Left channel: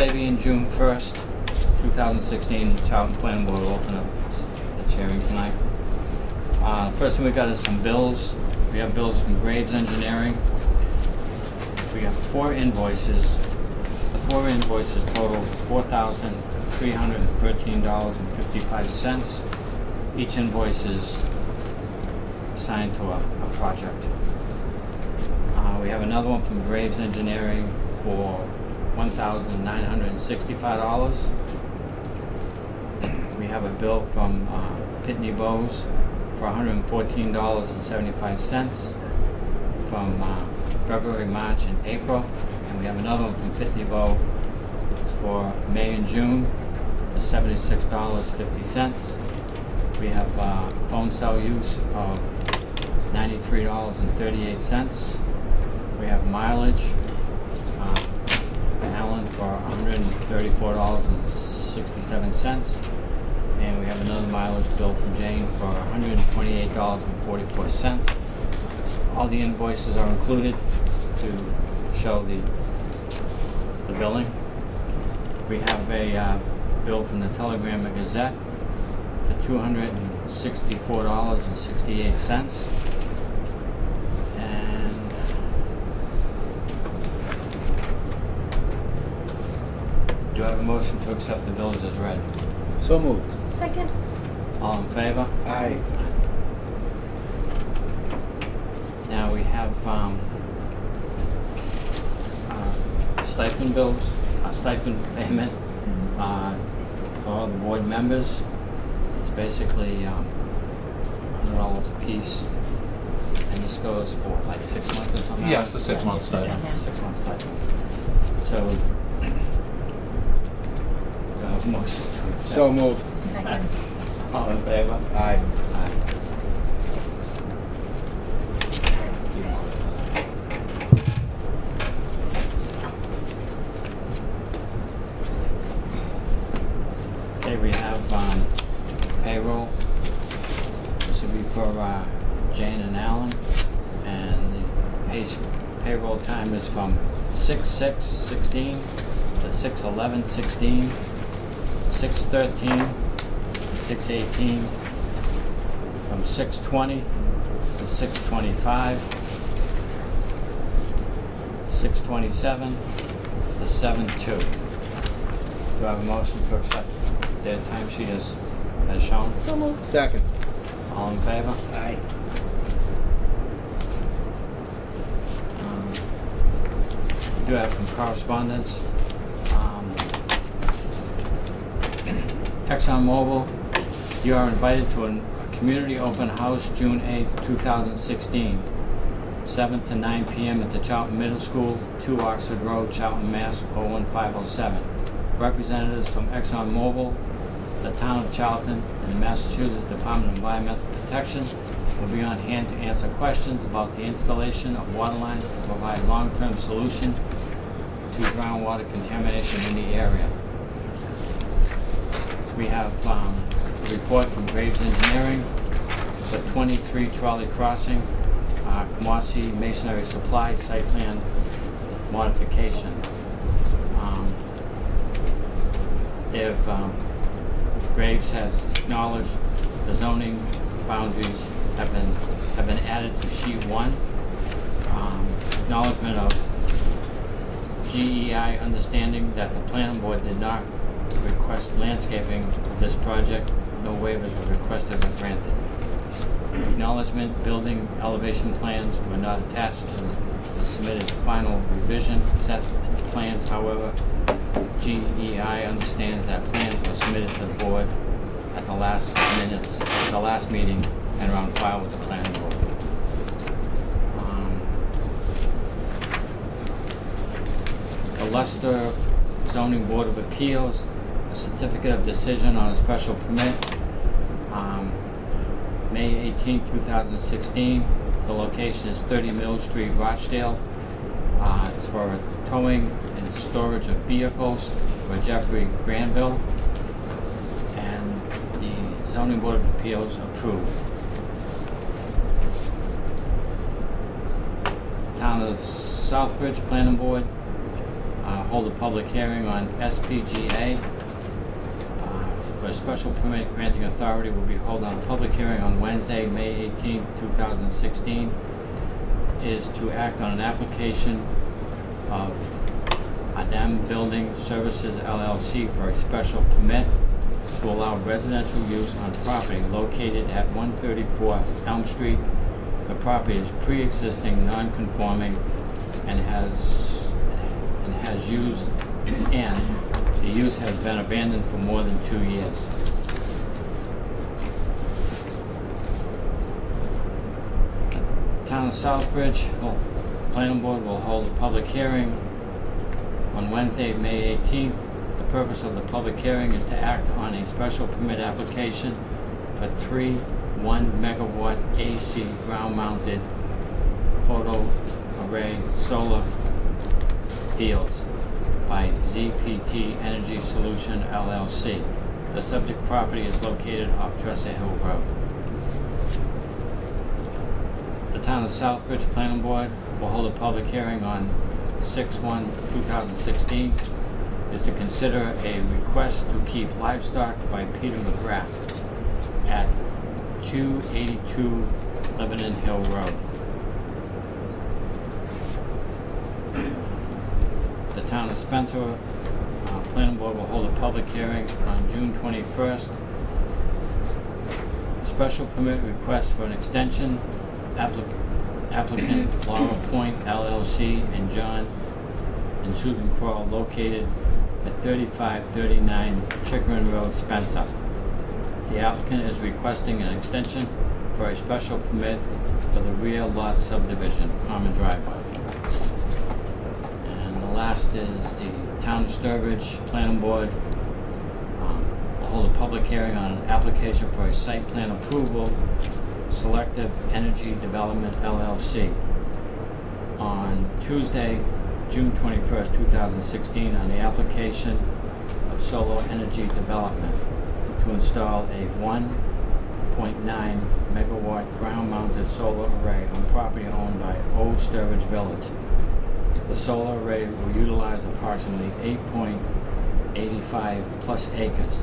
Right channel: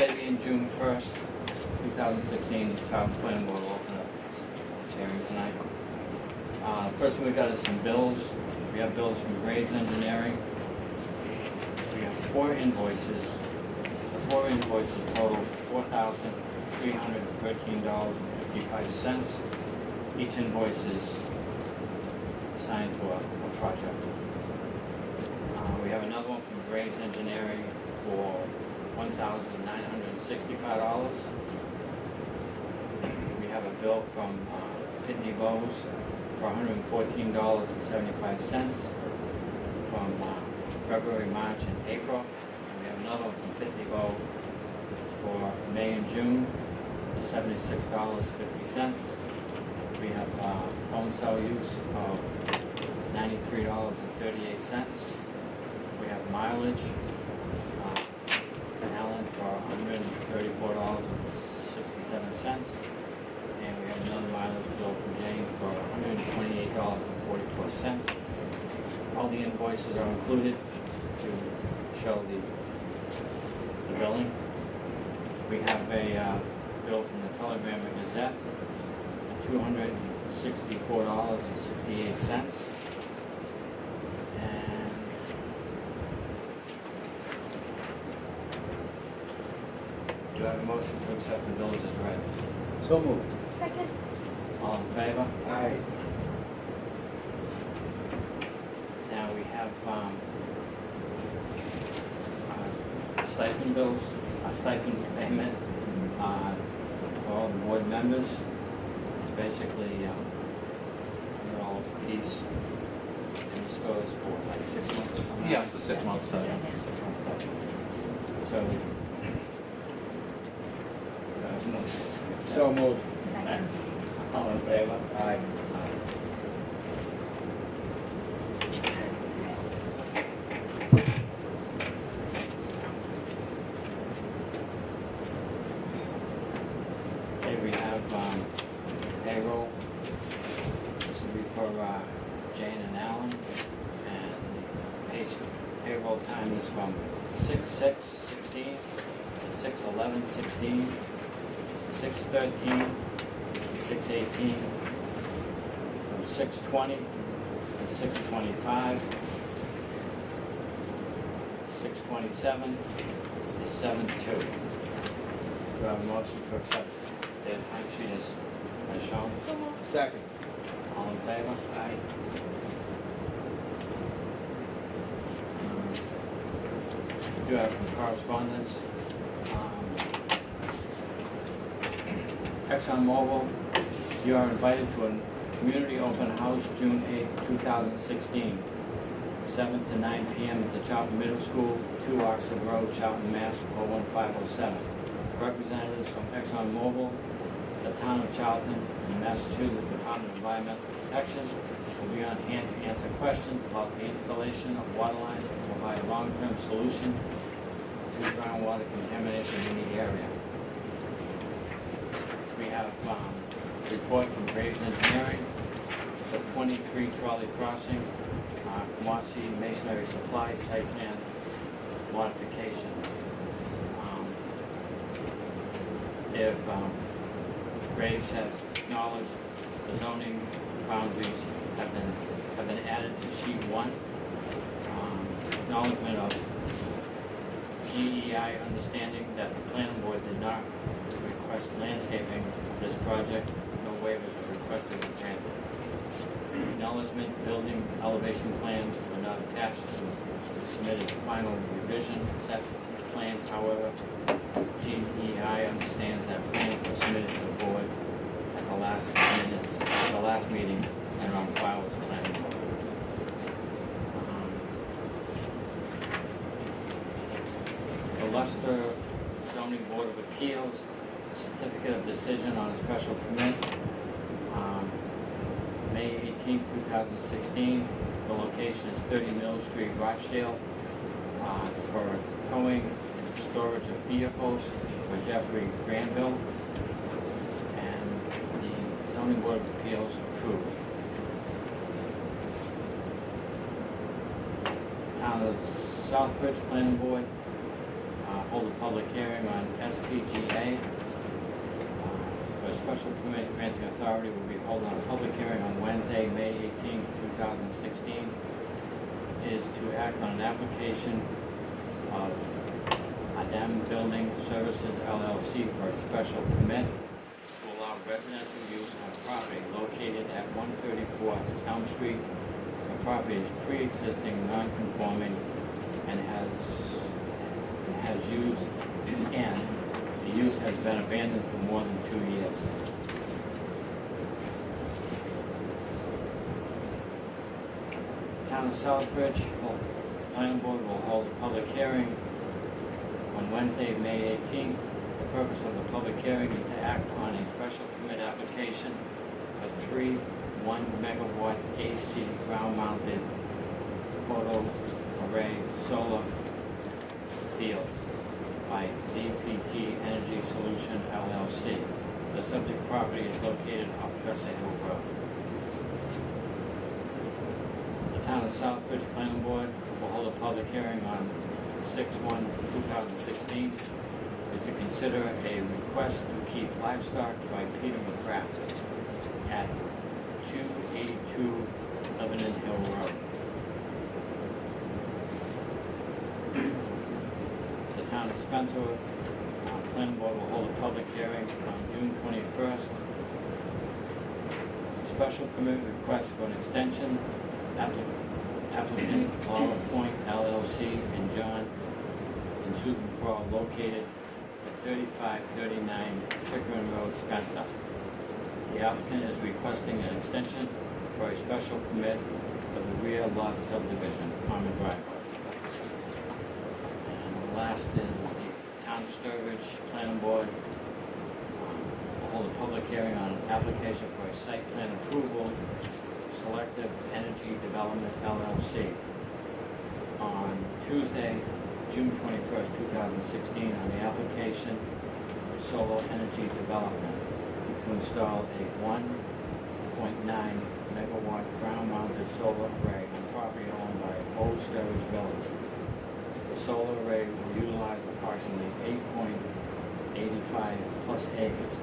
Thursday being June 1st, 2016, Charlton Planning Board will open up its hearing tonight. First thing we got is some bills. We have bills from Graves Engineering. We have 4 invoices. The 4 invoices total $4,313.55. Each invoice is assigned to a project. We have another one from Graves Engineering for $1,965. We have a bill from Pitney Bowes for $114.75 from February, March, and April. And we have another one from Pitney Bowes for May and June for $76.50. We have phone cell use of $93.38. We have mileage, Allen for $134.67. And we have another mileage bill from Jane for $128.44. All the invoices are included to show the billing. We have a bill from the Telegram and Gazette for $264.68. Do I have a motion to accept the bills as read? So moved. Second. All in favor? Aye. Now we have stipend bills, a stipend payment for all the board members. It's basically $100 a piece, and this goes for like 6 months or something. Yeah, it's a 6 month stipend. Yeah, 6 month stipend. So, motion to accept. So moved. Second. All in favor? Aye. Aye. Okay, we have payroll. This will be for Jane and Alan, and the payroll time is from 6/6/16 to 6/11/16, 6/13 to 6/18, from 6/20 to 6/25, 6/27 to 7/2. Do I have a motion to accept their timesheet as shown? So moved. Second. All in favor? Aye. We do have some correspondence. ExxonMobil, you are invited to a community open house June 8th, 2016, 7 to 9 p.m. at the Charlton Middle School, 2 Oxford Road, Charlton, Mass. 01507. Representatives from ExxonMobil, the town of Charlton, and the Massachusetts Department of Environmental Protection will be on hand to answer questions about the installation of water lines to provide long-term solution to groundwater contamination in the area. We have a report from Graves Engineering for 23 Trolley Crossing, Kamasi Masonry Supply Site Plan Modification. Graves has acknowledged the zoning boundaries have been added to sheet 1. Acknowledgement of GEI understanding that the planning board did not request landscaping for this project. No waivers were requested or granted. Acknowledgement building elevation plans were not attached to the submitted final revision set plans. However, GEI understands that plans were submitted to the board at the last meeting, and are on file with the planning board. The Leicester Zoning Board of Appeals, a certificate of decision on a special permit, May 18, 2016. The location is 30 Mill Street, Rochdale. It's for towing and storage of vehicles for Jeffrey Granville, and the Zoning Board of Appeals approved. Town of Southbridge Planning Board, hold a public hearing on SPGA. For a special permit granting authority will be holding a public hearing on Wednesday, May 18, 2016. Is to act on an application of Adam Building Services LLC for a special permit to allow residential use on property located at 134 Elm Street. The property is pre-existing, non-conforming, and the use has been abandoned for more than 2 years. Town of Southbridge, Planning Board will hold a public hearing on Wednesday, May 18th. The purpose of the public hearing is to act on a special permit application for 3 1-megawatt AC ground-mounted photo array solar fields by ZPT Energy Solution LLC. The subject property is located off Dresser Hill Road. The Town of Southbridge Planning Board will hold a public hearing on 6/1/2016. Is to consider a request to keep livestock by Peter McGrath at 282 Lebanon Hill Road. The Town of Spencer Planning Board will hold a public hearing on June 21st. Special permit request for an extension. Applicant Laura Point LLC and John and Susan Kroll located at 3539 Chickering Road, Spencer. The applicant is requesting an extension for a special permit for the rear lot subdivision, common driveway. And the last is the Town of Sturbridge Planning Board will hold a public hearing on an application for a site plan approval, Selective Energy Development LLC, on Tuesday, June 21st, 2016, on the application of Solar Energy Development to install a 1.9 megawatt ground-mounted solar array on property owned by Old Sturbridge Village. The solar array will utilize approximately 8.85 plus acres.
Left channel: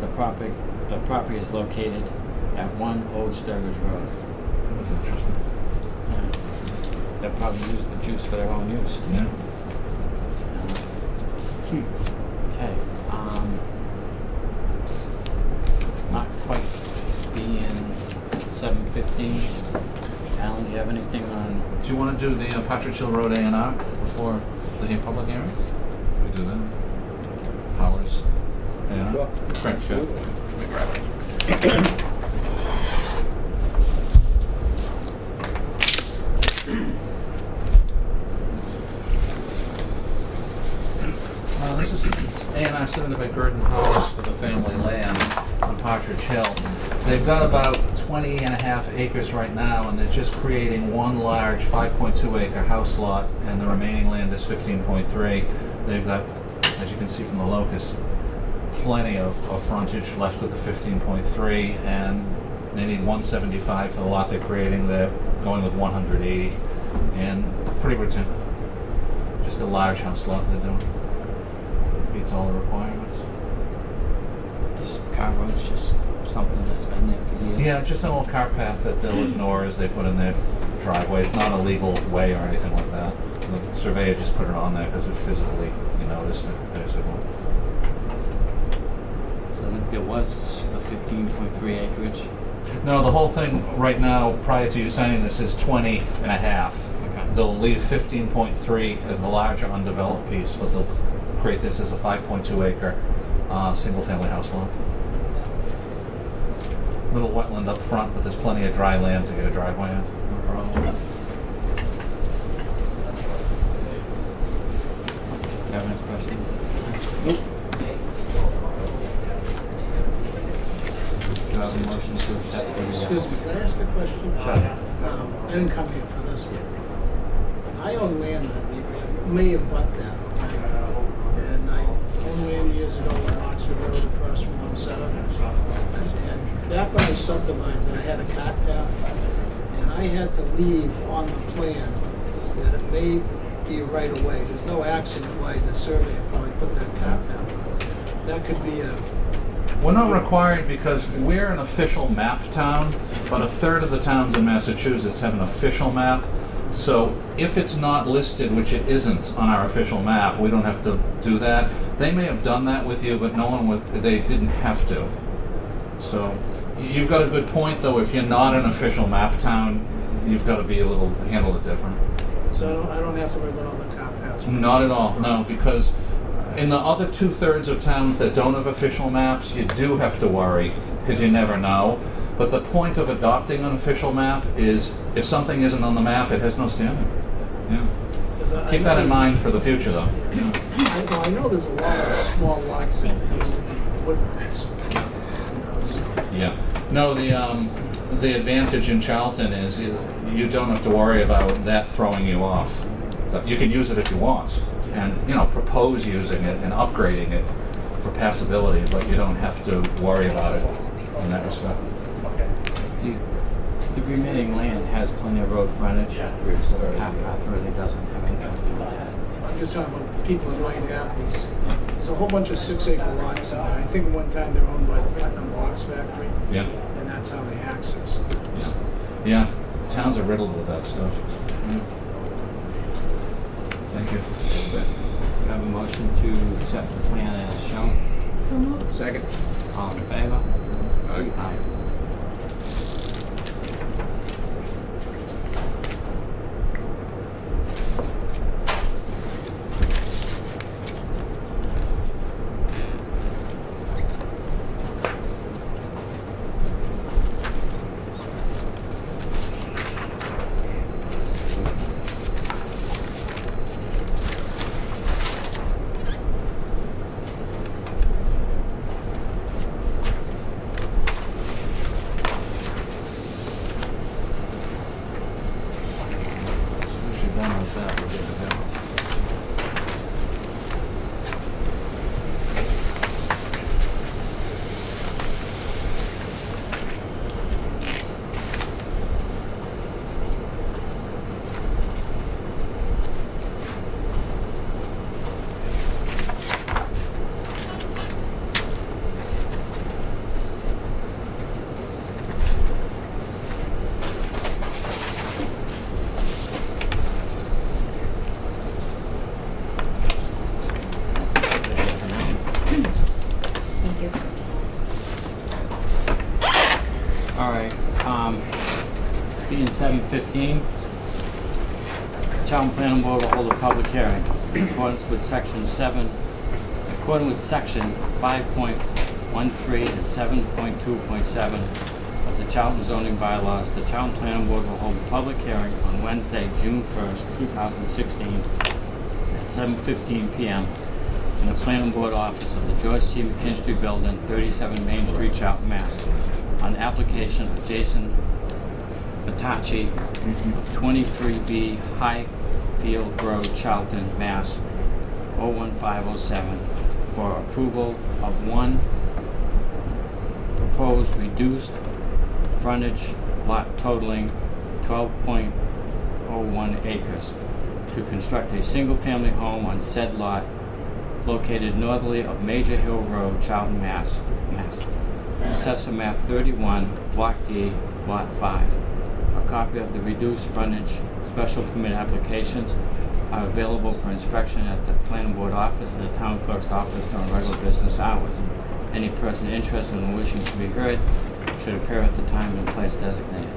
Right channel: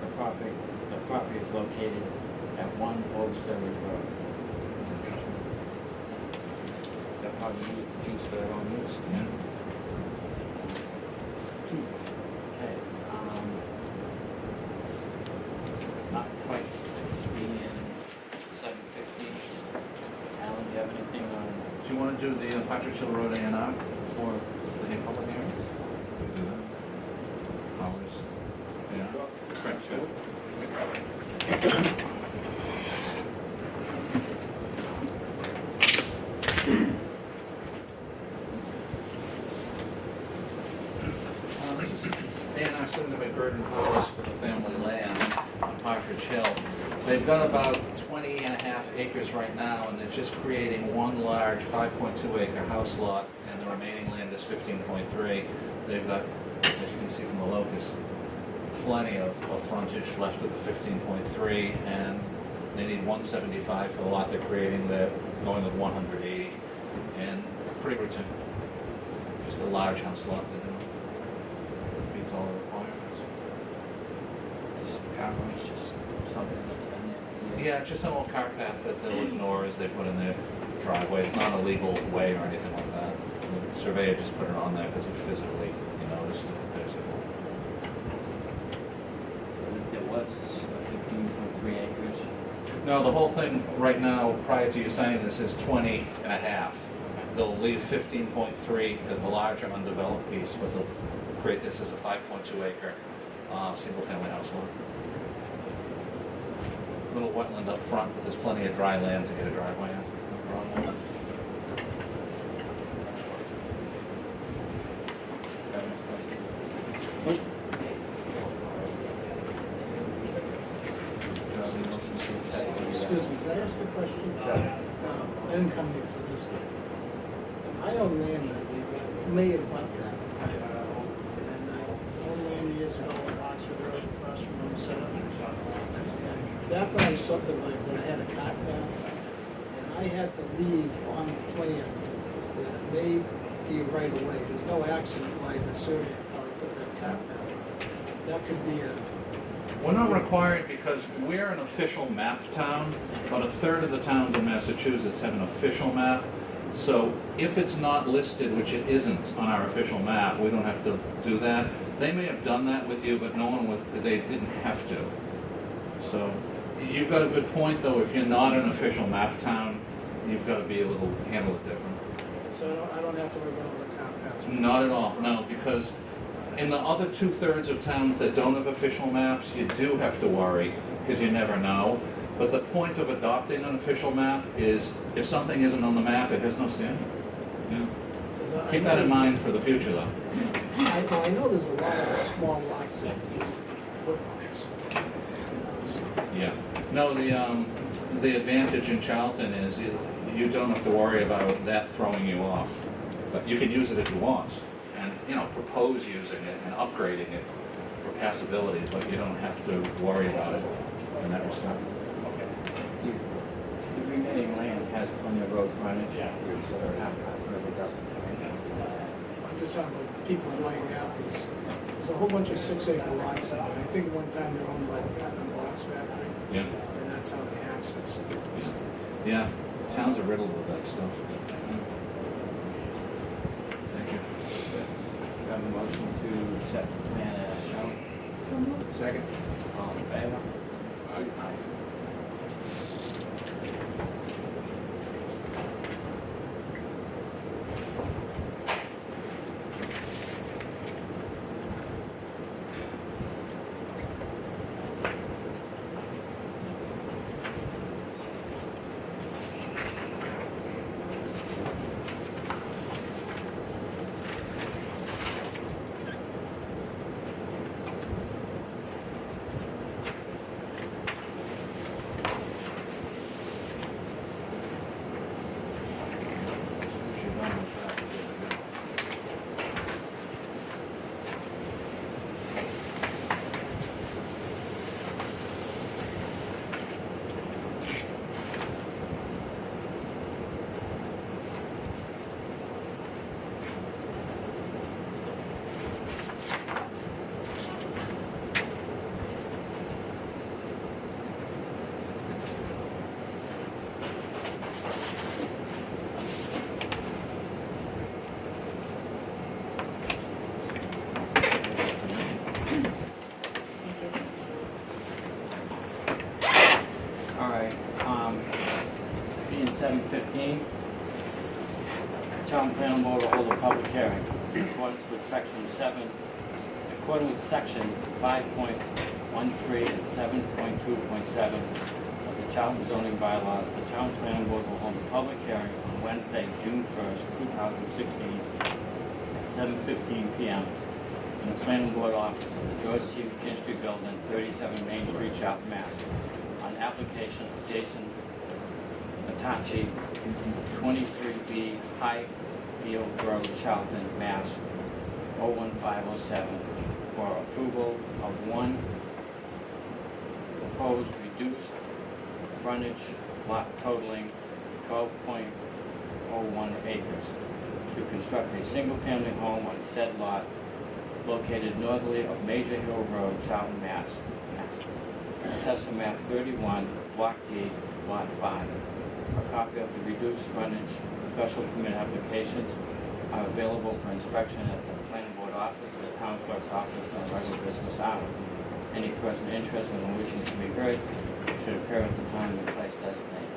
The property is located at 1 Old Sturbridge Road. That's interesting. They'll probably use the juice for their own use. Yeah. Okay. Not quite being 7:15. Alan, do you have anything on? Do you want to do the Partridge Hill Road A&R before the public hearing? We do that. Powers. A&R? Sure. Right, sure. Let me grab it. This is A&R submitted by Gurdon Powers for the family land on Partridge Hill. They've got about 20 and a half acres right now, and they're just creating one large 5.2 acre house lot, and the remaining land is 15.3. They've got, as you can see from the locus, plenty of frontage left with the 15.3, and they need 175 for the lot they're creating. They're going with 180, and pretty much just a large house lot they're doing. Meets all the requirements. This car road's just something that's been there for years. Yeah, just an old cart path that they'll ignore as they put in their driveway. It's not a legal way or anything like that. The surveyor just put it on there because it physically, you noticed it, basically. So there was a 15.3 acreage. No, the whole thing right now, prior to you signing this, is 20 and a half. Okay. They'll leave 15.3 as the larger undeveloped piece, but they'll create this as a 5.2 acre single-family house lot. Little wetland up front, but there's plenty of dry land to get a driveway in. No problem. Do you have any questions? Nope. Do you have a motion to accept what you have? Excuse me, can I ask a question? Sure. I didn't come here for this, but I own land that may have bought that, okay? And I owned land years ago in Oxford Road across from 1/7. And back when I subdivided, I had a cart path, and I had to leave on the plan that it may be a right of way. There's no accident why the surveyor probably put that car path on. That could be a, We're not required because we're an official map town, but a third of the towns in Massachusetts have an official map. So if it's not listed, which it isn't on our official map, we don't have to do that. They may have done that with you, but no one would, they didn't have to. So you've got a good point though, if you're not an official map town, you've got to be a little, handle it different. so I don't have to worry about all the car paths. Not at all, no, because in the other 2/3 of towns that don't have official maps, you do have to worry, because you never know. But the point of adopting an official map is if something isn't on the map, it has no standing. Yeah. 'Cause I Keep know that in there's- mind for the future though. Yeah. I know there's a lot of small lots that used to be wood lots, you know, so. Yeah. No, the advantage in Charlton is you don't have to worry about that throwing you off. But you can use it if you want, and propose using it and upgrading it for passability, but you don't have to worry about it in that respect. The remaining land has plenty of road frontage. The car path really doesn't have anything. I'm just talking about people that might have these. There's a whole bunch of 6-acre lots in there. I think one time they're owned by the Putnam Box Factory, Yeah. and that's how they access. Yeah. Yeah. Towns are riddled with that stuff. Thank you. We have a motion to accept the plan as shown. So moved. Second. All in favor? Aye. Once you're done with that, we're good to go. Thank you. All right, being 7:15, Charlton Planning Board will hold a public hearing in accordance with section 5.13 and 7.2.7 of the Charlton zoning bylaws. The Charlton Planning Board will hold a public hearing on Wednesday, June 1st, 2016 at 7:15 p.m. in the Planning Board office of the George C. McKinstry Building, 37 Main Street, Charlton, Mass. On application of Jason Batachi of 23B Highfield Road, Charlton, Mass. 01507 for approval of one proposed reduced frontage lot totaling 12.01 acres to construct a single-family home on said lot located northerly of Major Hill Road, Charlton, Mass. Assessor map 31, block D, lot 5. A copy of the reduced frontage special permit applications are available for inspection at the planning board office and the town clerk's office during regular business hours. Any person interested in wishing to be heard should appear at the time and place designated.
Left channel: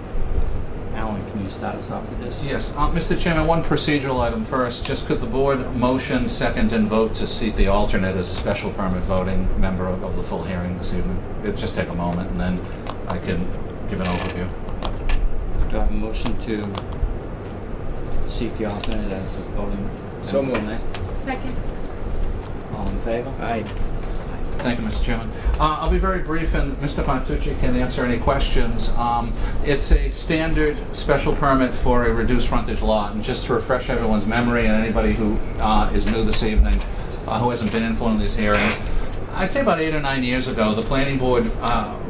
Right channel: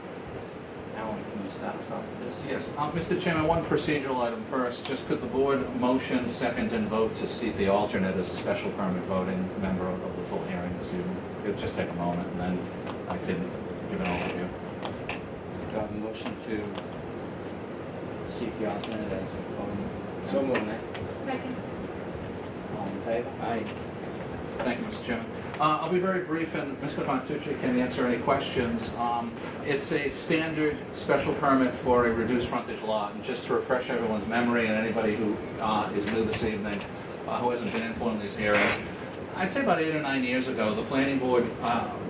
Alan, can you start us off with this? Yes, Mr. Chairman, one procedural item first. Just could the board motion, second, and vote to seat the alternate as a special permit voting member of the full hearing this evening? It'll just take a moment, and then I can give an overview. Do I have a motion to seek the alternate as a voting? So moved. Second. All in favor? Aye. Thank you, Mr. Chairman. I'll be very brief, and Mr. Fontucci can answer any questions. It's a standard special permit for a reduced frontage lot, and just to refresh everyone's memory and anybody who is new this evening, who hasn't been in one of these hearings, I'd say about 8 or 9 years ago, the planning board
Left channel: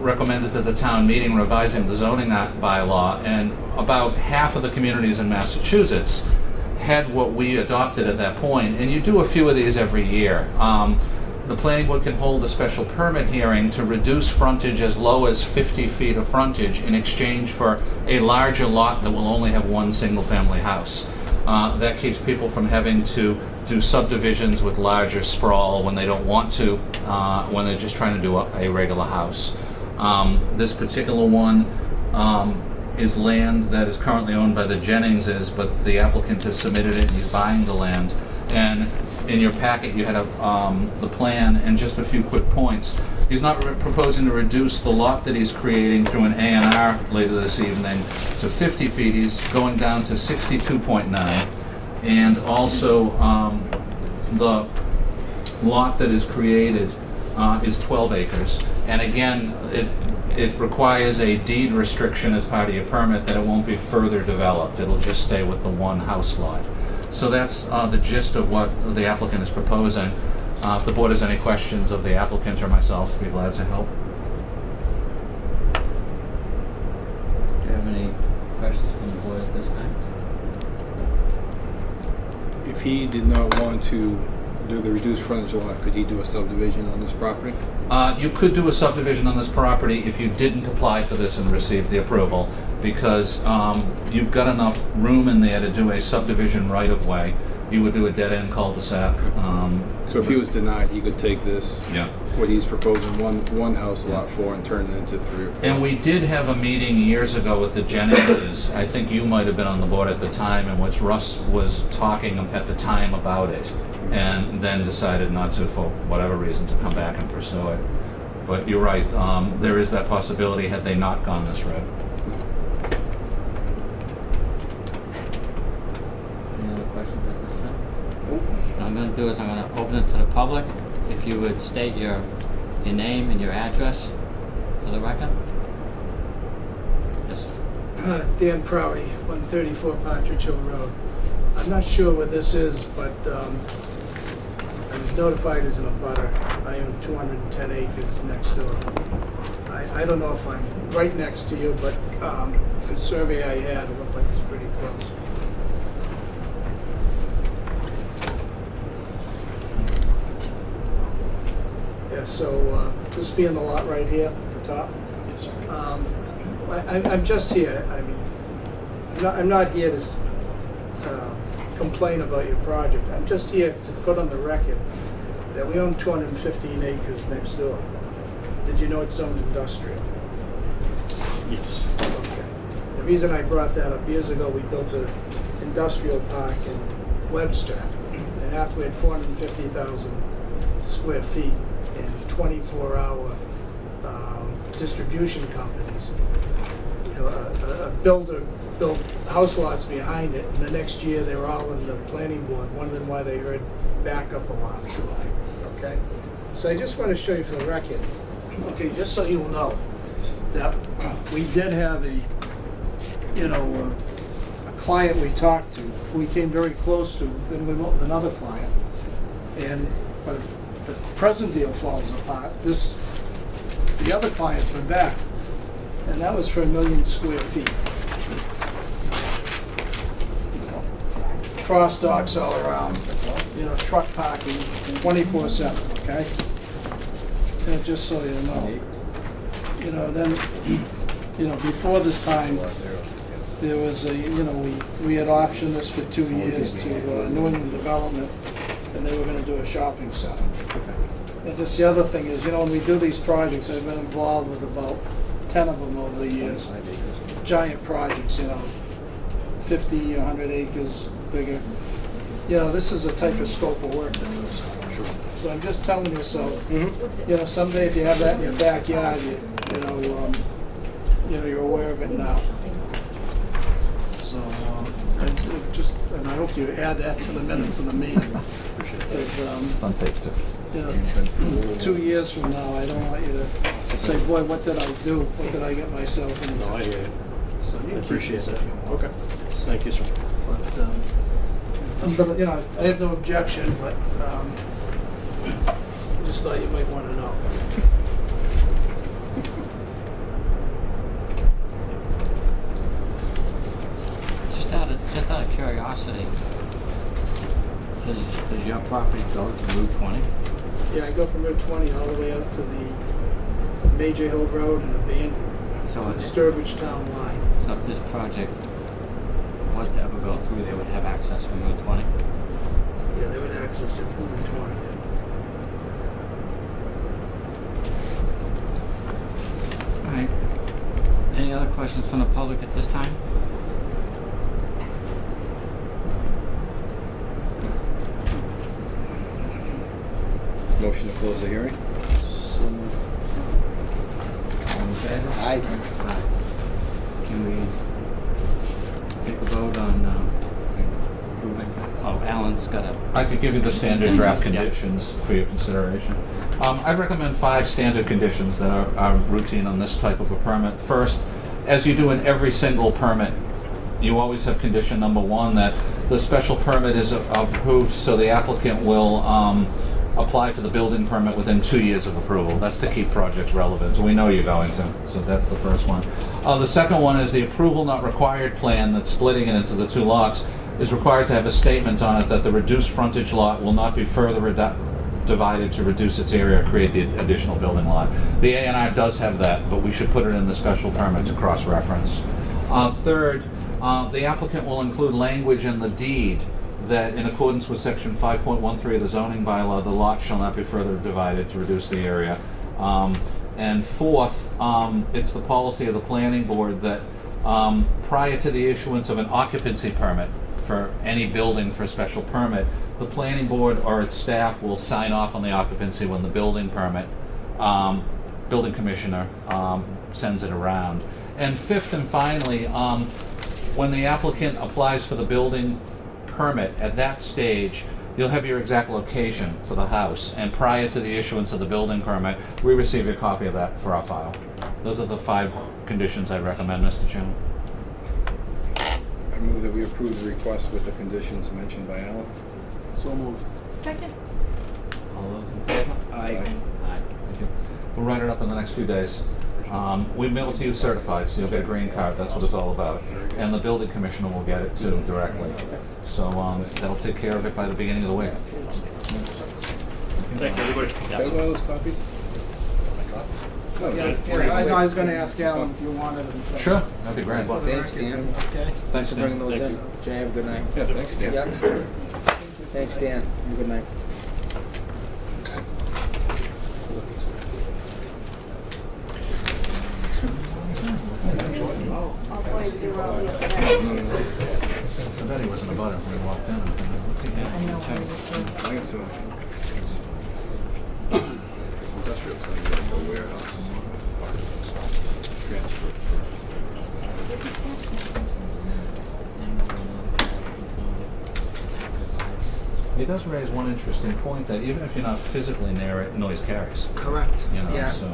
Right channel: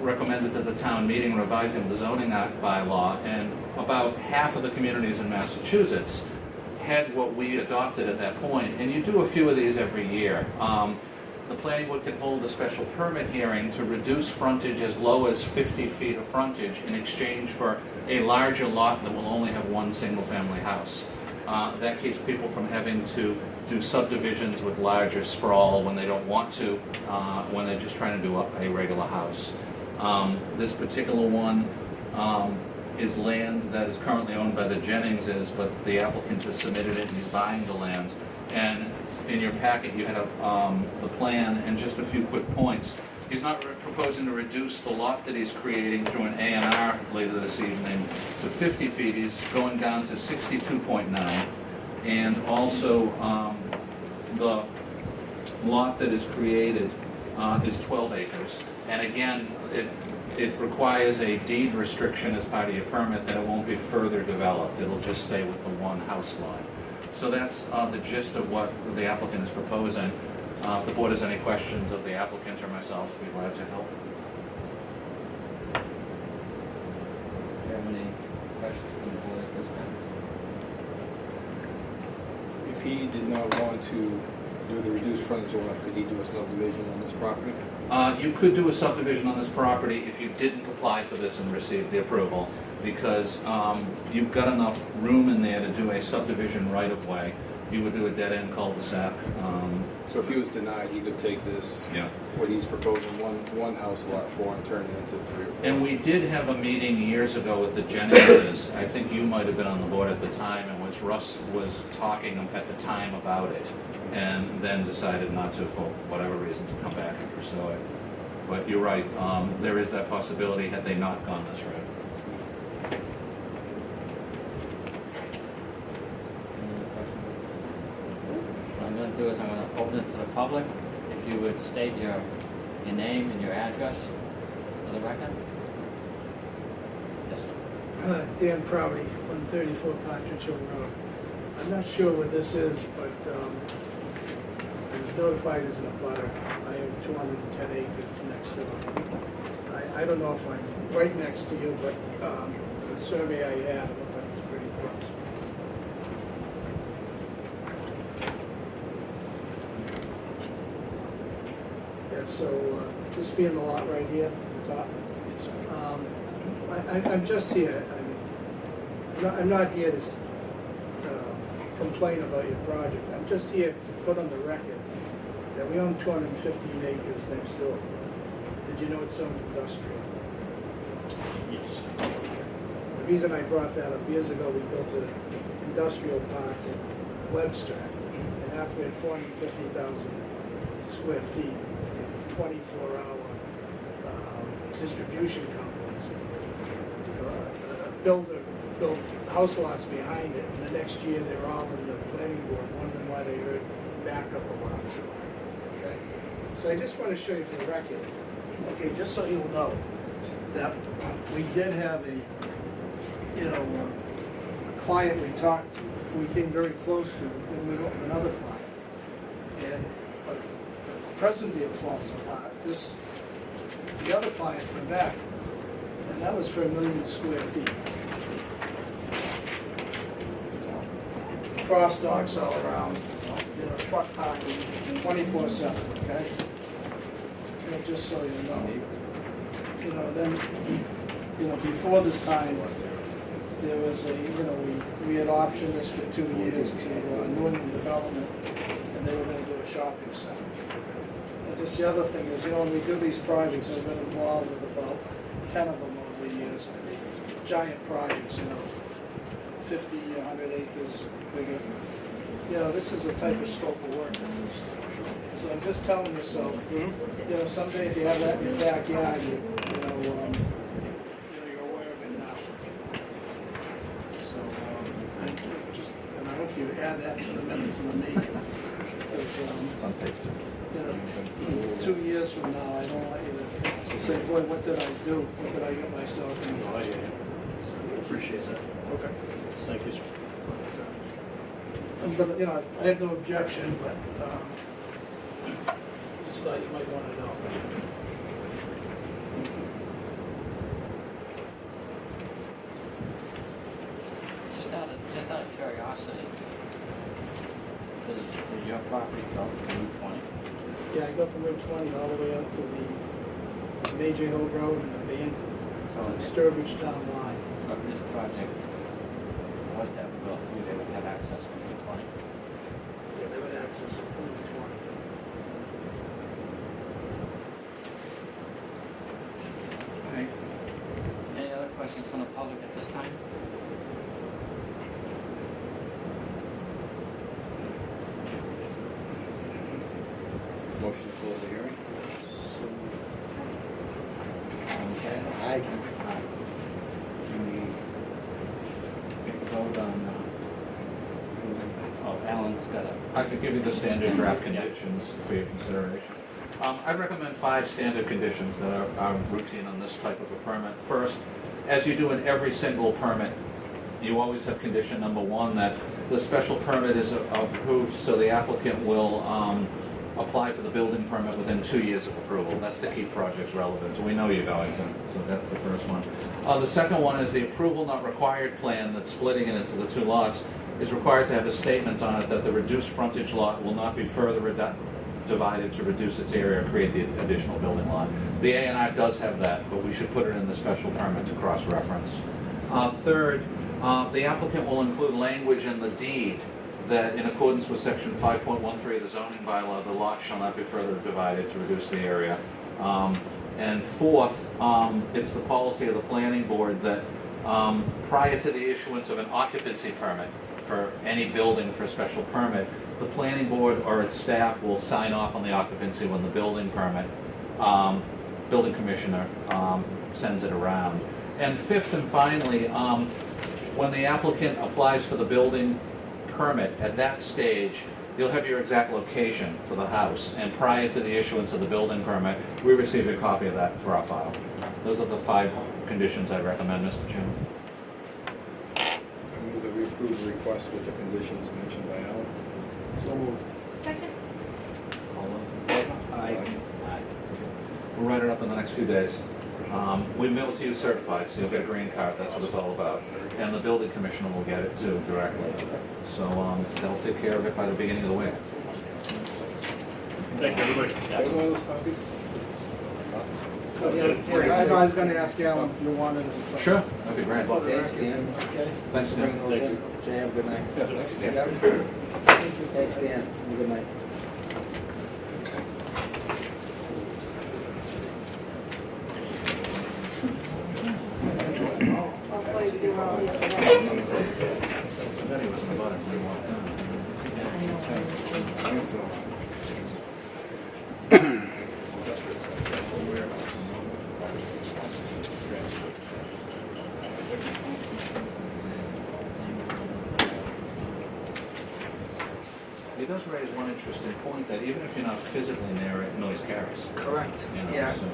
recommended to the town meeting revising the zoning bylaw, and about half of the communities in Massachusetts had what we adopted at that point, and you do a few of these every year. The planning board can hold a special permit hearing to reduce frontage as low as 50 feet of frontage in exchange for a larger lot that will only have one single-family house. That keeps people from having to do subdivisions with larger sprawl when they don't want to, when they're just trying to do a regular house. This particular one is land that is currently owned by the Jenningses, but the applicant has submitted it and he's buying the land. And in your packet you had the plan and just a few quick points. He's not proposing to reduce the lot that he's creating through an A&R later this evening to 50 feet. He's going down to 62.9. And also the lot that is created is 12 acres. And again, it requires a deed restriction as part of your permit that it won't be further developed. It'll just stay with the one house lot. So that's the gist of what the applicant is proposing. If the board has any questions of the applicant or myself, I'd be glad to help. Do you have any questions from the board at this time? If he did not want to do the reduced frontage lot, could he do a subdivision on this property? You could do a subdivision on this property if you didn't apply for this and receive the approval, because you've got enough room in there to do a subdivision right of way. You would do a dead-end cul-de-sac. So if he was denied, he could take this, Yeah. what he's proposing, one house lot for, and turn it into 3 or 4. And we did have a meeting years ago with the Jenningses. I think you might have been on the board at the time, in which Russ was talking at the time about it, and then decided not to, for whatever reason, to come back and pursue it. But you're right, there is that possibility had they not gone this route. Any other questions at this time? What I'm gonna do is I'm gonna open it to the public. If you would state your name and your address for the record. Yes. Dan Prouty, 134 Partridge Hill Road. I'm not sure what this is, but I'm notified as an abutter. I own 210 acres next door. I don't know if I'm right next to you, but the survey I had looked like it's pretty close. Yeah, so this being the lot right here at the top. Yes, sir. I'm just here. I mean, I'm not here to complain about your project. I'm just here to put on the record that we own 215 acres next door. Did you know it's zoned industrial? Yes. Okay. The reason I brought that up, years ago we built an industrial park in Webster, and after we had 450,000 square feet and 24-hour distribution companies, you know, a builder built house lots behind it, and the next year they were all in the planning board wondering why they heard backup alarms. Okay? So I just want to show you for the record, okay, just so you'll know, that we did have a client we talked to, who we came very close to, then we went with another client. And but the present deal falls apart. The other clients went back, and that was for 1 million square feet. Cross docks all around, truck parking 24/7, okay? And just so you know, then, before this time, there was we had optioned this for 2 years to New England Development, and they were gonna do a shopping center. And just the other thing is, when we do these projects, I've been involved with about 10 of them over the years. Giant projects, 50, 100 acres bigger. This is a type of scope of work. So I'm just telling you so. Someday if you have that in your backyard, you're aware of it now. So, and I hope you add that to the minutes of the meeting. Because, 2 years from now, I don't want you to say, boy, what did I do? What did I get myself into? No, I hear you. So I appreciate keep it. this if you want. Okay. Thank you, sir. But, I have no objection, but just thought you might want to know. Just out of curiosity, Does your property go to Route 20? Yeah, I go from Route 20 all the way up to the Major Hill Road and abandoned So to the if- Sturbridge Town line. So if this project was to ever go through, they would have access from Route 20? Yeah, they would access it from Route 20. All right. Any other questions from the public at this time? Motion to close the hearing? Aye. Can we take a vote on approving? Oh, Alan's got a, I could give you the standard draft Yeah. conditions for your consideration. I'd recommend 5 standard conditions that are routine on this type of a permit. First, as you do in every single permit, you always have condition number 1 that the special permit is approved, so the applicant will apply for the building permit within 2 years of approval. That's to keep projects relevant. We know you're going to, so that's the first one. The second one is the approval not required plan that's splitting it into the 2 lots is required to have a statement on it that the reduced frontage lot will not be further divided to reduce its area or create the additional building lot. The A&R does have that, but we should put it in the special permit to cross-reference. Third, the applicant will include language in the deed that in accordance with section 5.13 of the zoning bylaw, the lot shall not be further divided to reduce the area. And fourth, it's the policy of the planning board that prior to the issuance of an occupancy permit for any building for a special permit, the planning board or its staff will sign off on the occupancy when the building permit, building commissioner sends it around. And fifth and finally, when the applicant applies for the building permit, at that stage, you'll have your exact location for the house. And prior to the issuance of the building permit, we received a copy of that for our file. Those are the 5 conditions I recommend, Mr. Chairman. I move that we approve the request with the conditions mentioned by Alan. So moved. Second. all those in favor? Aye. We'll write it up in the next few days. We mail it to you certified, so you'll get a green card. That's what it's all about. And the building commissioner will get it too directly. So that'll take care of it by the beginning of the week. Thank you, everybody. Can I have one of those copies? Yeah, I was gonna ask Alan if you wanted them. for- Sure, that'd be great. for the Thanks, record, Dan. Okay? Thanks, To bring Dan. those in. Jay, have a good night. Yeah, thanks, Dan. Yeah. Thanks, Dan. Have a good night. I bet he was in the butter when he walked in. What's he doing? Thanks, so. He does raise one interesting point that even if you're not physically near it, noise carries. Correct. You know, Yeah. so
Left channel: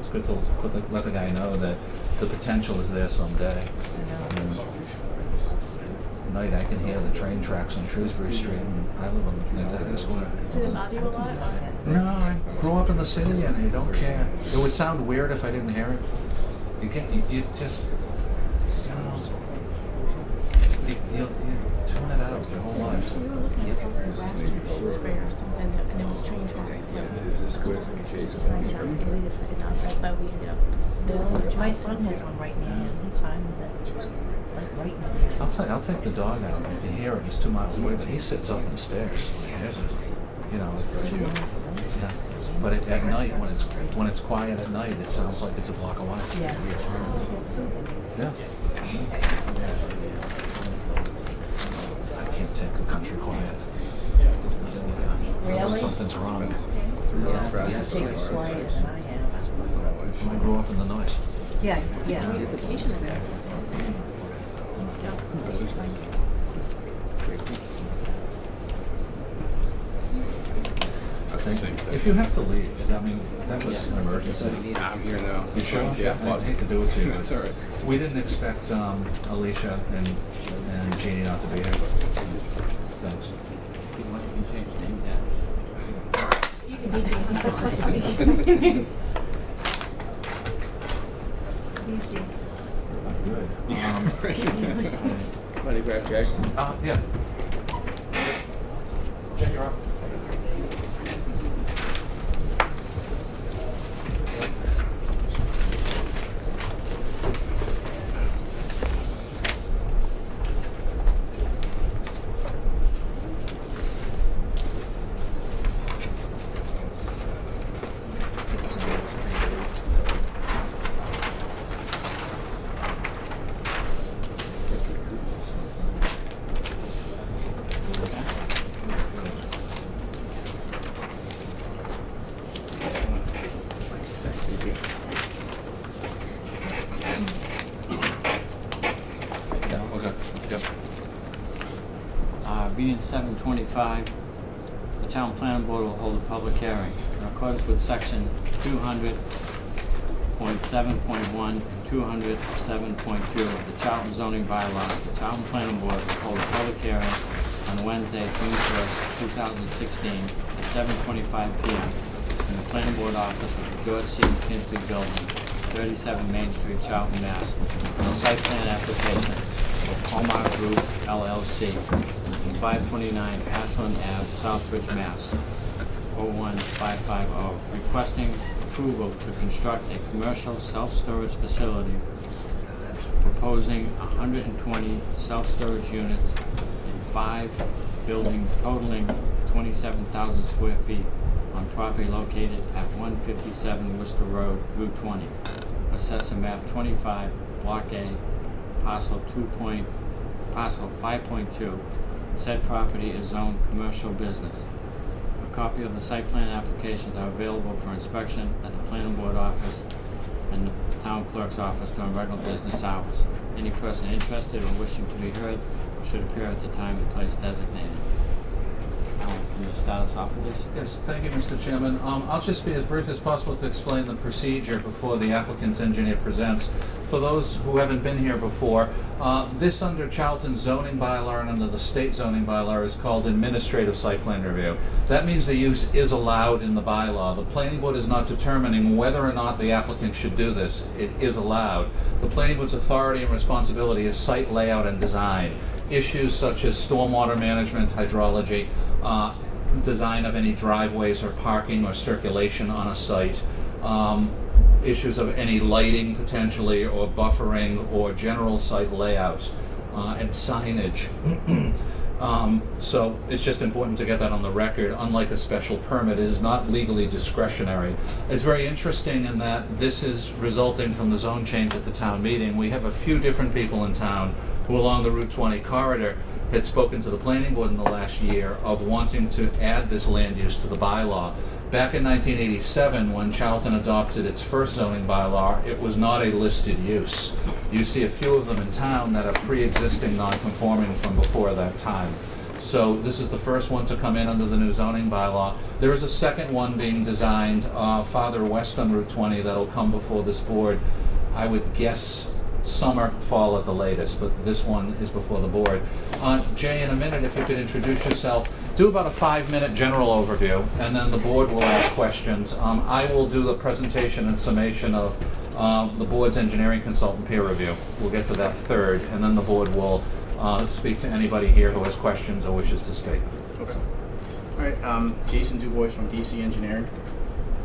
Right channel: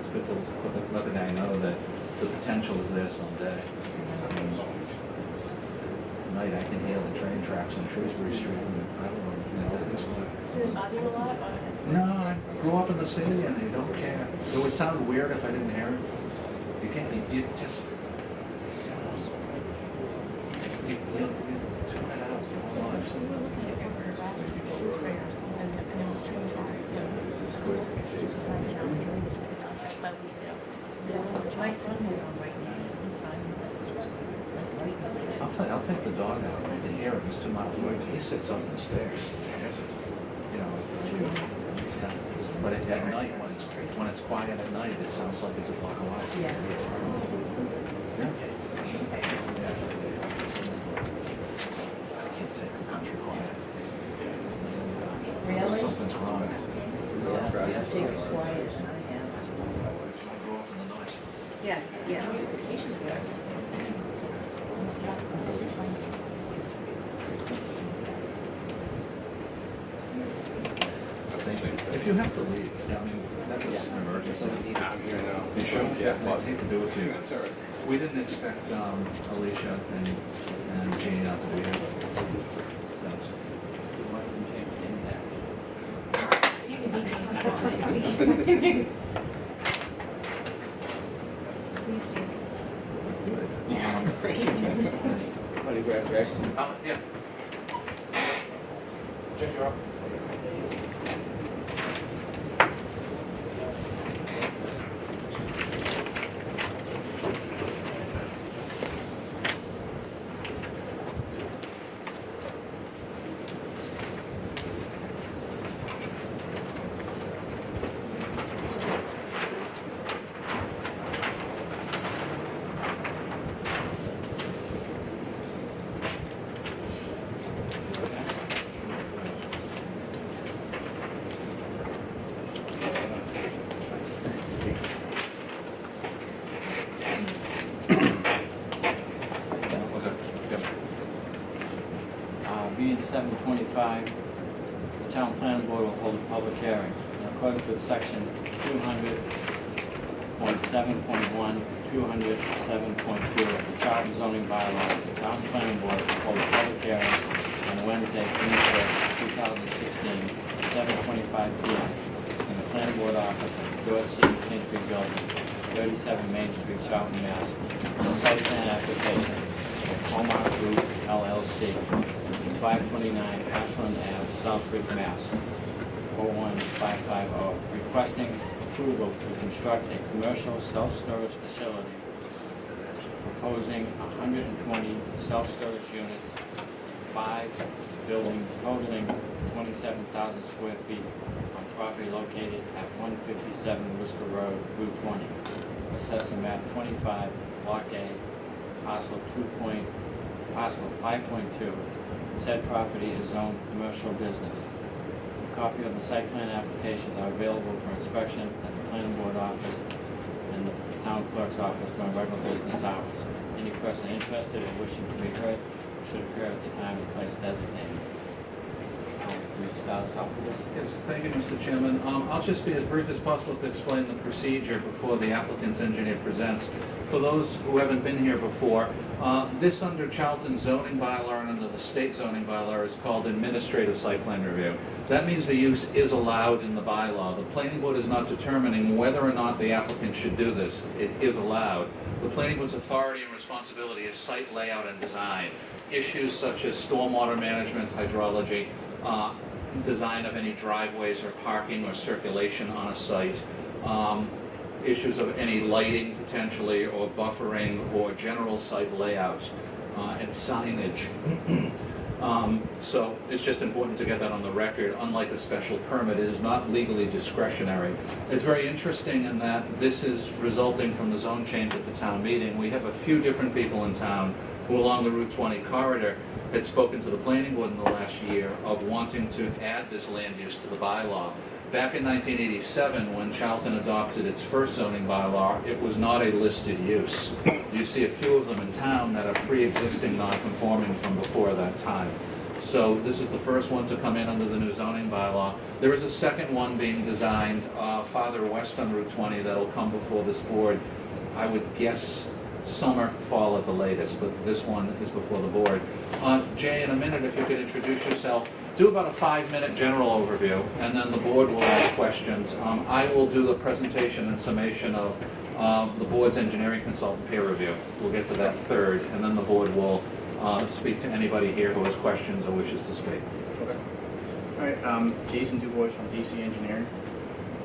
it's good to let the guy know that the potential is there someday. Night I can hear the train tracks on Shrewsbury Street. And I live on the Square. Did it bother you a lot? No, I grew up in the city and I don't care. It would sound weird if I didn't hear it. You can't. You just. You tune it out your whole life. My son has one right now. He's fine with it. Like right now. I'll tell you, I'll take the dog out. You can hear it. He's 2 miles away, but he sits up and stares. You know. Yeah. But at night, when it's quiet at night, it sounds like it's a block away. Yeah. Yeah. I can't take the country quiet. Really? Something's wrong. Yeah. Take it quiet than I am. I grew up in the noise. Yeah, yeah. He's there. If you have to leave, I mean, that was an emergency. I'm here now. You sure? Yeah. I'd hate to do it to you. That's all right. We didn't expect Alicia and Jeannie not to be here. Thanks. You might have changed name tags. Ready, Brad, Jay? Yeah. 7/25, the Town Planning Board will hold a public hearing in accordance with Section 200.7.1, 200.7.2 of the Charter Zoning Bylaw. The Town Planning Board will hold a public hearing on Wednesday, June 3rd, 2016, at 7:25 p.m. in the Planning Board office of the George C. McKinstry Building, 37 Main Street, Charlton, Mass. On the site plan application, Hallmark Group LLC, 529 Ashland Ave, Southbridge, Mass. 01550, requesting approval to construct a commercial self-storage facility, proposing 120 self-storage units in 5 buildings totaling 27,000 square feet on property located at 157 Worcester Road, Route 20. Assessor map 25, Block A, parcel 5.2. Said property is zoned commercial business. A copy of the site plan applications are available for inspection at the planning board office and the town clerk's office during regular business hours. Any person interested or wishing to be heard should appear at the time and place designated. Alan, can you start us off with this? Yes, thank you, Mr. Chairman. I'll just be as brief as possible to explain the procedure before the applicant's engineer presents. For those who haven't been here before, this under Charlton zoning bylaw and under the state zoning bylaw is called administrative site plan review. That means the use is allowed in the bylaw. The planning board is not determining whether or not the applicant should do this. It is allowed. The planning board's authority and responsibility is site layout and design. Issues such as stormwater management, hydrology, design of any driveways or parking or circulation on a site, issues of any lighting potentially or buffering or general site layout and signage. So it's just important to get that on the record. Unlike a special permit, it is not legally discretionary. It's very interesting in that this is resulting from the zone change at the town meeting. We have a few different people in town who along the Route 20 corridor had spoken to the planning board in the last year of wanting to add this land use to the bylaw. Back in 1987, when Charlton adopted its first zoning bylaw, it was not a listed use. You see a few of them in town that are pre-existing non-conforming from before that time. So this is the first one to come in under the new zoning bylaw. There is a second one being designed farther west on Route 20 that'll come before this board. I would guess summer, fall at the latest, but this one is before the board. Jay, in a minute, if you could introduce yourself, do about a 5-minute general overview, and then the board will ask questions. I will do the presentation and summation of the board's engineering consultant peer review. We'll get to that third, and then the board will speak to anybody here who has questions or wishes to speak. Okay. All right, Jason DuBois from DC Engineering.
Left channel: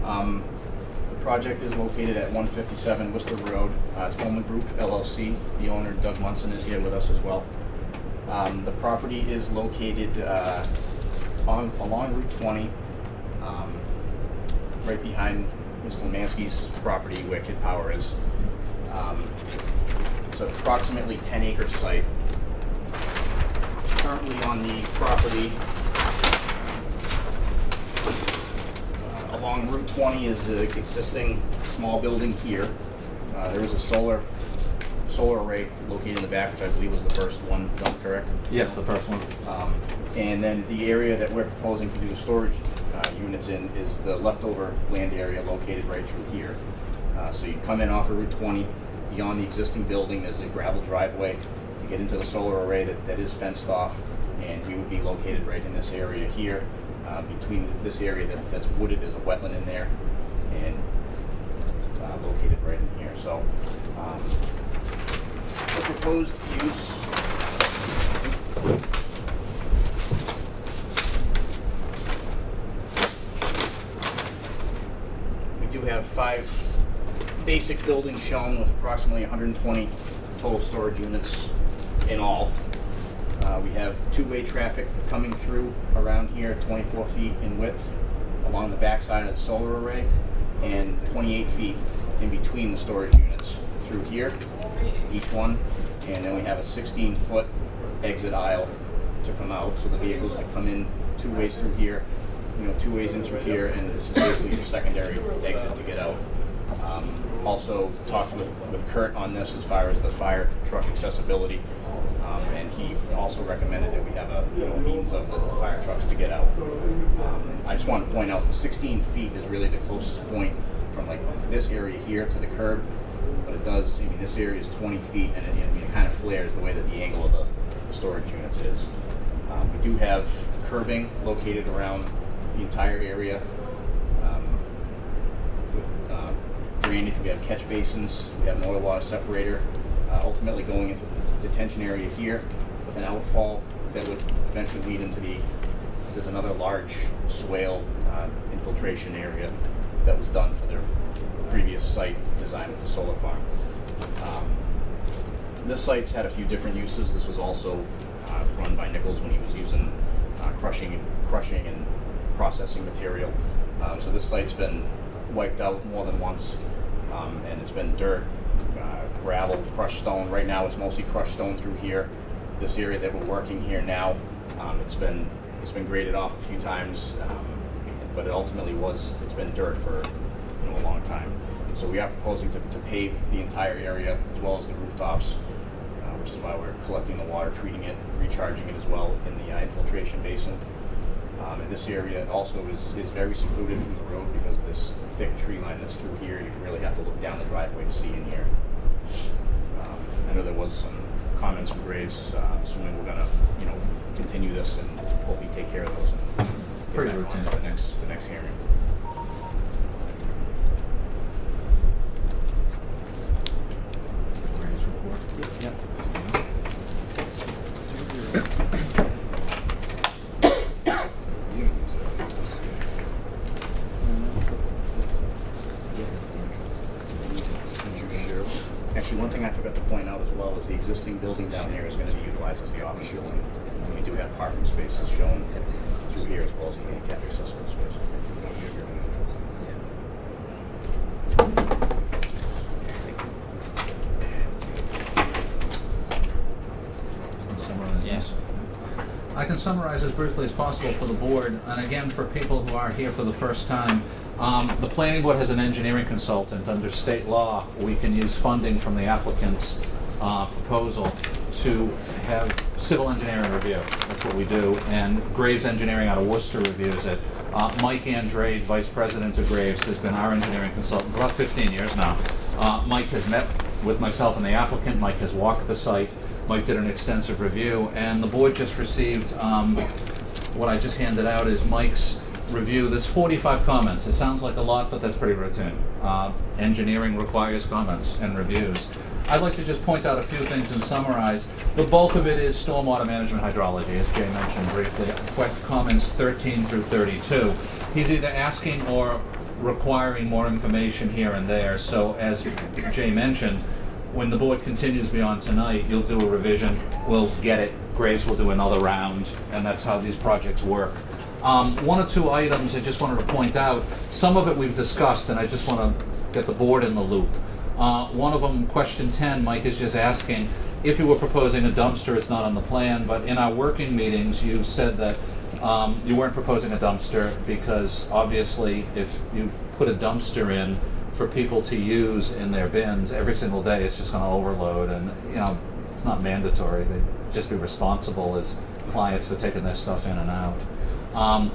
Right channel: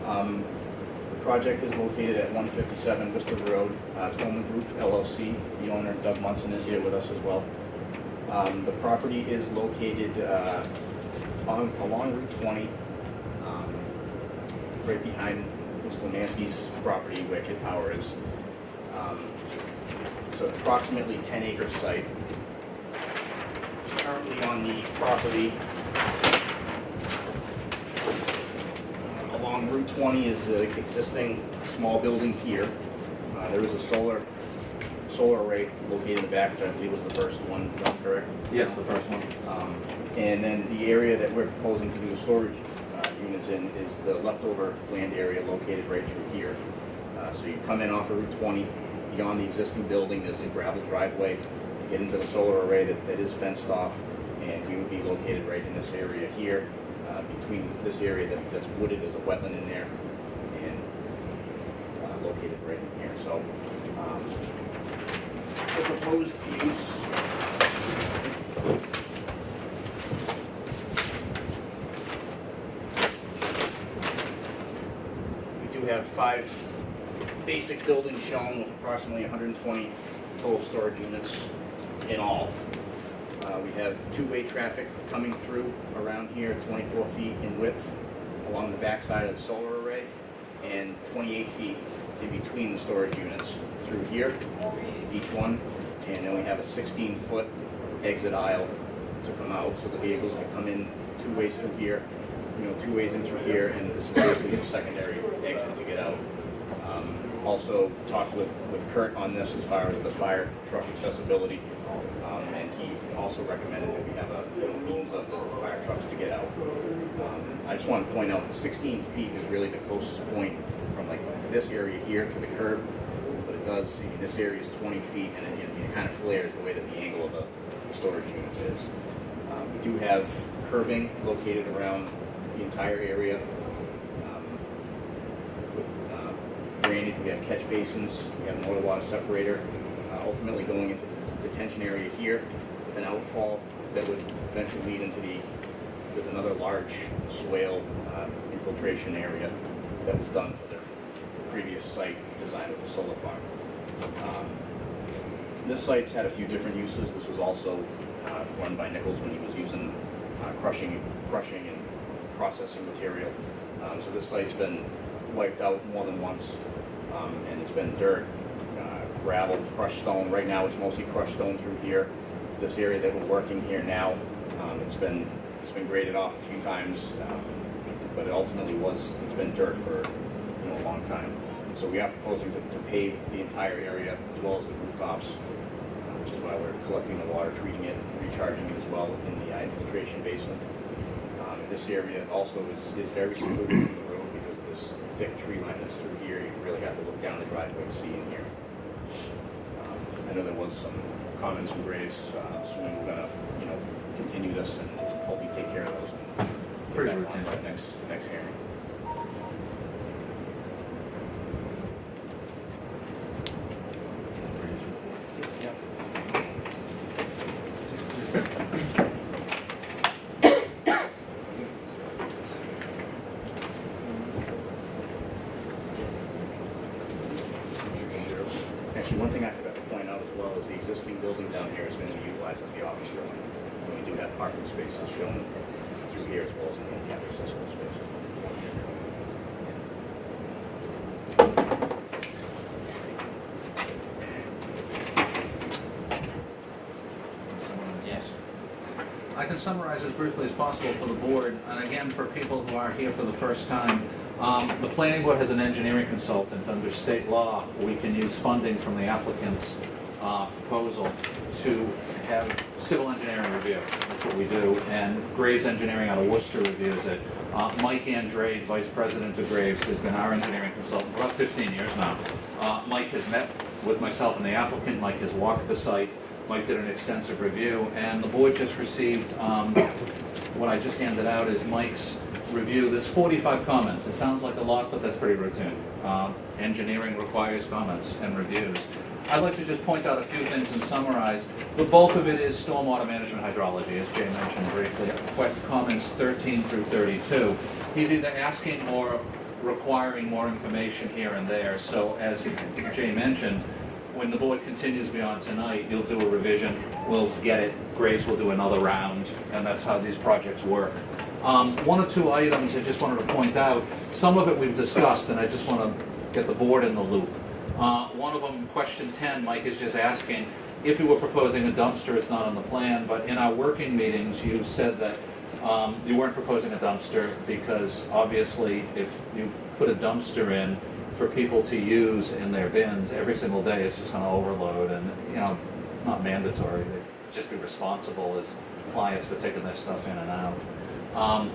The project is located at 157 Worcester Road. It's Coleman Group LLC. The owner, Doug Munson, is here with us as well. The property is located along Route 20, right behind Mr. Lemansky's property where Kid Power is. It's approximately 10-acre site. Currently on the property along Route 20 is the existing small building here. There is a solar array located in the back, which I believe was the first one, is that correct? Yes, the first one. And then the area that we're proposing to do storage units in is the leftover land area located right through here. So you come in off of Route 20, beyond the existing building, there's a gravel driveway to get into the solar array that is fenced off, and we would be located right in this area here. Between this area that's wooded, there's a wetland in there, and located right in here. So the proposed use we have 5 basic buildings shown with approximately 120 total storage units in all. We have 2-way traffic coming through around here, 24 feet in width along the back side of the solar array, and 28 feet in between the storage units through here, each one. And then we have a 16-foot exit aisle to come out, so the vehicles can come in 2 ways through here, 2 ways in through here, and this is basically the secondary exit to get out. Also talked with Kurt on this as far as the fire truck accessibility, and he also recommended that we have a means of the fire trucks to get out. I just want to point out the 16 feet is really the closest point from like this area here to the curb, but it does, I mean, this area is 20 feet, and it kind of flares the way that the angle of the storage units is. We do have curbing located around the entire area. Drainage, we have catch basins, we have an oil water separator, ultimately going into the detention area here with an outfall that would eventually lead into there's another large swale infiltration area that was done for their previous site design with the solar farm. This site's had a few different uses. This was also run by Nichols when he was using crushing and processing material. So this site's been wiped out more than once, and it's been dirt, gravel, crushed stone. Right now it's mostly crushed stone through here. This area that we're working here now, it's been graded off a few times, but it ultimately it's been dirt for a long time. So we are proposing to pave the entire area as well as the rooftops, which is why we're collecting the water, treating it, recharging it as well in the infiltration basin. And this area also is very secluded from the road because of this thick tree line that's through here. You really have to look down the driveway to see in here. I know there was some comments from Graves, assuming we're gonna, continue this and hopefully take care of those and bring them on to the next hearing. Actually, one thing I forgot to point out as well is the existing building down here is going to be utilized as the office building. And we do have parking spaces shown through here as well as a handicap accessible space. Yes. I can summarize as briefly as possible for the board, and again, for people who are here for the first time, the planning board has an engineering consultant. Under state law, we can use funding from the applicant's proposal to have civil engineering review. That's what we do, and Graves Engineering out of Worcester reviews it. Mike Andrade, vice president of Graves, has been our engineering consultant for about 15 years now. Mike has met with myself and the applicant. Mike has walked the site. Mike did an extensive review, and the board just received what I just handed out is Mike's review. There's 45 comments. It sounds like a lot, but that's pretty routine. Engineering requires comments and reviews. I'd like to just point out a few things and summarize. The bulk of it is stormwater management hydrology, as Jay mentioned briefly. Comments 13 through 32. He's either asking or requiring more information here and there. So as Jay mentioned, when the board continues beyond tonight, you'll do a revision, we'll get it, Graves will do another round, and that's how these projects work. One or two items I just wanted to point out. Some of it we've discussed, and I just want to get the board in the loop. One of them, question 10, Mike is just asking if you were proposing a dumpster. It's not on the plan, but in our working meetings, you said that you weren't proposing a dumpster because obviously if you put a dumpster in for people to use in their bins every single day, it's just going to overload, and it's not mandatory. They'd just be responsible as clients for taking their stuff in and out.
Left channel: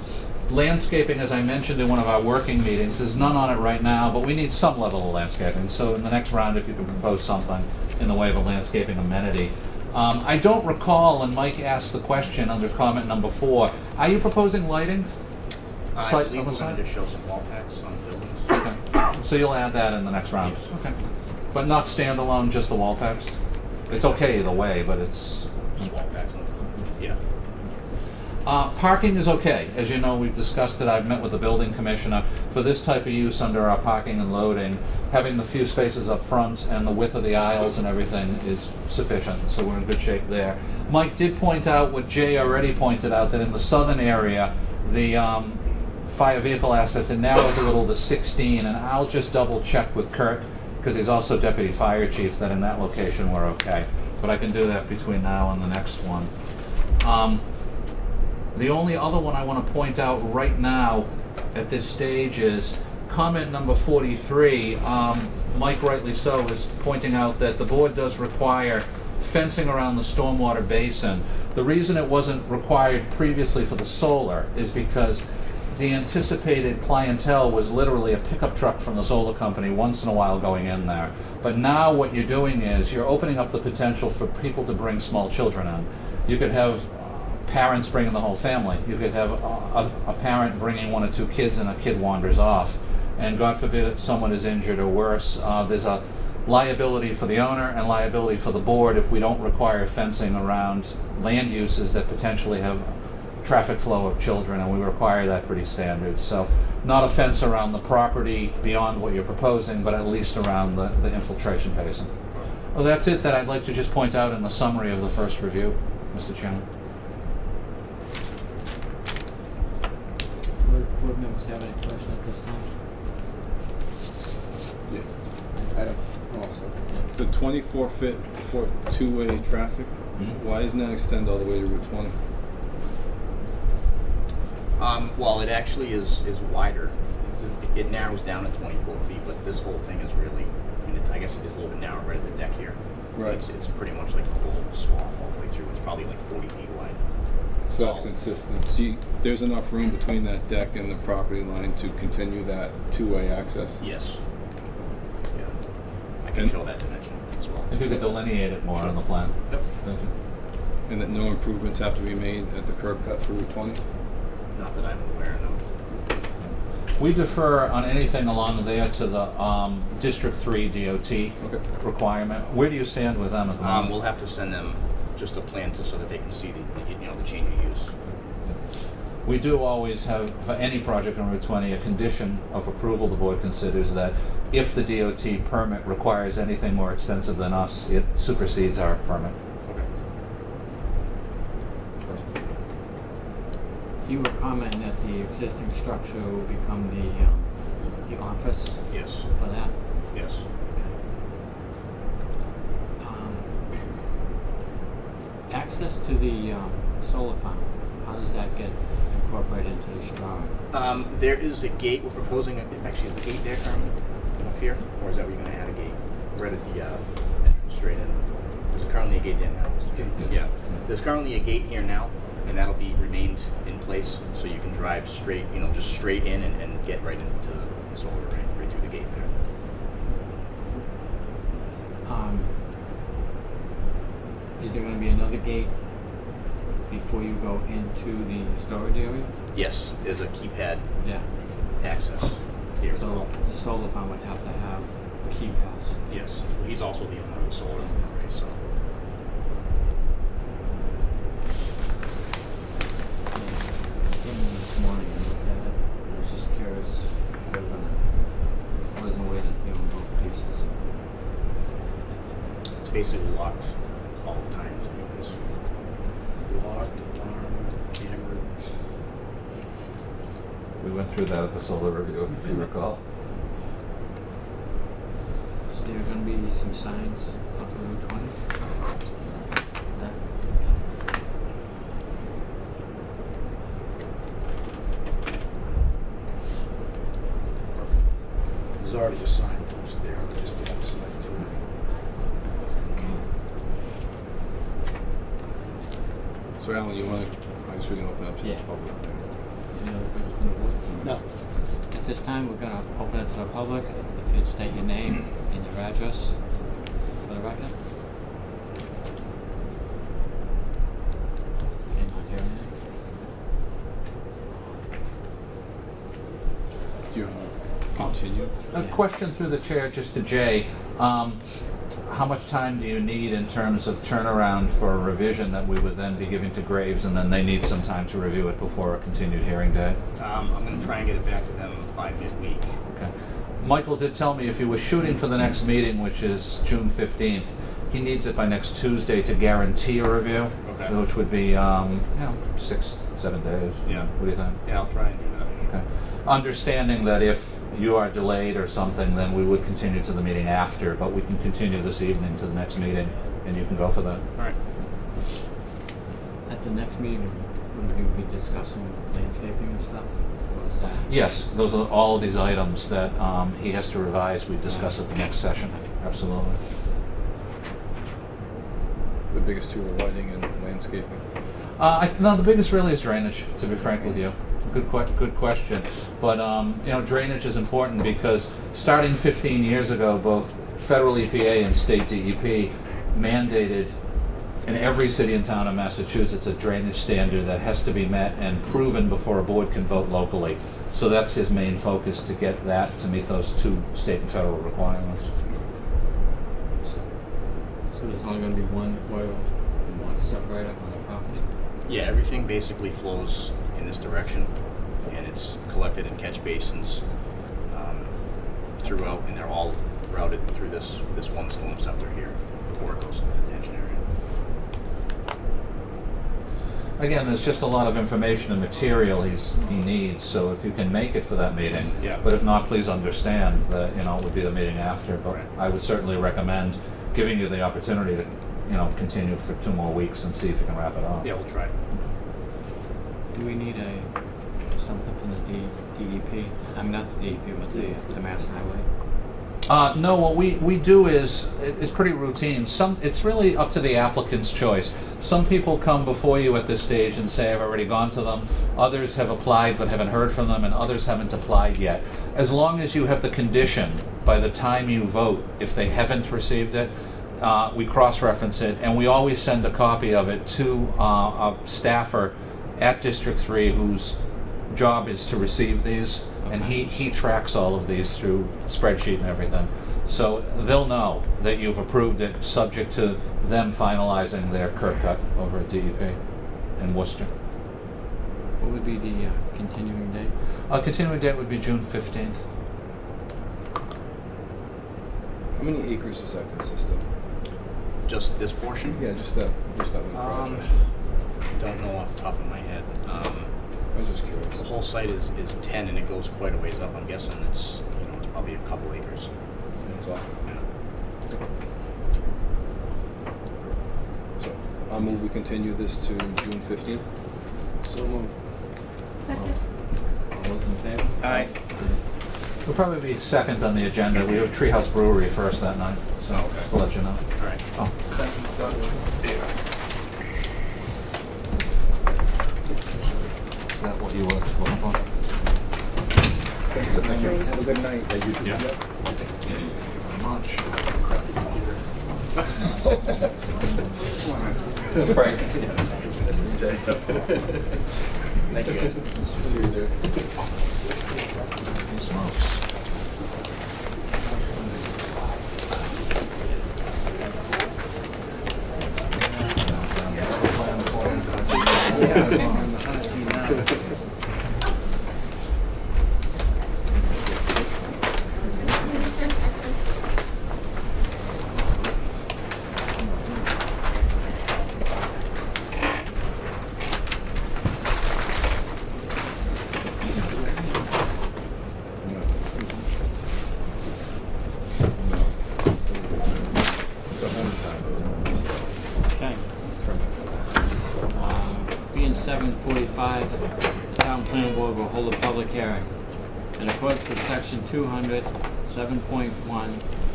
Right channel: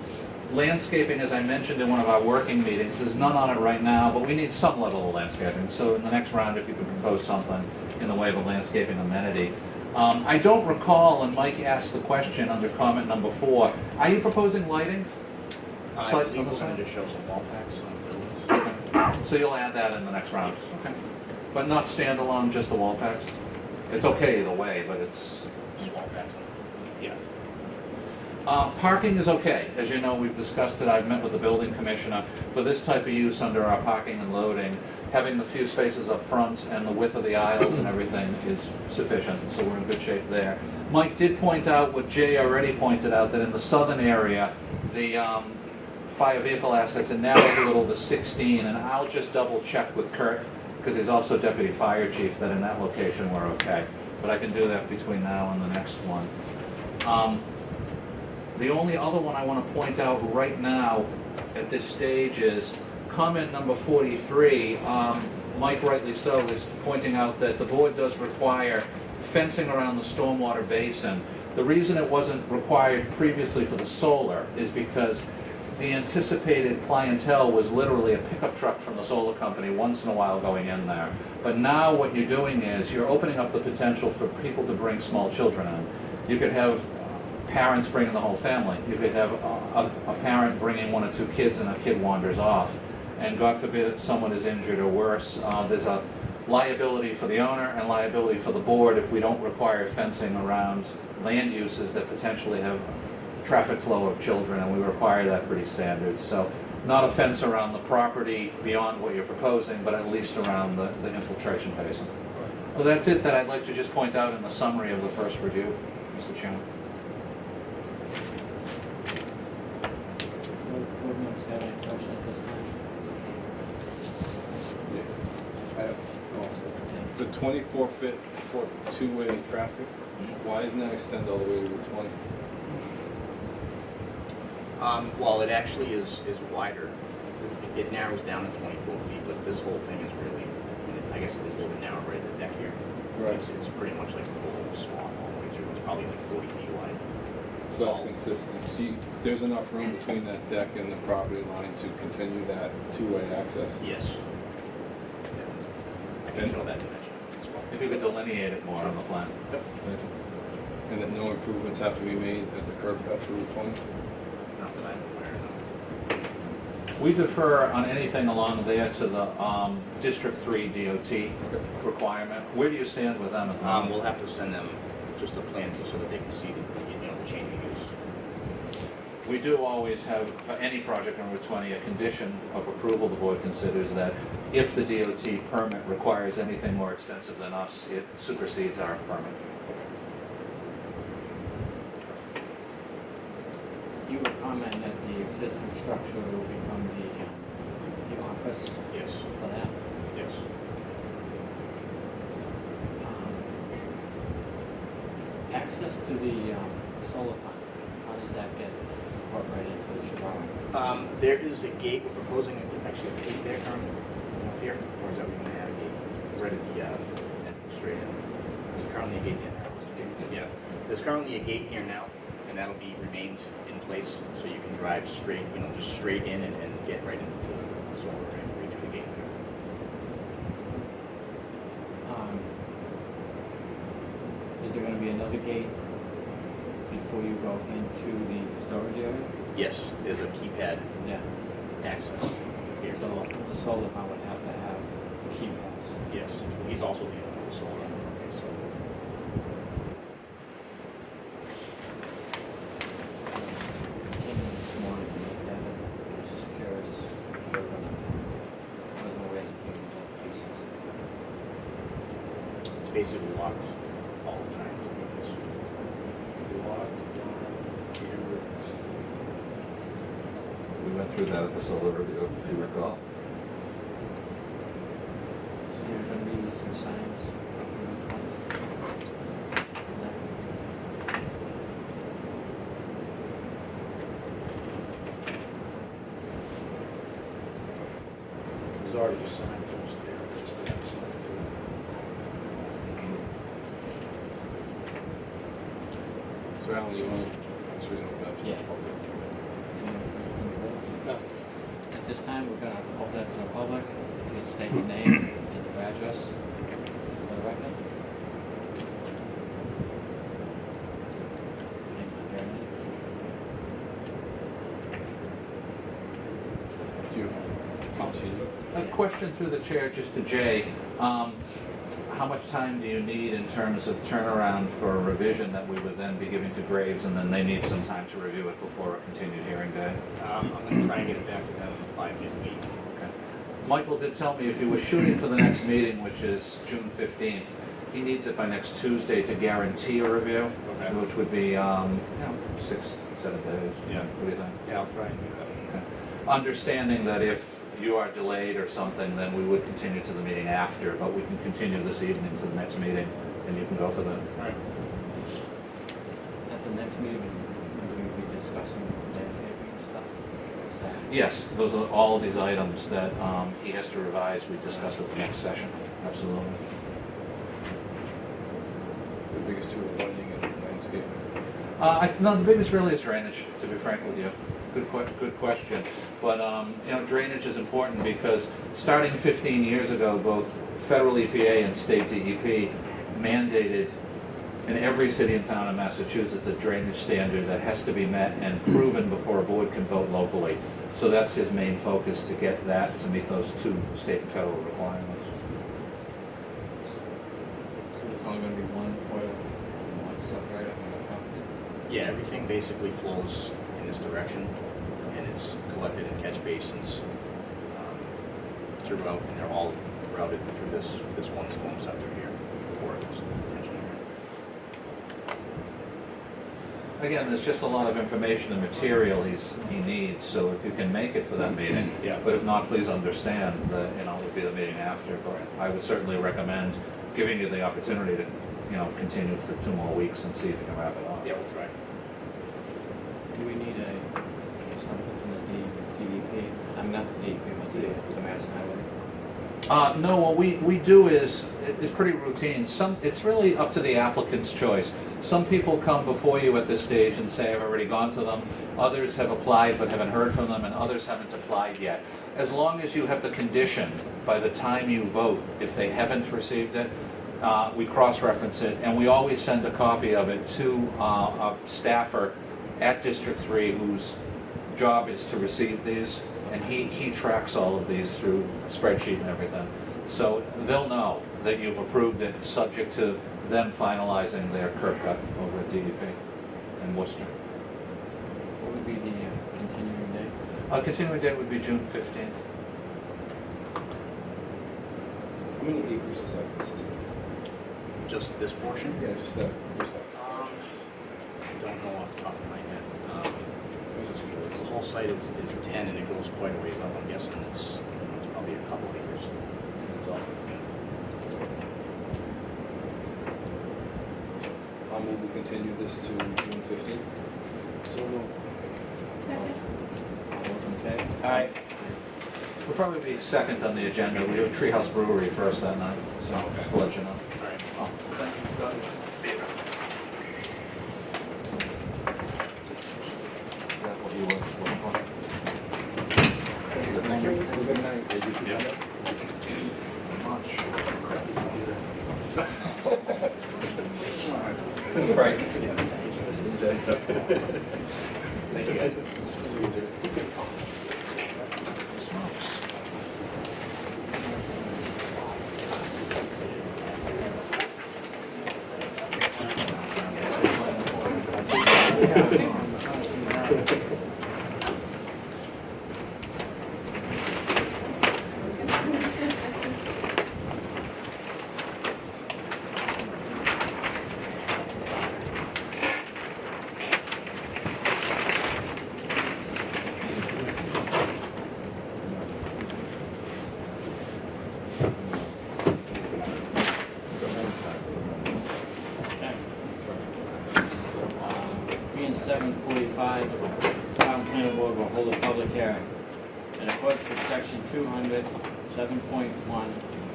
Landscaping, as I mentioned in one of our working meetings, there's none on it right now, but we need some level of landscaping. So in the next round, if you can propose something in the way of a landscaping amenity. I don't recall, and Mike asked the question under comment number 4, are you proposing lighting? I believe we're going to just show some wall packs on the buildings. Okay. So you'll add that in the next round? Okay. But not standalone, just the wall packs? It's okay either way, but it's... Just wall packs on the buildings. Yeah. Parking is okay. As you know, we've discussed it. I've met with the building commissioner. For this type of use under our parking and loading, having the few spaces up front and the width of the aisles and everything is sufficient, so we're in good shape there. Mike did point out what Jay already pointed out, that in the southern area, the fire vehicle access, it narrows a little to 16, and I'll just double check with Kurt, because he's also deputy fire chief, that in that location we're okay. But I can do that between now and the next one. The only other one I want to point out right now at this stage is comment number 43. Mike rightly so is pointing out that the board does require fencing around the stormwater basin. The reason it wasn't required previously for the solar is because the anticipated clientele was literally a pickup truck from the solar company once in a while going in there. But now what you're doing is you're opening up the potential for people to bring small children in. You could have parents bringing the whole family. You could have a parent bringing 1 or 2 kids and a kid wanders off. And God forbid if someone is injured or worse, there's a liability for the owner and liability for the board if we don't require fencing around land uses that potentially have traffic flow of children, and we require that pretty standard. So not a fence around the property beyond what you're proposing, but at least around the infiltration basin. Well, that's it that I'd like to just point out in the summary of the first review, Mr. Chairman. Board members have any questions at this time? I also. The 24-foot two-way traffic, why isn't that extend all the way to Route 20? Well, it actually is wider. It narrows down to 24 feet, but this whole thing is really, I guess it is a little bit narrow right at the deck here. Right. It's pretty much like the whole swath all the way through. It's probably like 40 feet wide. It's So that's all- consistent. So there's enough room between that deck and the property line to continue that two-way access? Yes. Yeah. I can And- show that dimension as well. If you could delineate it more on the plan. Yep. Thank you. And that no improvements have to be made at the curb cut for Route 20? Not that I'm aware of. We defer on anything along there to the District 3 DOT requirement. Where do you stand with them at the moment? We'll have to send them just a plan so that they can see the changing use. We do always have, for any project on Route 20, a condition of approval. The board considers that if the DOT permit requires anything more extensive than us, it supersedes our permit. You were commenting that the existing structure will become the office Yes. for that. Yes. Access to the solar farm, how does that get incorporated into this drawing? There is a gate. We're proposing actually a gate there currently up here, or is that where you're going to add a gate right at the entrance straight in? There's currently a gate there now. Yeah. There's currently a gate here now, and that'll be remained in place, so you can drive straight, just straight in and get right into the solar, right through the gate there. Is there gonna be another gate before you go into the storage area? Yes, there's a keypad Yeah, access here. so the solar farm would have to have a key pass. Yes, he's also the owner of the solar array, so. This morning, I was just curious. I wasn't aware you put in both pieces. It's basically locked all the time. So there's Locked, alarmed, neighbors. We went through that at the solar review, if you recall. Is there gonna be some signs up on Route 20? No? There's already a signpost there, they just didn't decide to do it. So Alan, you want, I guess we can open up to the Yeah. public. Any other questions from the board? No. At this time, we're gonna open it to the public. If you'd state your name and your address for the record. And is there any- Do you have a see A question through the chair just to Jay. How much time do you need in terms of turnaround for a revision that we would then be giving to Graves, and then they need some time to review it before a continued hearing day? I'm going to try and get it back to them by midweek. Okay. Michael did tell me if he was shooting for the next meeting, which is June 15th, he needs it by next Tuesday to guarantee a review, Okay. which would be 6-7 days. Yeah. What do you think? Yeah, I'll try and do that. Okay. Understanding that if you are delayed or something, then we would continue to the meeting after, but we can continue this evening to the next meeting, and you can go for that. All right. At the next meeting, will we be discussing landscaping and stuff? Is that- Yes, those are all these items that he has to revise. We discuss at the next session. Absolutely. The biggest two, the lighting and landscaping. No, the biggest really is drainage, to be frank with you. Good question. But drainage is important because starting 15 years ago, both federal EPA and state DEP mandated in every city and town in Massachusetts a drainage standard that has to be met and proven before a board can vote locally. So that's his main focus, to get that to meet those two state and federal requirements. So there's only gonna be one separator on the property? Yeah, everything basically flows in this direction, and it's collected in catch basins throughout, and they're all routed through this one storm scepter here before it goes to the detention area. Again, there's just a lot of information and material he needs, so if you can make it for that meeting. Yeah. But if not, please understand that, it would be the meeting after, but I would certainly recommend giving you the opportunity to, continue for 2 more weeks and see if you can wrap it up. Yeah, we'll try. Do we need something from the DEP? I'm not the DEP, but the Mass Highway. No, what we do is, it's pretty routine. It's really up to the applicant's choice. Some people come before you at this stage and say, I've already gone to them. Others have applied but haven't heard from them, and others haven't applied yet. As long as you have the condition by the time you vote, if they haven't received it, we cross-reference it, and we always send a copy of it to a staffer at District 3 whose job is to receive these, and he tracks all of these through spreadsheet and everything. So they'll know that you've approved it, subject to them finalizing their curb cut over at DEP in Worcester. What would be the continuing date? Continuing date would be June 15th. How many acres does that consist of? Just this portion? Yeah, just that one project. I don't know off the top of my head. I was just curious. The whole site is 10, and it goes quite a ways up. I'm guessing it's probably a couple acres. That's all. Yeah. So I'll move we continue this to June 15th. So moved. All those in favor? Aye. We'll probably be second on the agenda. We have Treehouse Brewery first that night, so Okay. just to let you know. All right. Oh. Is that what you were looking for? Thank you. Have a good night. Yeah. Much. Right. Thank you, guys. Smokes. Okay. Being 7:45, Town Planning Board will hold a public hearing. In accordance with Section 200, 7.1,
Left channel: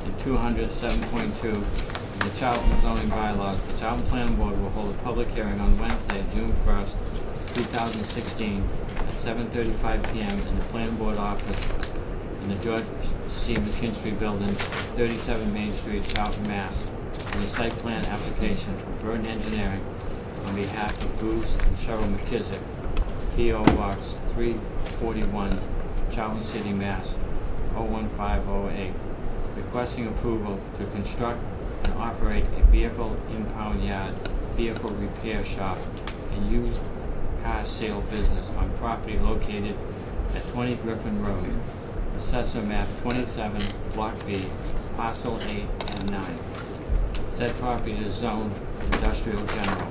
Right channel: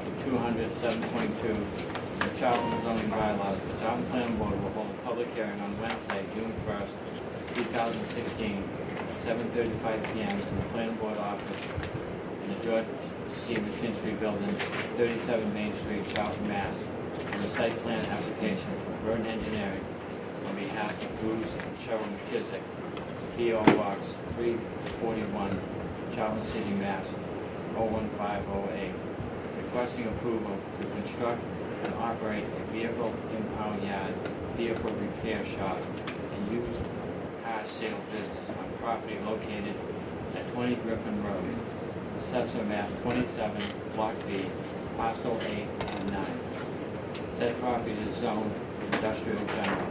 and 200, 7.2 of the Charlton zoning bylaws, the Town Planning Board will hold a public hearing on Wednesday, June 1st, 2016, at 7:35 p.m. in the Planning Board office in the George C. McKinstry Building, 37 Main Street, Charlton, Mass. On the site plan application of Burton Engineering on behalf of Bruce and Cheryl McKissick, P.O. Box 341, Charlton City, Mass. 01508, requesting approval to construct and operate a vehicle impound yard, vehicle repair shop, and used car sale business on property located at 20 Griffin Road, Assessor Map 27, Block B, Parcel 8 and 9. Said property is zoned industrial general.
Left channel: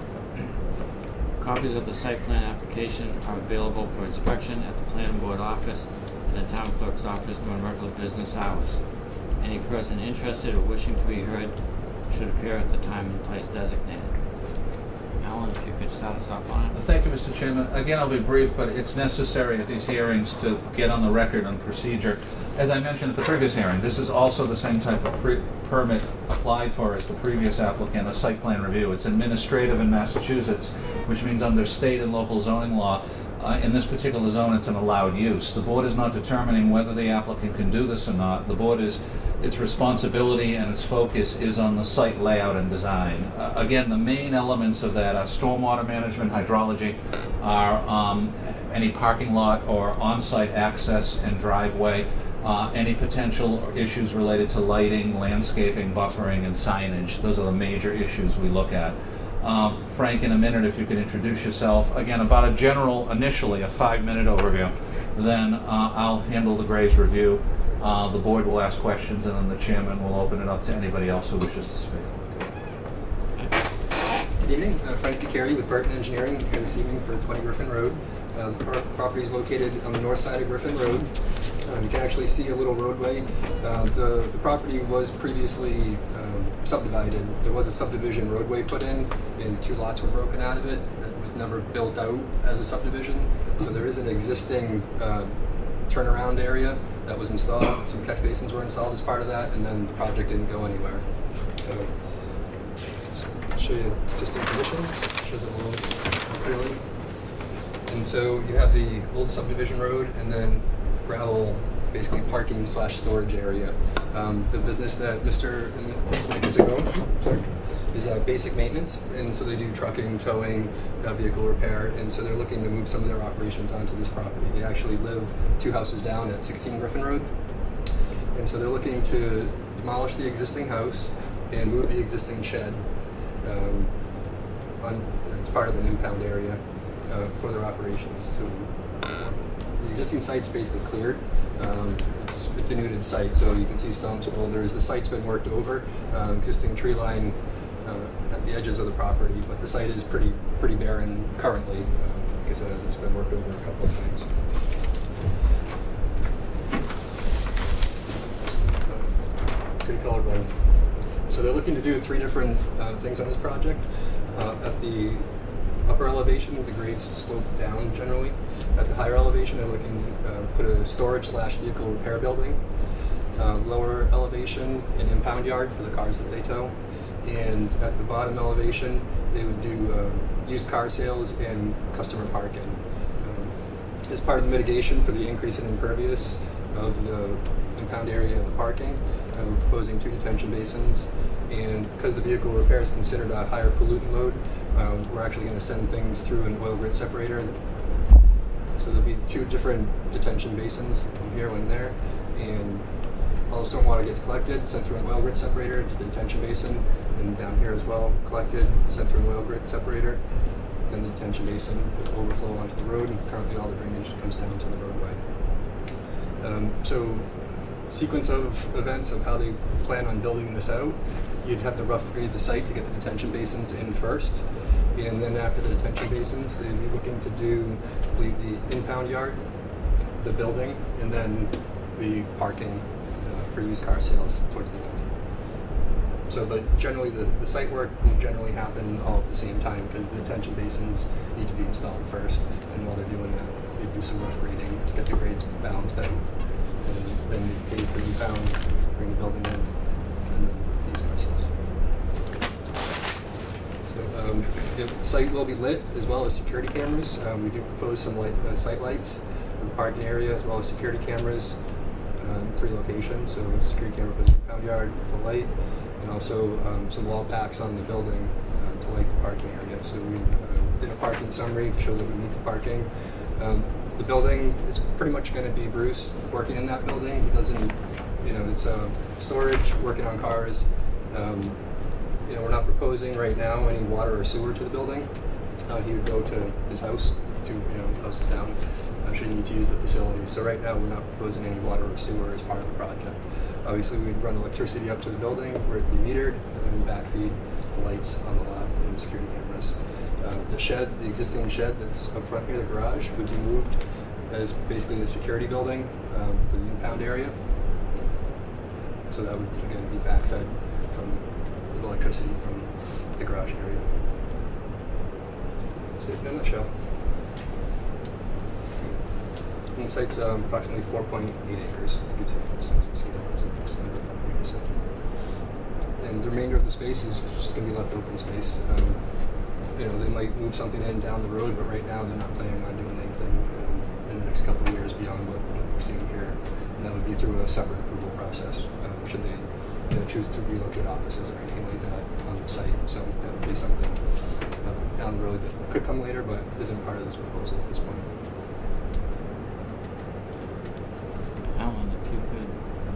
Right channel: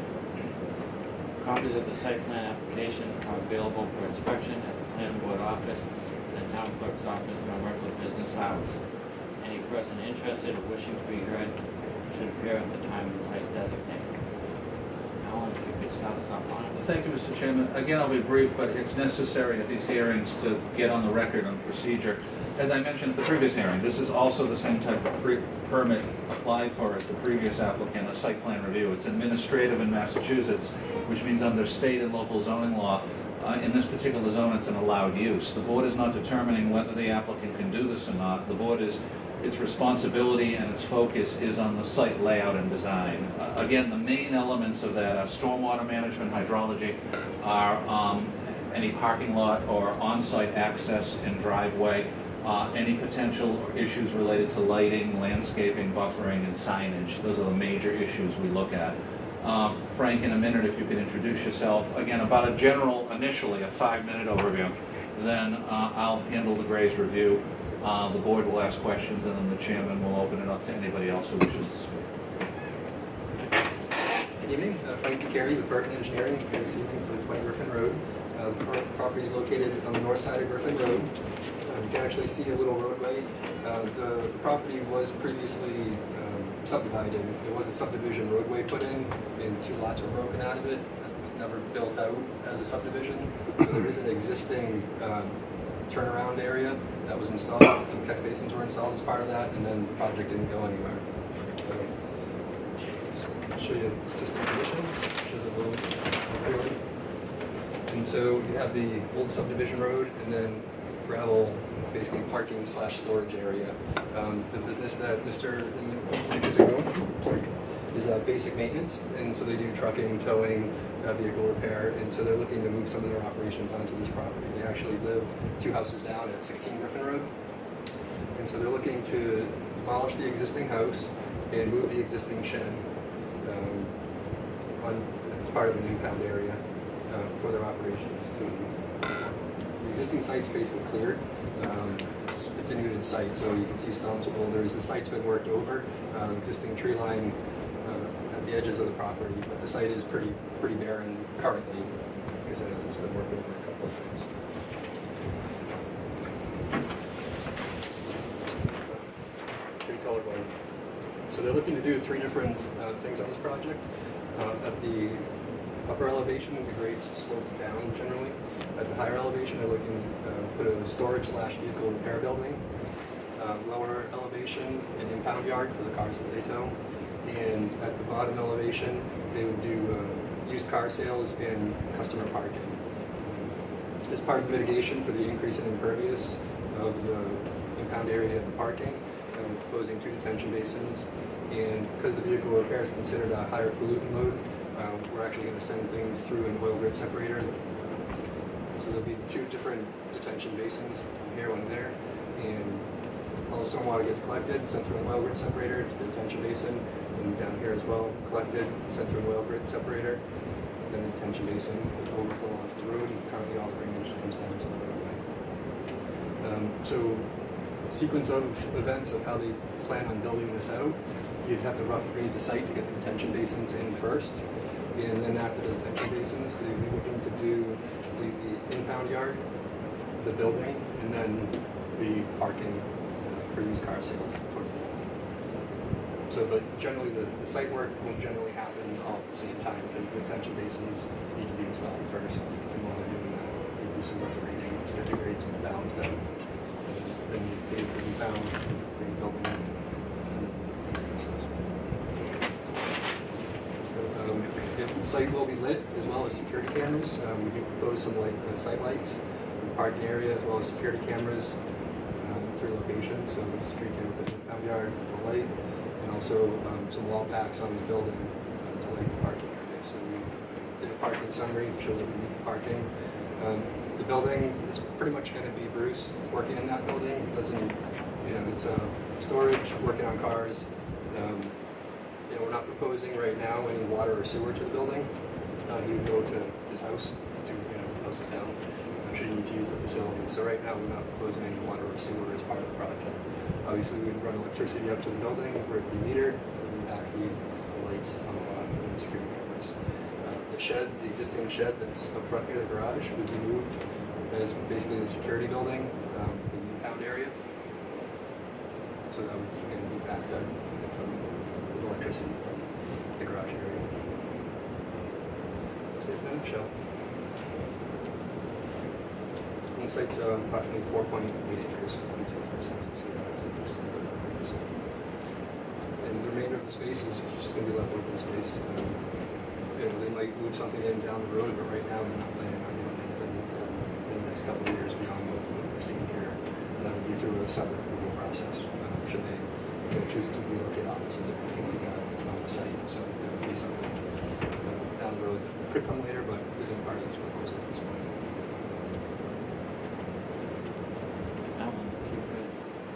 Copies of the site plan application are available for inspection at the planning board office and the town clerk's office during regular business hours. Any person interested or wishing to be heard should appear at the time and place designated. Alan, if you could start this up on it? Thank you, Mr. Chairman. Again, I'll be brief, but it's necessary at these hearings to get on the record on procedure. As I mentioned at the previous hearing, this is also the same type of permit applied for as the previous applicant, a site plan review. It's administrative in Massachusetts, which means under state and local zoning law, in this particular zone, it's an allowed use. The board is not determining whether the applicant can do this or not. The board is, its responsibility and its focus is on the site layout and design. Again, the main elements of that are stormwater management, hydrology, are any parking lot or on-site access and driveway, any potential or issues related to lighting, landscaping, buffering, and signage. Those are the major issues we look at. Frank, in a minute, if you could introduce yourself. Again, about a general, initially, a 5-minute overview. Then I'll handle the Gray's review. The board will ask questions, and then the chairman will open it up to anybody else who wishes to speak. Good evening, Frank DeCary with Burton Engineering here this evening for 20 Griffin Road. The property is located on the north side of Griffin Road. You can actually see a little roadway. The property was previously subdivided. There was a subdivision roadway put in, and 2 lots were broken out of it. It was never built out as a subdivision. So there is an existing turnaround area that was installed. Some catch basins were installed as part of that, and then the project didn't go anywhere. I'll show you existing conditions. Shows it a little more clearly. And so you have the old subdivision road, and then gravel, basically parking / storage area. The business that Mr. and Ms. Nicosia is basic maintenance, and so they do trucking, towing, vehicle repair, and so they're looking to move some of their operations onto this property. They actually live 2 houses down at 16 Griffin Road, and so they're looking to demolish the existing house and move the existing shed as part of an impound area for their operations. So the existing site's basically cleared. It's a denuded site, so you can see stumps, boulders. The site's been worked over, existing tree line at the edges of the property, but the site is pretty barren currently. Like I said, it's been worked over a couple of times. Pretty colorblind. So they're looking to do 3 different things on this project. At the upper elevation, the grades slope down generally. At the higher elevation, they're looking to put a storage / vehicle repair building. Lower elevation, an impound yard for the cars that they tow. And at the bottom elevation, they would do used car sales and customer parking. As part of the mitigation for the increase in impervious of the impound area of the parking, we're proposing 2 detention basins. And because the vehicle repair is considered a higher pollutant load, we're actually going to send things through an oil grit separator. So there'll be 2 different detention basins, one here, one there, and all the stormwater gets collected, sent through an oil grit separator to the detention basin, and down here as well, collected, sent through an oil grit separator, and the detention basin will overflow onto the road, and currently all the drainage comes down to the roadway. So sequence of events of how they plan on building this out, you'd have to rough grade the site to get the detention basins in first, and then after the detention basins, they'd be looking to do, I believe, the impound yard, the building, and then the parking for used car sales towards the end. So, but generally, the site work will generally happen all at the same time because the detention basins need to be installed first, and while they're doing that, you do some rough grading, get the grades balanced out, and then you bring the bound, bring the building in, and then used car sales. The site will be lit as well as security cameras. We do propose some site lights for the parking area as well as security cameras in 3 locations. So a security camera for the impound yard with a light, and also some wall packs on the building to light the parking area. So we did a parking summary to show that we meet the parking. The building is pretty much going to be Bruce working in that building. He doesn't, it's storage, working on cars. We're not proposing right now any water or sewer to the building. He would go to his house to, houses down, should he need to use the facility. So right now, we're not proposing any water or sewer as part of the project. Obviously, we'd run electricity up to the building where it would be metered, and then backfeed the lights on the lot and the security cameras. The shed, the existing shed that's up front here, the garage, would be moved as basically the security building for the impound area. So that would, again, be backfed from electricity from the garage area. That's it in a nutshell. The site's approximately 4.8 acres, to give you a sense of scale, so just under 5 acres. And the remainder of the space is just going to be left open space. You know, they might move something in down the road, but right now they're not planning on doing anything in the next couple of years beyond what we're seeing here. And that would be through a separate approval process, should they choose to relocate offices or anything like that on the site. So that would be something down the road that could come later, but isn't part of this proposal at this point. Alan, if you could,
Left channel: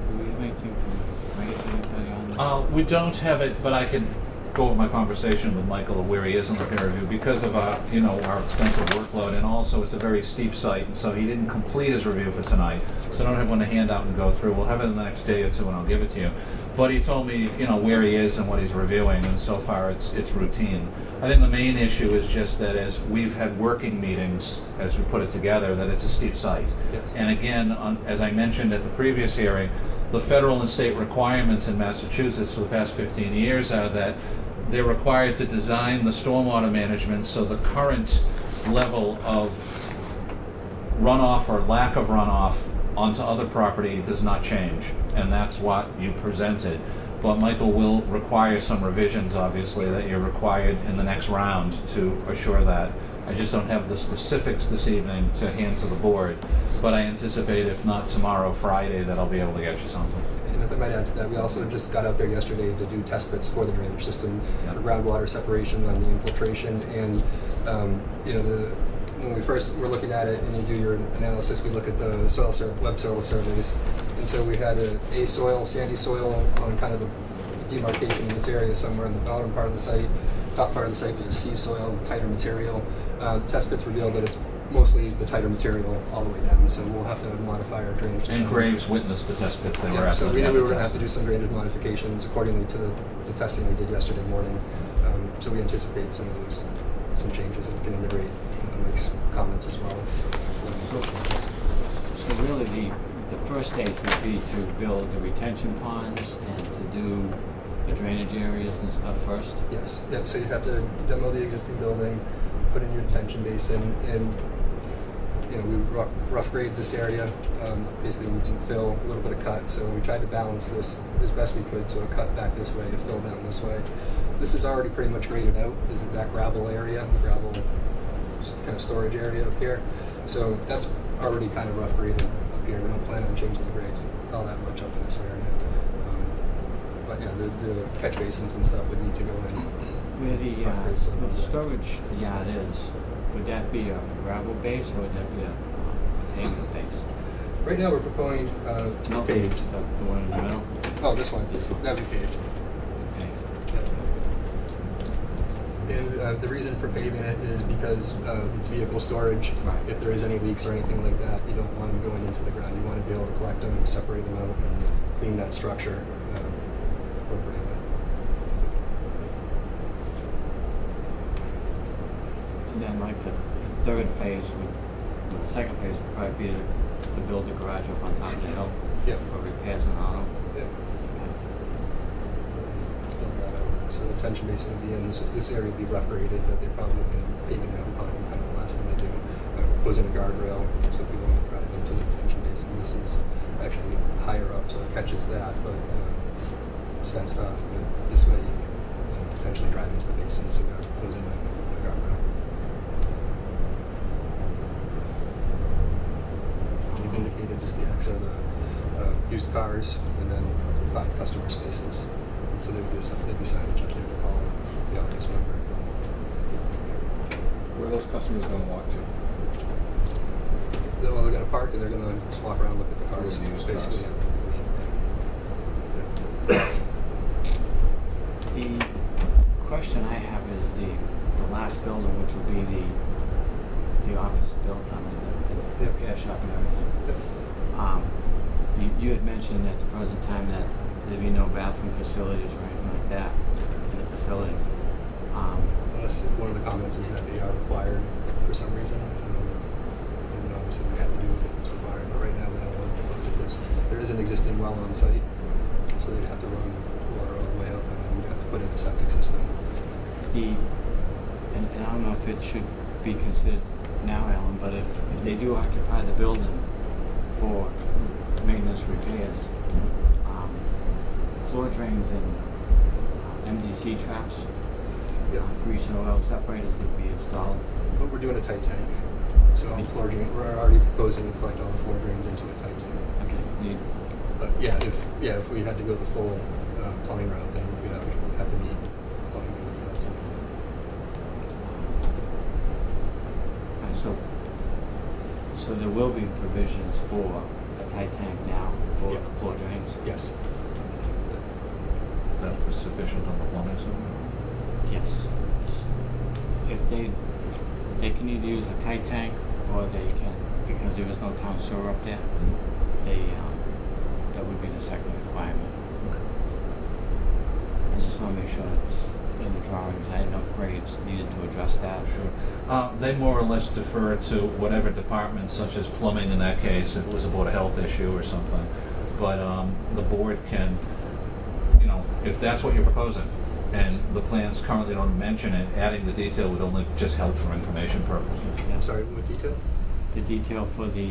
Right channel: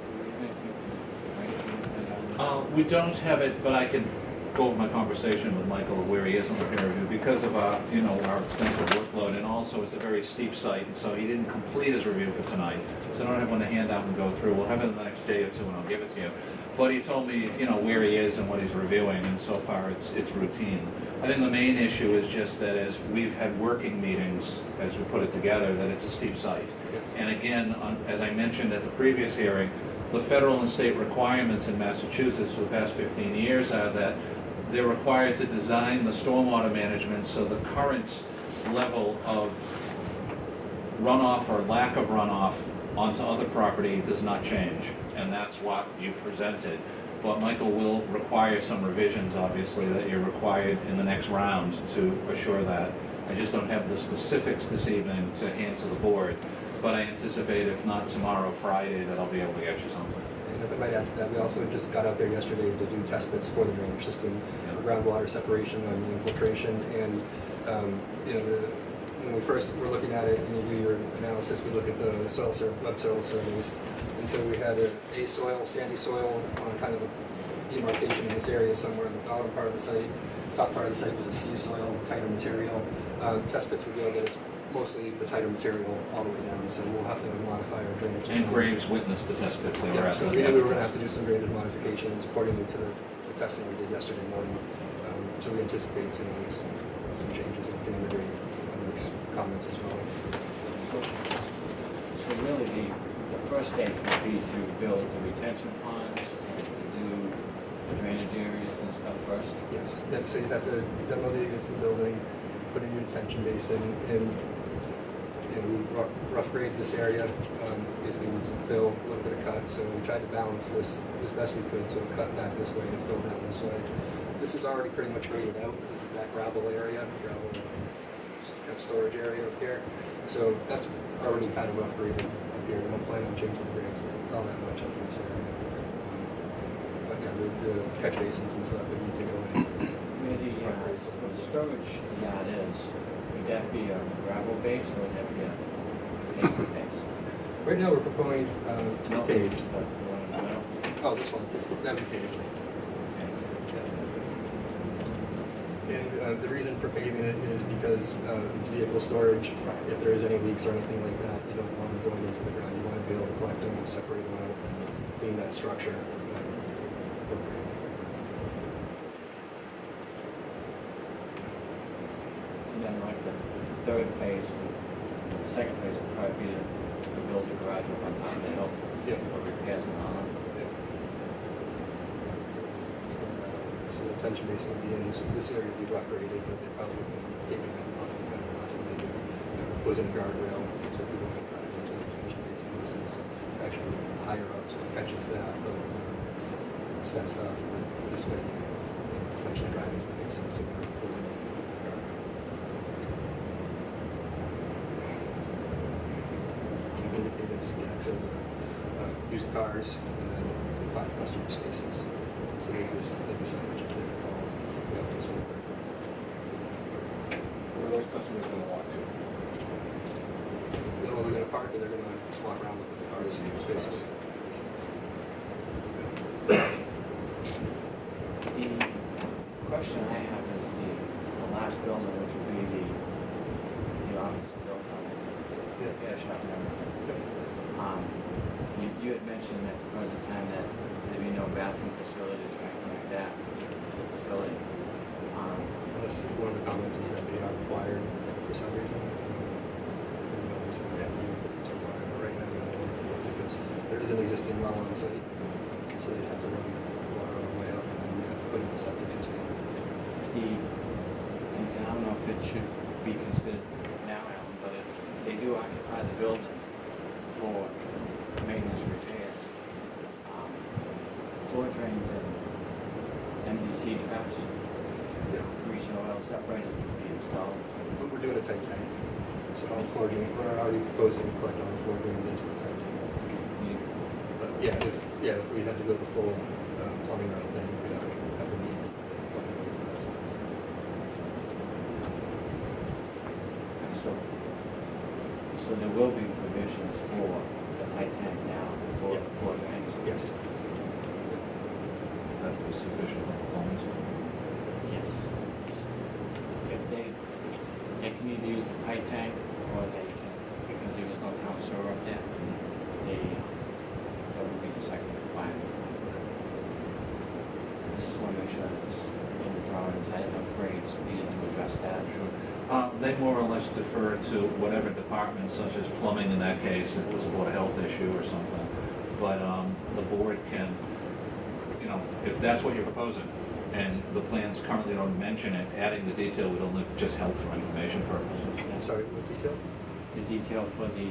do you have anything to raise anybody on this? We don't have it, but I can go over my conversation with Michael of where he is in the peer review because of our extensive workload, and also it's a very steep site, so he didn't complete his review for tonight. So I don't have one to hand out and go through. We'll have it in the next day or two, and I'll give it to you. But he told me, where he is and what he's reviewing, and so far it's routine. I think the main issue is just that as we've had working meetings, as we put it together, that it's a steep site. Yes. And again, as I mentioned at the previous hearing, the federal and state requirements in Massachusetts for the past 15 years are that they're required to design the stormwater management so the current level of runoff or lack of runoff onto other property does not change. And that's what you presented. But Michael will require some revisions, obviously, that you're required in the next round to assure that. I just don't have the specifics this evening to hand to the board, but I anticipate if not tomorrow, Friday, that I'll be able to get you something. And if I might add to that, we also just got out there yesterday to do test bits for the drainage system for groundwater separation on the infiltration. And when we first were looking at it and you do your analysis, we look at the web soil surveys. And so we had a soil, sandy soil on kind of the demarcation in this area somewhere in the bottom part of the site. Top part of the site was a sea soil, tighter material. Test bits revealed that it's mostly the tighter material all the way down, so we'll have to modify our drainage system. And Graves witnessed the test pits. They were Yeah, at so the we knew we were going to test. have to do some drainage modifications accordingly to the testing we did yesterday morning. So we anticipate some changes in getting the rate. Makes comments as well. So really the first stage would be to build the retention ponds and to do the drainage areas and stuff first? Yes. Yep. So you have to demo the existing building, put in your detention basin, and we've rough graded this area. Basically need some fill, a little bit of cut. So we tried to balance this as best we could. So a cut back this way, a fill down this way. This is already pretty much graded out, but there's that gravel area, gravel kind of storage area up here. So that's already kind of rough graded up here. We don't plan on changing the grades all that much up in this area. But yeah, the catch basins and stuff would need to go in. Where the storage yard is, would that be a gravel base or would that be a paved base? Right now we're proposing to be paved. The one in the middle? Oh, this one. That'd be paved. Okay. And the reason for paving it is because it's vehicle storage. Right. If there is any leaks or anything like that, you don't want them going into the ground. You want to be able to collect them, separate them out, and clean that structure appropriately. And then like the third phase the second phase would probably be to build the garage up on top of the hill. Yep. For repairs and all. Yep. So the detention basin would be in this area would be rough graded, but they're probably paving out probably kind of the last thing they do. Goes in a guardrail, so people don't drive into the detention basin. This is actually higher up, so it catches that, but it's fenced off. But this way, potentially drive into the basin, so it goes in a guardrail. We've indicated just the X are the used cars, and then 5 customer spaces. So they signage up there to call the office number. Where are those customers going to walk to? They're going to park and they're going to swap around, look at the cars. Look at the used cars. Basically. The question I have is the last building, which will be the office building, the repair shop and everything. Yep. You had mentioned at the present time that there'd be no bathroom facilities or anything like that in the facility. Unless one of the comments is that they are required for some reason. And obviously they have to do what's required, but right now we don't want to propose it. There is an existing well on site, so they have to run water all the way up and you have to put in a septic system. And I don't know if it should be considered now, Ellen, but if they do occupy the building for maintenance repairs, floor drains and MDC traps, Yep. grease and oil separators need to be installed. But we're doing a tight tank. So floor drain, we're already proposing to collect all the floor drains into a tight tank. Okay. You- But if we had to go the full plumbing route, then we'd have to need plumbing for that. So there will be provisions for a tight tank now for Yep. floor drains? Yes. Is that sufficient on the plumbing side? Yes. If they can either use a tight tank or they can, because there is no town sewer up there, that would be the second requirement. I just want to make sure it's in the drawings. I had enough grades needed to address that. Sure. They more or less defer to whatever department, such as plumbing in that case, if it was a Board of Health issue or something. But the board can, if that's what you're proposing, and the plans currently don't mention it, adding the detail would only just help for information purposes. Yeah. Sorry, what detail? The detail for the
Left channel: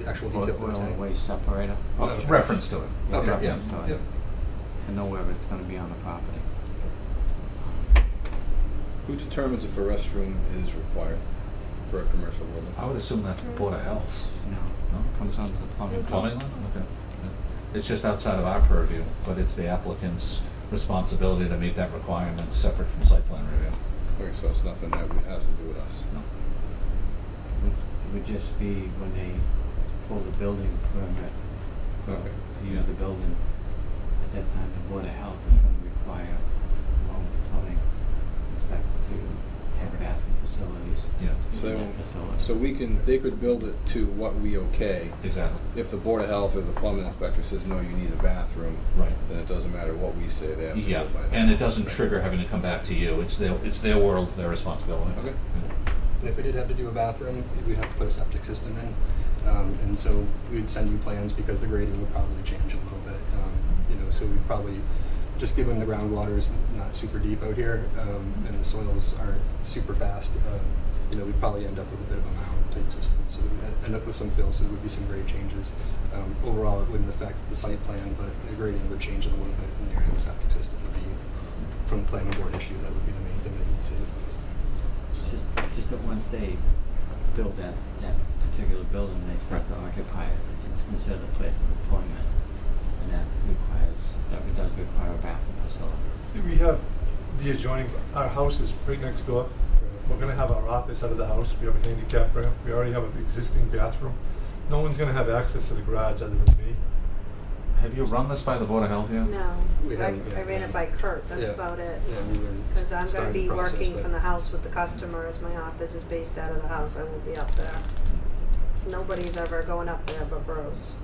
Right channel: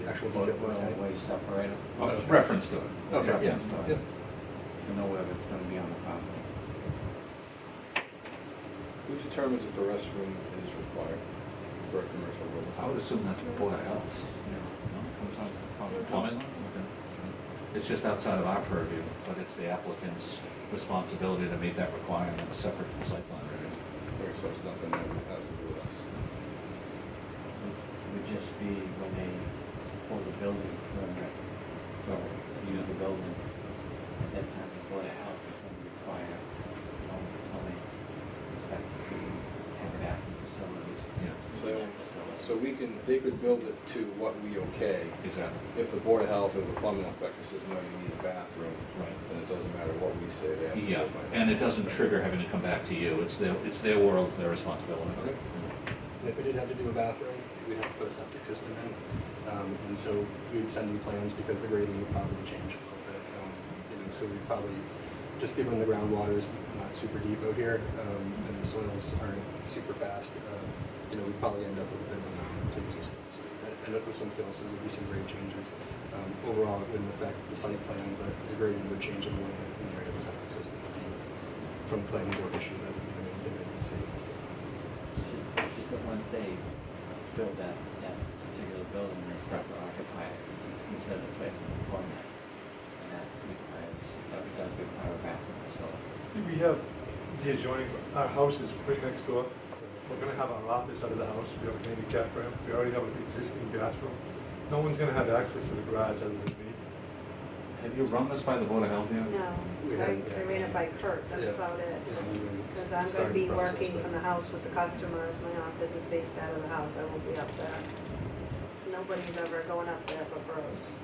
The actual oil detail for the and tank? waste separator. Oh, Okay. reference to it. Okay, yeah, Reference to it. yeah. To know whether it's going to be on the property. Who determines if a restroom is required for a commercial building? I would assume that's Board of Health. No, comes under the plumbing. Plumbing one? Okay. It's just outside of our purview, but it's the applicant's responsibility to meet that requirement, separate from site plan review. Okay, so it's nothing that has to do with us. Would just be when they pull the building permit Okay. to use the building. At that time, the Board of Health is going to require all the plumbing inspector to have bathroom facilities. Yeah, So in that facility. they could build it to what we okay. exactly. If the Board of Health or the plumbing inspector says, no, you need a bathroom, Right. then it doesn't matter what we say, they have to Yeah, go by that. and it doesn't trigger having to come back to you. It's their world, their responsibility. Okay. And if we did have to do a bathroom, we'd have to put a septic system in. And so we'd send them plans because the grading would probably change a little bit. So we'd probably, just given the groundwater is not super deep out here, and the soils aren't super fast, we'd probably end up with a bit of a mound type system. So we'd end up with some fill, so there would be some grade changes. Overall, it wouldn't affect the site plan, but the grading would change a little bit in the area of the septic system would be, from the planning board issue, that would be the main thing that you'd see. It's just that once they build that particular building, they start to occupy it. It's considered a place of employment, and that does require a bathroom facility. We have the adjoining, our house is right next door. We're gonna have our office out of the house, we have a handicap ramp, we already have an existing bathroom. No one's gonna have access to the garage other than me. Have you run this by the Board of Health yet? No, We I haven't yet. ran it by Kurt, that's Yeah. about it. Yeah, we would Because I'm start gonna the be process, working but- from the house with the customers, my office is based out of the house, I will be up there. Nobody's ever going up there but bros.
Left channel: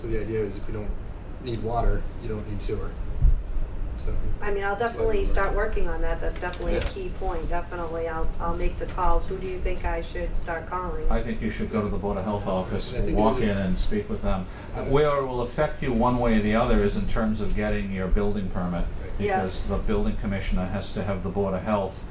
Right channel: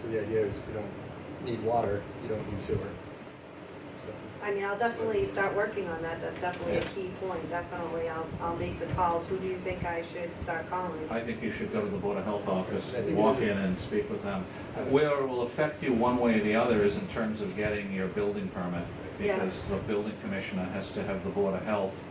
So the idea is if you don't need water, you don't need sewer. So. I mean, I'll that's why definitely we start were- working on that, that's definitely a Yeah. key point, definitely, I'll make the calls, who do you think I should start calling? I think you should go to the Board of Health office, I think it walk is- in and speak with them. Where it will affect you one way or the other is in terms of getting your building permit. Yeah. Because the building commissioner has to have the Board of Health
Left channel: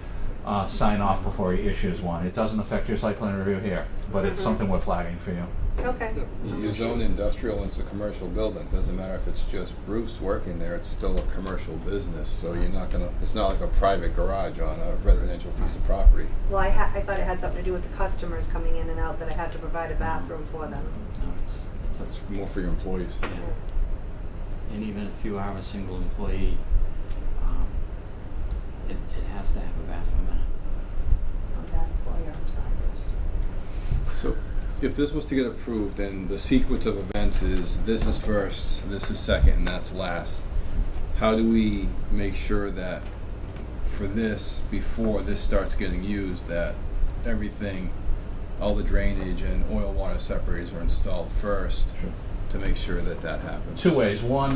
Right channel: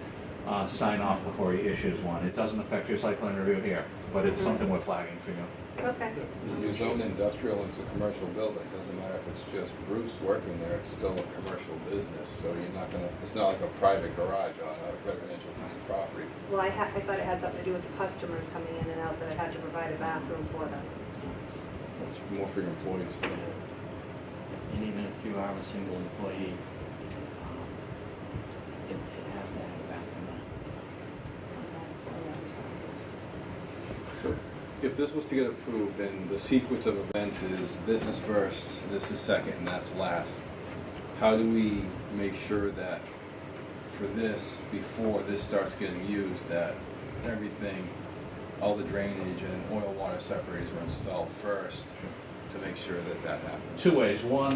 sign off before he issues one. It doesn't affect your site plan review here, but it's Mhm. something we're flagging for you. Okay. You zone industrial, and it's a commercial building, it doesn't matter if it's just Bruce working there, it's still a commercial business, so you're not gonna, it's not like a private garage on a residential piece of property. Well, I thought it had something to do with the customers coming in and out, that I had to provide a bathroom for them. That's more for your employees. And even if you are a single employee, it has to have a bathroom in it. Not that employee, I'm sorry. So, if this was to get approved, and the sequence of events is, this is first, this is second, and that's last, how do we make sure that for this, before this starts getting used, that everything, all the drainage and oil water separators are installed first to make sure that that happens? Two ways. One,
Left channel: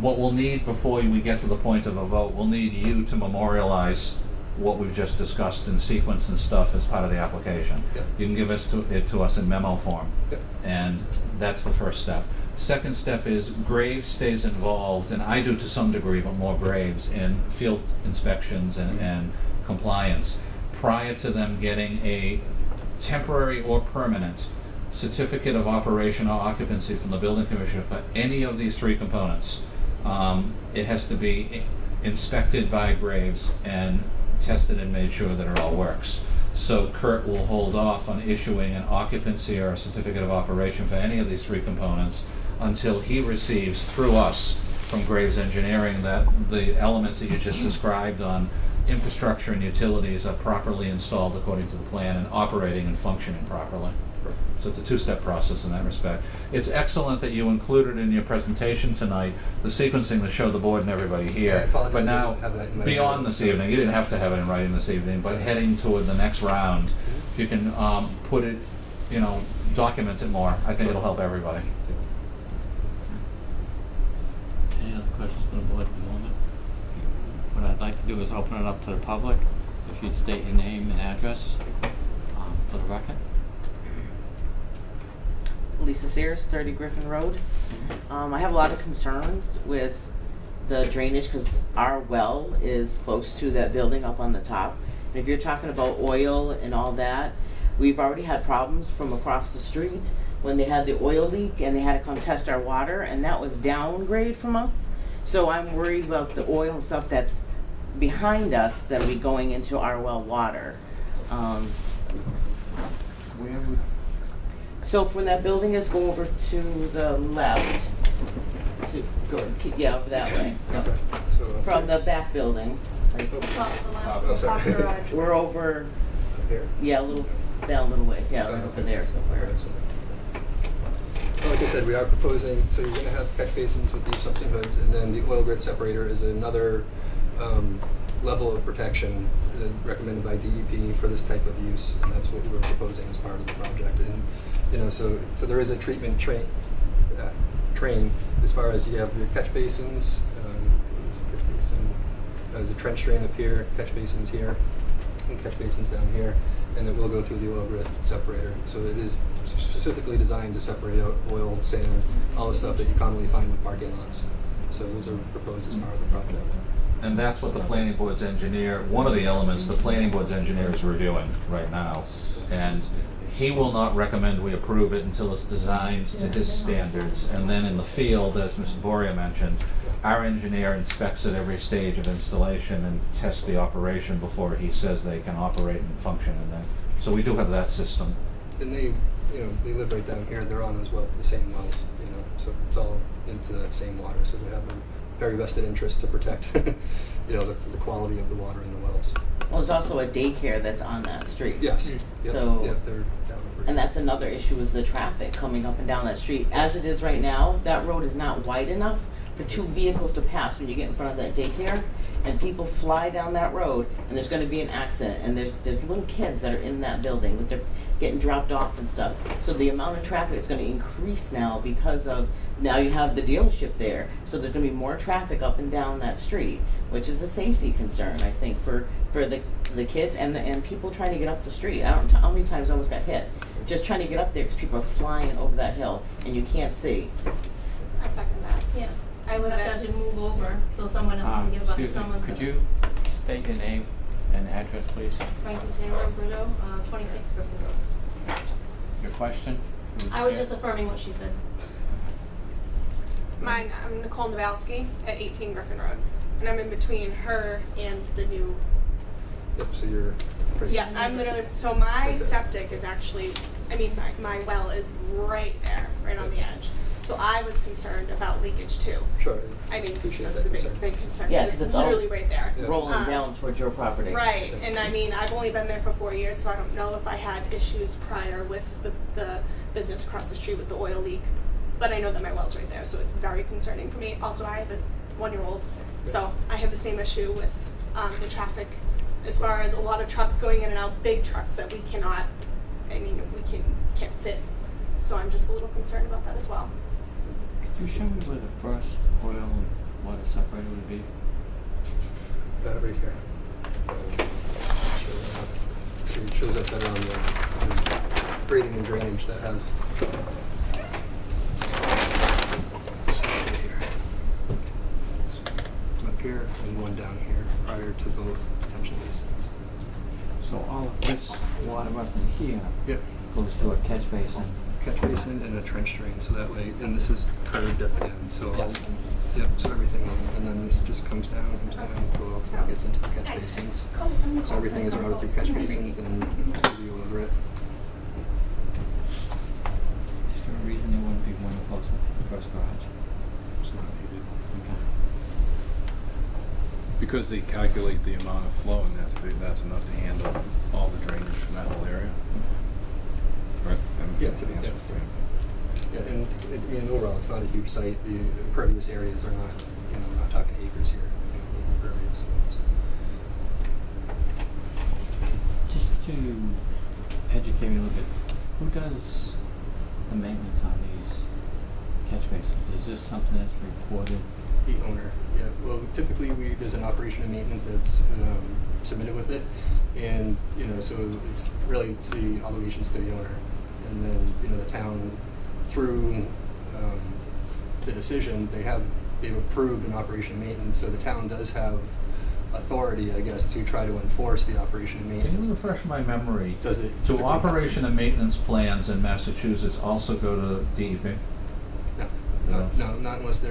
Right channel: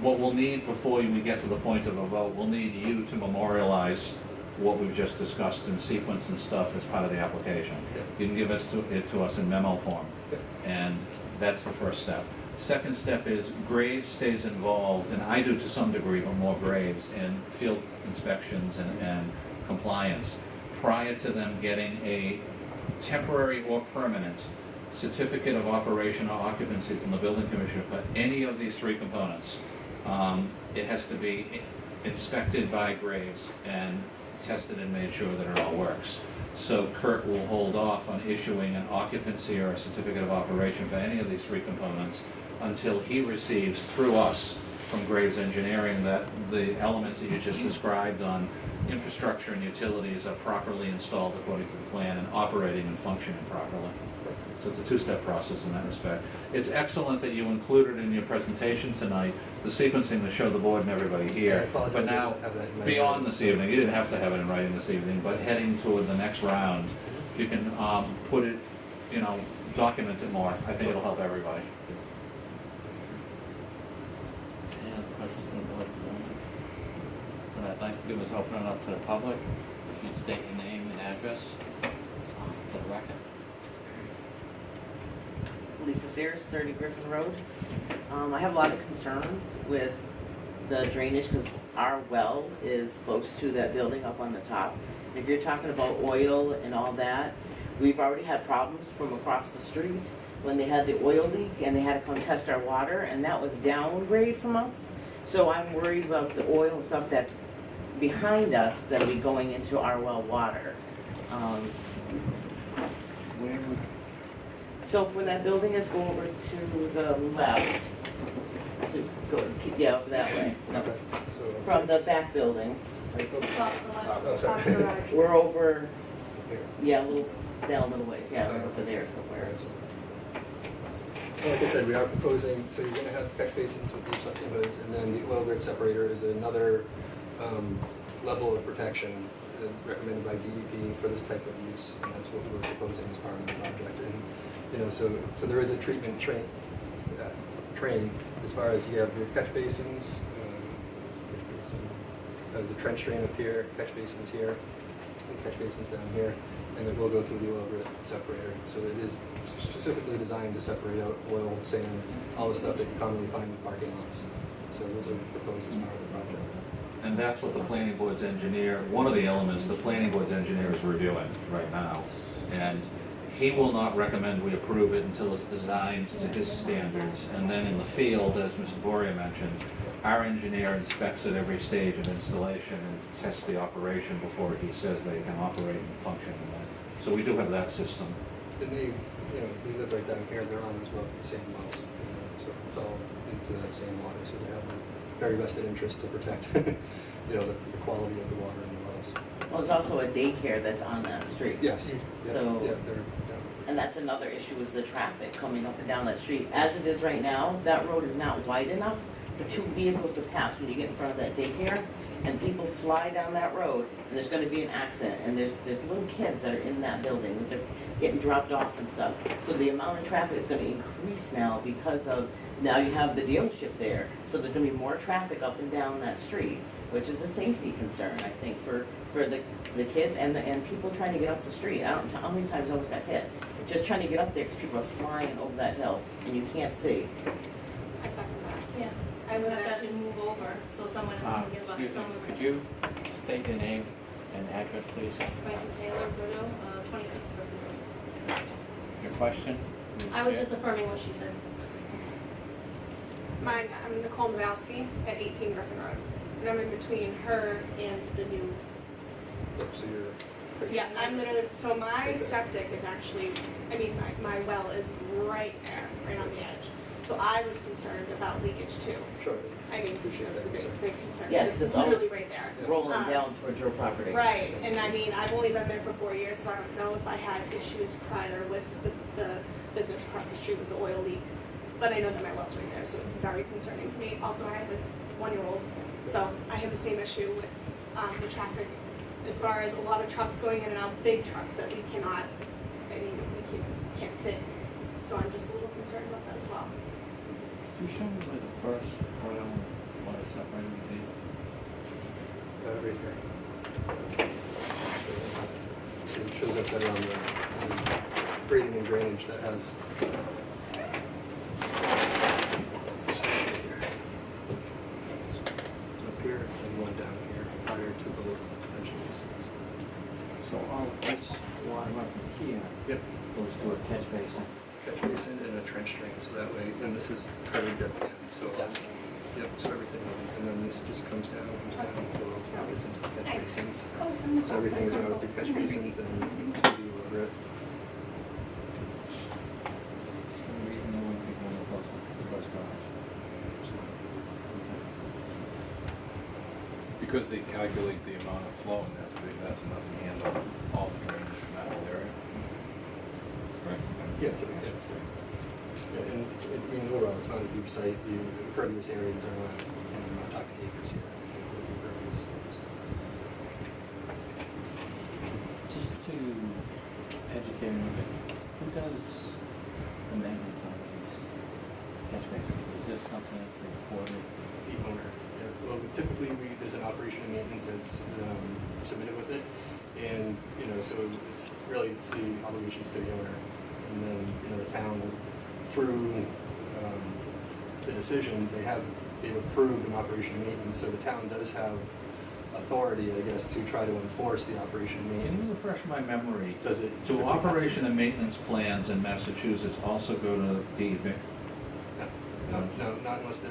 what we'll need before we get to the point of a vote, we'll need you to memorialize what we've just discussed in sequence and stuff as part of the application. Yep. You can give it to us in memo form, Yep. and that's the first step. Second step is Graves stays involved, and I do to some degree, but more Graves, in field inspections and compliance prior to them getting a temporary or permanent certificate of operation or occupancy from the building commissioner for any of these three components. It has to be inspected by Graves and tested and made sure that it all works. So Kurt will hold off on issuing an occupancy or a certificate of operation for any of these three components until he receives through us from Graves Engineering that the elements that you just described on infrastructure and utilities are properly installed according to the plan and operating and functioning properly. So it's a two-step process in that respect. It's excellent that you included in your presentation tonight the sequencing that showed the board and everybody here. But now, beyond this evening, you didn't have to have it in writing this evening, but heading toward the next round, you can put it, document it more. I think it'll help everybody. Any other questions from the board at the moment? What I'd like to do is open it up to the public. If you'd state your name and address for the record. Lisa Sears, 30 Griffin Road. I have a lot of concerns with the drainage because our well is close to that building up on the top. And if you're talking about oil and all that, we've already had problems from across the street when they had the oil leak and they had to come test our water, and that was downgrade from us. So I'm worried about the oil stuff that's behind us that'll be going into our well water. So when that building is, go over to the left. So go, that way. Go. From the back building. Right. We're over. Here. Yeah, a little down a little ways. Yeah, right over there somewhere. Well, like I said, we are proposing, so you're going to have catch basins with each suction beds, and then the oil grid separator is another level of protection recommended by DEP for this type of use, and that's what we're proposing as part of the project. And so there is a treatment train as far as you have your catch basins. There's a trench drain up here, catch basins here, and catch basins down here, and it will go through the oil grid separator. So it is specifically designed to separate out oil, sand, all the stuff that you commonly find in parking lots. So those are proposed as part of the project. And that's what the planning board's engineer, one of the elements the planning board's engineer is reviewing right now. And he will not recommend we approve it until it's designed to his standards. And then in the field, as Mr. Boria mentioned, our engineer inspects at every stage of installation and tests the operation before he says they can operate and function in there. So we do have that system. And they live right down here. They're on as well, the same wells, so it's all into that same water. So they have a very vested interest to protect, the quality of the water in the wells. Well, there's also a daycare that's on that street. Yes. Yep. So. Yep, And that's another issue is the traffic coming up and down that street. As it is right now, that road is not wide enough for two vehicles to pass when you get in front of that daycare. And people fly down that road, and there's going to be an accident. And there's little kids that are in that building, they're getting dropped off and stuff. So the amount of traffic is going to increase now because of now you have the dealership there. So there's going to be more traffic up and down that street, which is a safety concern, I think, for the kids and people trying to get up the street. I don't know how many times I almost got hit. Just trying to get up there because people are flying over that hill and you can't see. I second that. Yeah. I would have to move over so someone else can give up. Could you state your name and address, please? Frankie Taylor, Bruno, 26 Griffin Road. Your question? I was just affirming what she said. I'm Nicole Nowalski at 18 Griffin Road, and I'm in between her and the new. So you're. Yeah, I'm literally. So my septic is actually. My well is right there, right on the edge. So I was concerned about leakage too. Sure. That's a big concern. Yeah, because it's literally right there. Rolling down towards your property. Right, and I've only been there for 4 years, so I don't know if I had issues prior with the business across the street with the oil leak. But I know that my well's right there, so it's very concerning for me. Also, I have a 1-year-old, so I have the same issue with the traffic. As far as a lot of trucks going in and out, big trucks that we cannot. We can't fit. So I'm just a little concerned about that as well. Could you show me where the first oil water separator would be? Right here. So it shows up that on the grading and drainage that has. one down here prior to both detention basins. So all of this water up in here Yep. goes to a catch basin. Catch basin and a trench drain, so that way, and this is curved at the end, so, Yep. yep, so everything, and then this just comes down, until it ultimately gets into the catch basins. So everything is routed through catch basins and to you over it. Is there a reason there wouldn't be one close to the first garage? Okay. Because they calculate the amount of flow, and that's big, that's enough to handle all the drainage from that whole area. Right? Yeah, yeah, and it, I mean, overall, it's not a huge site. The impervious areas are not, I'm not talking acres here. Impervious areas. Just to educate me a little bit, who does the maintenance on these catch basins? Is this something that's reported? The owner, yeah. Well, typically there's an operation and maintenance that's submitted with it, and so it's the obligations to the owner, and then the town through the decision they've approved an operation and maintenance, so the town does have authority, I guess, to try to enforce the operation and Can maintenance. you refresh my memory? Does it Do typically operation and maintenance plans in Massachusetts also go to DEP? No, not unless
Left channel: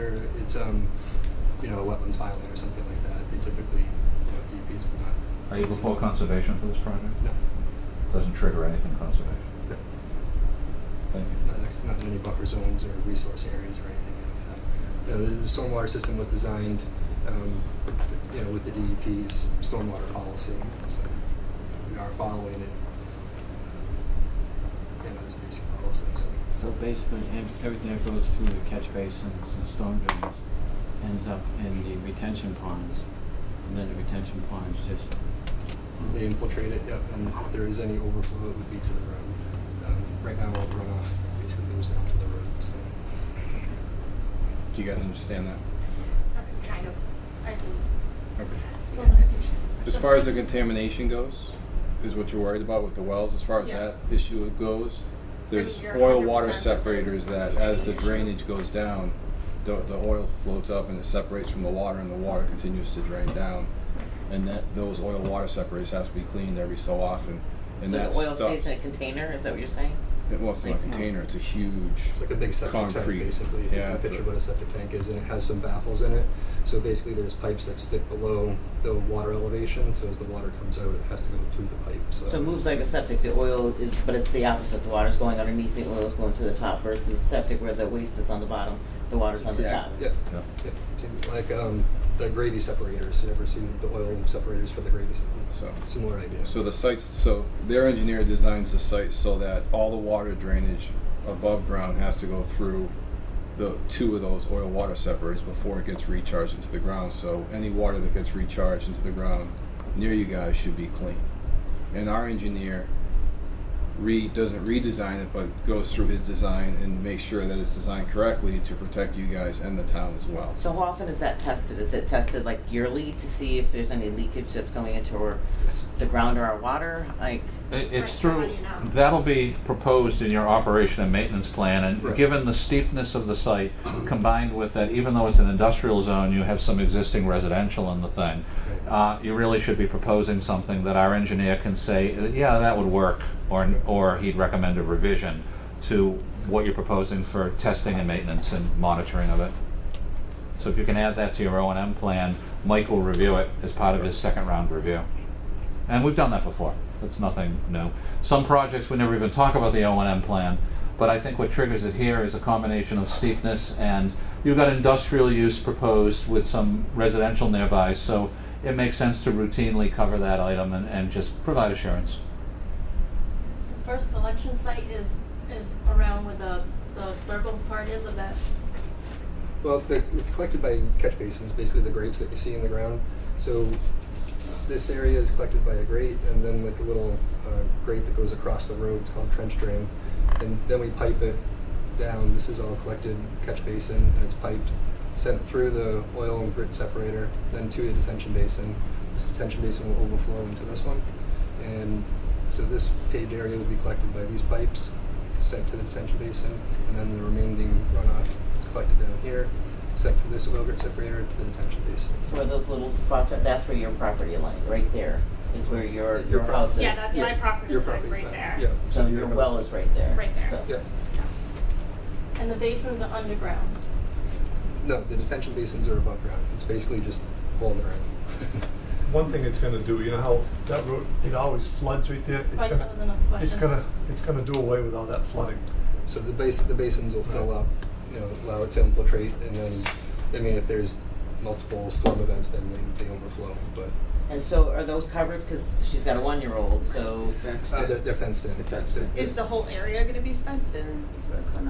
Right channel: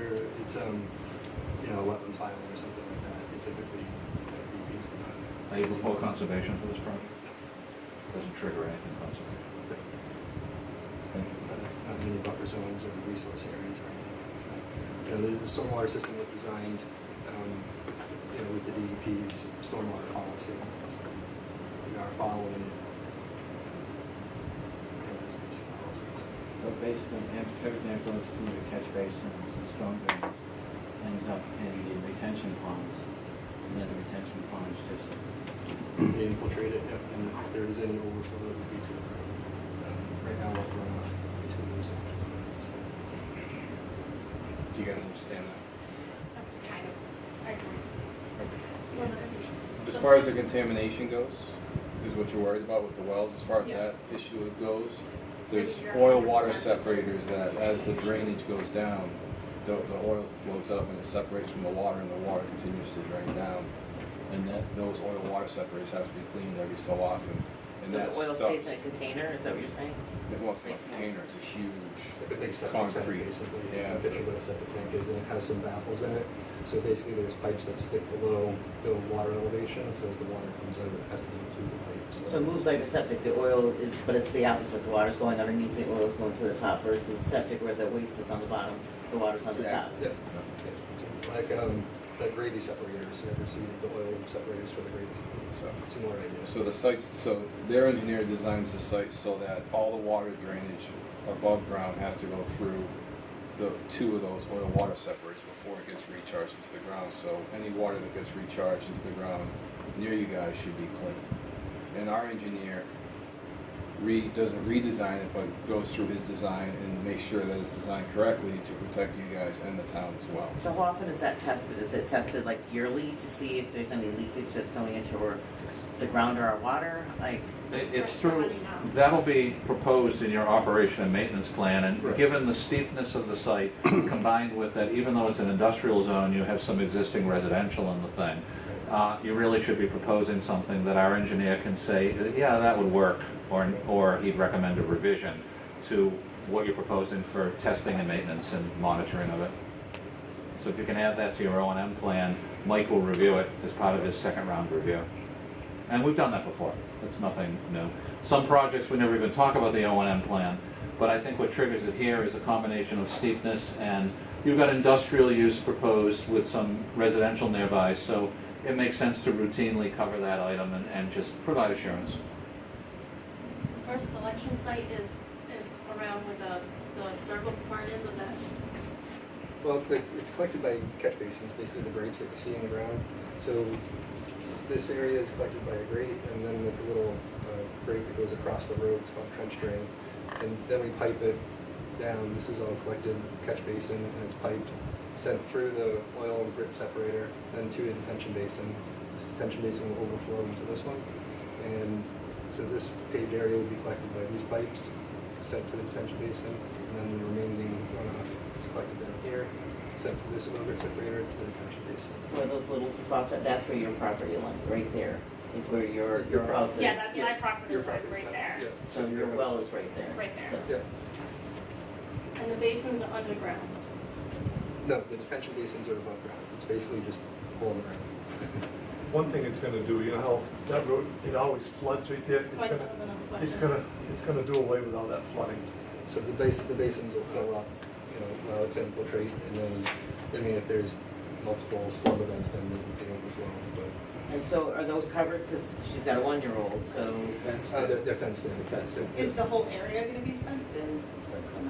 it's a wetlands filing or something like that. They typically, DEP's not. Are you before conservation for this project? No. Doesn't trigger anything conservation. No. Thank you. Not next to any buffer zones or resource areas or anything like that. The stormwater system was designed, with the DEP's stormwater policy, so we are following it. It's a basic policy. So basically, everything that goes through the catch basins and storm drains ends up in the retention ponds, and then the retention ponds just. They infiltrate it, yep, and if there is any overflow, it would be to the road. Right now, all the runoff basically goes down to the road. So. Do you guys understand that? Kind of. As far as the contamination goes, is what you're worried about with the wells, as far as Yeah. that issue goes, there's you're oil 100% water with separators that as the drainage goes down, the oil floats up and it separates from the water, and the water continues to drain down. And those oil water separators have to be cleaned every so often. And So that the oil stuff, stays in a container, is that what you're saying? well, it's not a container, it's a huge It's like a big septic concrete. tank, basically. Yeah, You can it's picture what a septic tank is, and it has some baffles in it. So basically, there's pipes that stick below the water elevation. So as the water comes out, it has to go through the pipe. So it moves like a septic, the oil is, but it's the opposite, the water's going underneath, the oil's going to the top versus septic where the waste is on the bottom, the water's on the top. Yep. Yeah. Yep. Like the gravy separators. You ever see the oil separators for the gravy separators? Similar idea. So their engineer designs the site so that all the water drainage above ground has to go through the two of those oil water separators before it gets recharged into the ground. So any water that gets recharged into the ground near you guys should be clean. And our engineer doesn't redesign it, but goes through his design and makes sure that it's designed correctly to protect you guys and the town as well. So how often is that tested? Is it tested like yearly to see if there's any leakage that's going into the ground or our water? Like, It's through, that'll be proposed in your operation and maintenance plan, and given the steepness of the site, combined with that, even though it's an industrial zone, you have some existing residential in the thing. You really should be proposing something that our engineer can say, yeah, that would work, or he'd recommend a revision to what you're proposing for testing and maintenance and monitoring of it. So if you can add that to your O&M plan, Mike will review it as part of his second round review. And we've done that before. It's nothing new. Some projects we never even talk about the O&M plan, but I think what triggers it here is a combination of steepness, and you've got industrial use proposed with some residential nearby, so it makes sense to routinely cover that item and just provide assurance. The first collection site is around where the circle part is of that. Well, it's collected by catch basins, basically the grates that you see in the ground. So this area is collected by a grate, and then like a little grate that goes across the road called trench drain. And then we pipe it down. This is all collected catch basin, and it's piped, sent through the oil and grit separator, then to a detention basin. This detention basin will overflow into this one. And so this paved area will be collected by these pipes, sent to the detention basin, and then the remaining runoff is collected down here, sent through this oil grit separator to the detention basin. so are those those little spots, that's where your property line, right there, is where your house is. Yeah, that's my property Your line property's right that. there. Yeah. So your well is right there. Right there. So- Yeah. And the basins are underground. No, the detention basins are above ground. It's basically just hole in the ground. One thing it's gonna do, you know how that road, it always floods right there? It's Right, gonna, that was another question. it's gonna do away with all that flooding. So the basins will fill up, allow it to infiltrate, and then, I mean, if there's multiple storm events, then they overflow, but. And so are those covered, because she's got a 1-year-old, so. They're fenced in. Fenced in. Is the whole area gonna be fenced in?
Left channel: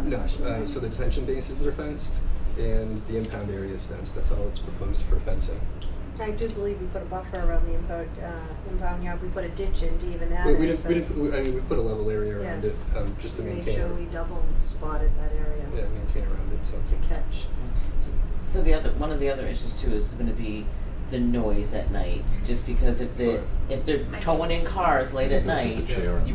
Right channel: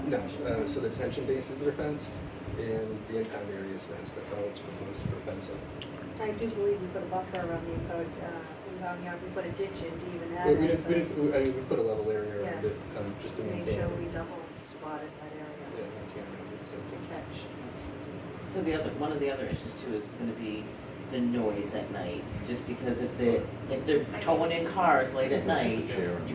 No, so the detention basins are fenced, and the impound area is fenced. That's all that's proposed for fencing. I do believe we put a buffer around the impound yard, we put a ditch in to even add We access. we put a level area around Yes. it, just to Make maintain. sure we double spotted that area Maintain around it, so. to catch. So one of the other issues too is gonna be the noise at night, just because if they're towing in cars late at night,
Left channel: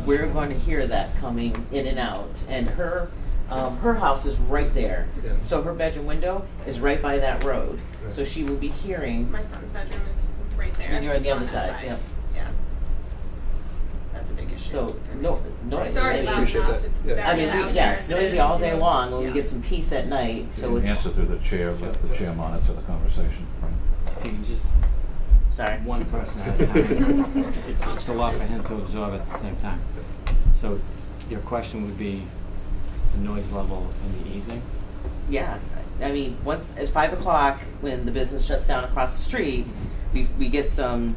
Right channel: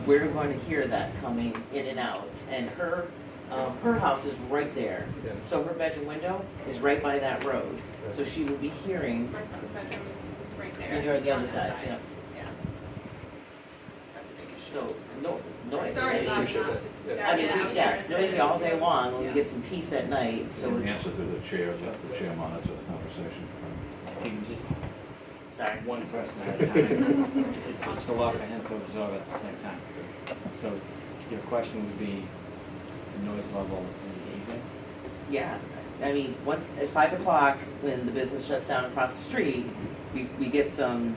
we're going to hear that coming in and out. And her house is right there, Yeah. so her bedroom window is right by that road. Right. So she will be hearing, My son's bedroom is right there. and you're on the other It's side, that yep. Yeah. That's a big issue. So, for me. noise. It's already is- loud appreciate enough. that. It's Yeah. very I mean, loud yeah, there it's as it noisy is. all day long, when we Yeah. get some peace at night, so You it's, answer through the chair, let the chair monitor the conversation. You can just, sorry. one person at a time. It's a lot for him to absorb at the same time. So your question would be the noise level in the evening? Yeah, I mean, once, at 5 o'clock, when the business shuts down across the street, we get some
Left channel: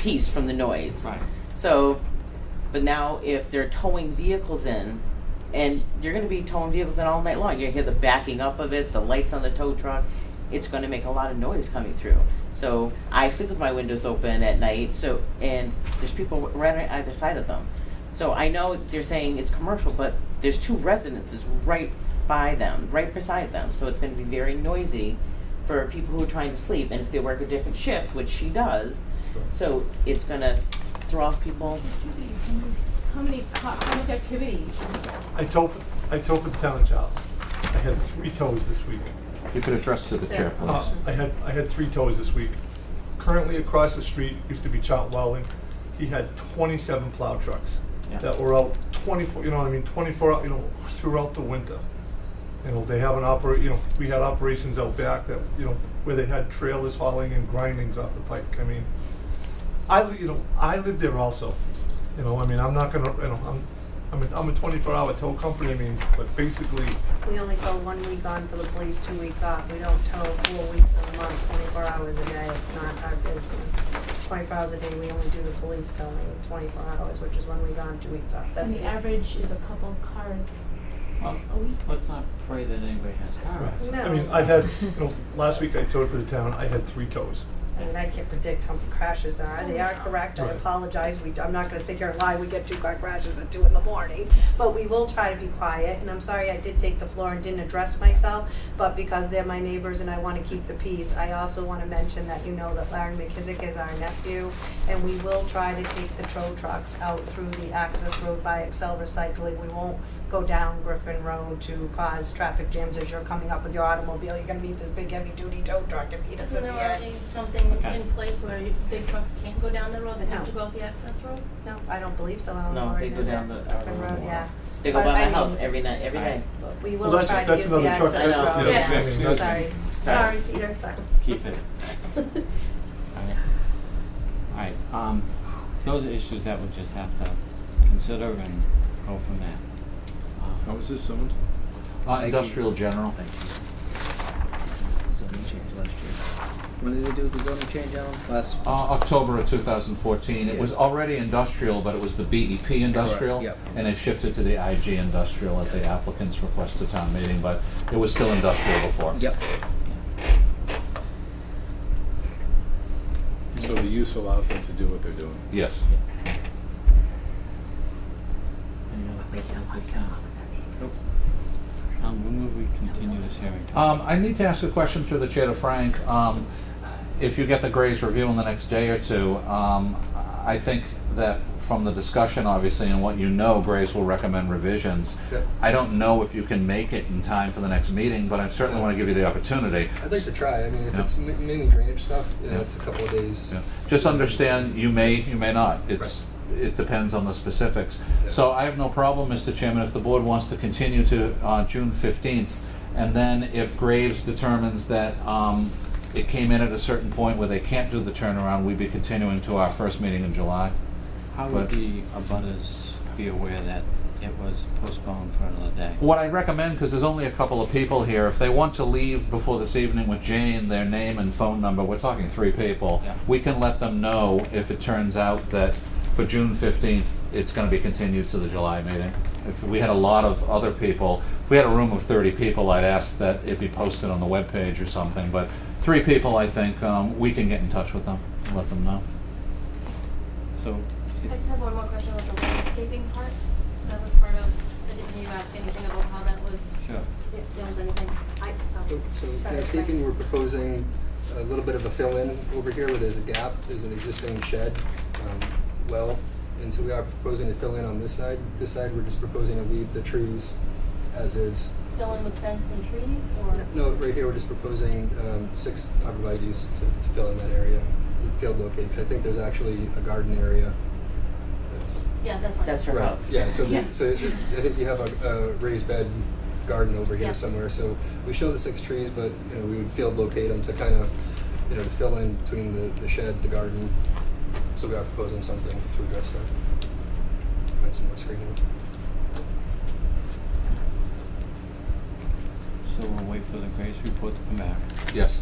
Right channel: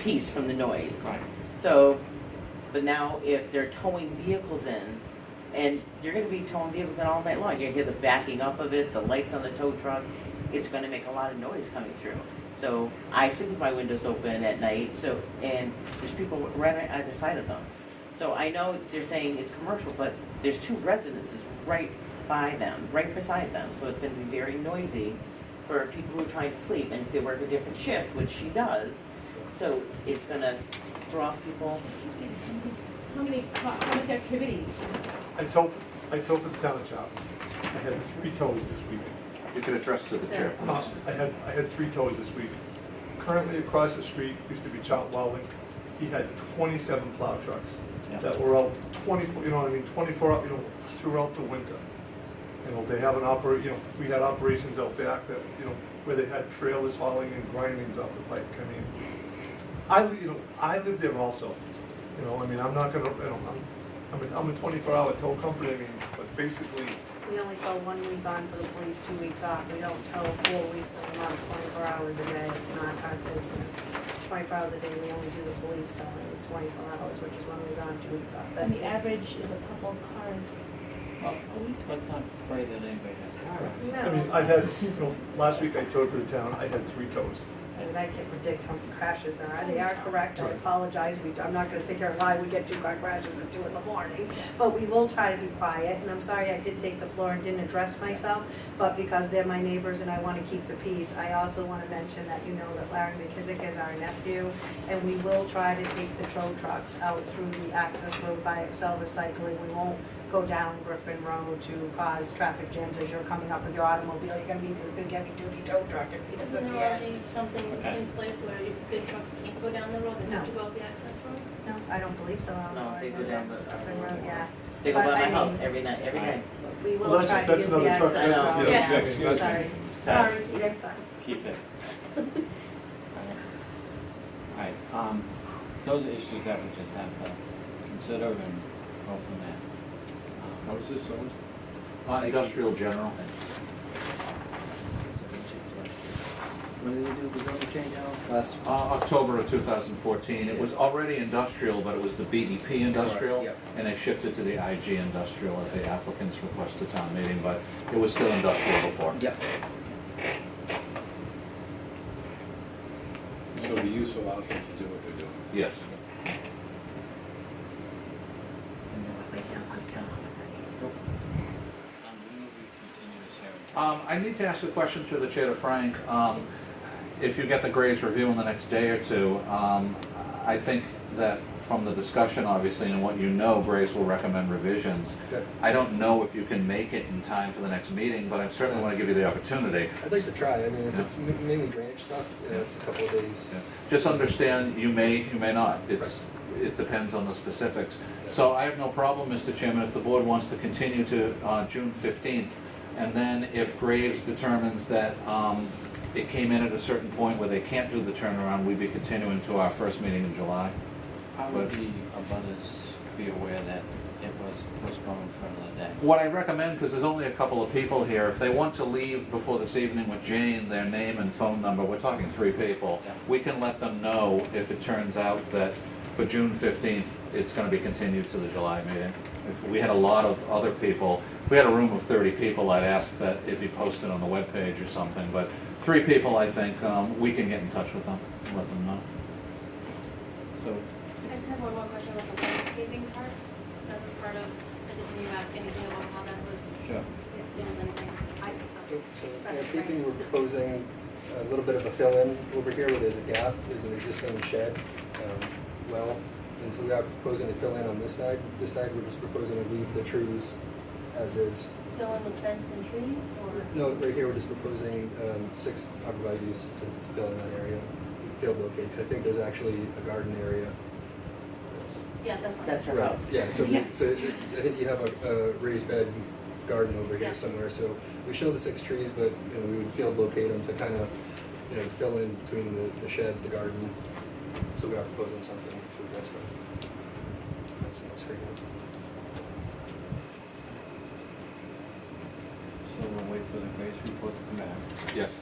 peace from the noise. Right. So, but now if they're towing vehicles in, and you're gonna be towing vehicles in all night long, you hear the backing up of it, the lights on the tow truck, it's gonna make a lot of noise coming through. So I sleep with my windows open at night, so, and there's people right on either side of them. So I know they're saying it's commercial, but there's 2 residences right by them, right beside them, so it's gonna be very noisy for people who are trying to sleep, and if they work a different shift, which she does, so it's gonna throw off people. How much activity? I tow for the town of Charlton. I had 3 tows this week. You could address to the chair, please. I had 3 tows this week. Currently across the street used to be Charlton Welding. He had 27 plow trucks that were out 24, 24 hours, throughout the winter. They have we had operations out back that, where they had trailers hauling and grindings off the pipe. I mean, I live there also. I'm not gonna, I'm a 24-hour tow company, but basically, We only tow 1 week on for the police, 2 weeks off. We don't tow 4 weeks in a month, 24 hours a day. It's not our business. 24 hours a day, we only do the police towing 24 hours, which is 1 week on, 2 weeks off. That's The it. average is a couple of cars. Well, let's not pray that anybody has cars. No. I've had, last week I towed for the town, I had 3 tows. I mean, I can't predict how many crashes there are. They are correct. I Right. apologize. I'm not gonna sit here and lie. We get 2 car crashes at 2 in the morning. But we will try to be quiet. And I'm sorry I did take the floor and didn't address myself. But because they're my neighbors and I wanna keep the peace, I also wanna mention that that Larry McKissick is our nephew. And we will try to take the tow trucks out through the access road by Excel Recycling. We won't go down Griffin Road to cause traffic jams as you're coming up with your automobile. You're gonna meet this big heavy duty tow truck and meet us Isn't at there the already end. something Okay. in place where big trucks can't go down the road, they have No. to go out the access road? No, I don't believe so. I don't No, know they where go it is. down the- Griffin Road, yeah. They go But by my I house mean- every night, every day. We Well, will that's- try to that's use the another truck. access That's- road. yeah, I mean, that's- Sorry, Sorry. Peter, sorry. Keep it. Alright, those are issues that we just have to consider and go from there. How is this zoned? Industrial general. Zoning change last year. When did they do the zoning change, Alan? Last. October of 2014. It was already industrial, but it was the BEP industrial. Correct, yep. And they shifted to the IG industrial at the applicant's request to town meeting, but it was still industrial before. Yep. So the use allows them to do what they're doing. Yes. When will we continue this hearing? I need to ask a question through the chair to Frank. If you get the Gray's review in the next day or two, I think that from the discussion, obviously, and what Gray's will recommend revisions. Yeah. I don't know if you can make it in time for the next meeting, but I certainly want to give you the opportunity. I'd like to try. I mean, if Yeah. it's mainly drainage stuff, Yeah. it's trees. Yeah. Just understand, you may not. It depends on the specifics. Yeah. So I have no problem, Mr. Chairman, if the board wants to continue to June 15th, and then if Graves determines that it came in at a certain point where they can't do the turnaround, we'd be continuing to our first meeting in July. How would the abutters be aware that it was postponed for another day? What I recommend, because there's only a couple of people here, if they want to leave before this evening with Jane, their name and phone number, we're talking 3 people, Yeah. we can let them know if it turns out that for June 15th, it's going to be continued to the July meeting. If we had a lot of other people, if we had a room of 30 people, I'd ask that it be posted on the webpage or something, but 3 people, I think, we can get in touch with them and let them know. So, I just have one more question about the landscaping part. That was part of, did you ask anything about how that was, sure. if there was anything? So landscaping, we're proposing a little bit of a fill-in over here where there's a gap. There's an existing shed, and so we are proposing to fill in on this side. This side, we're just proposing to leave the trees as is. Fill in with fence and trees, or? No, right here, we're just proposing 6 arborvitaes to fill in that area. Field locate, because I think there's actually a garden area. Yeah, that's fine. That's her house. Yeah, so, Yeah. so I think you have a raised bed garden over here Yeah. somewhere. So we show the 6 trees, but we would field locate them to kind of fill in between the shed, the garden. So we are proposing something to address that. And some more screening. So we'll wait for the Grace report to come back, Yes.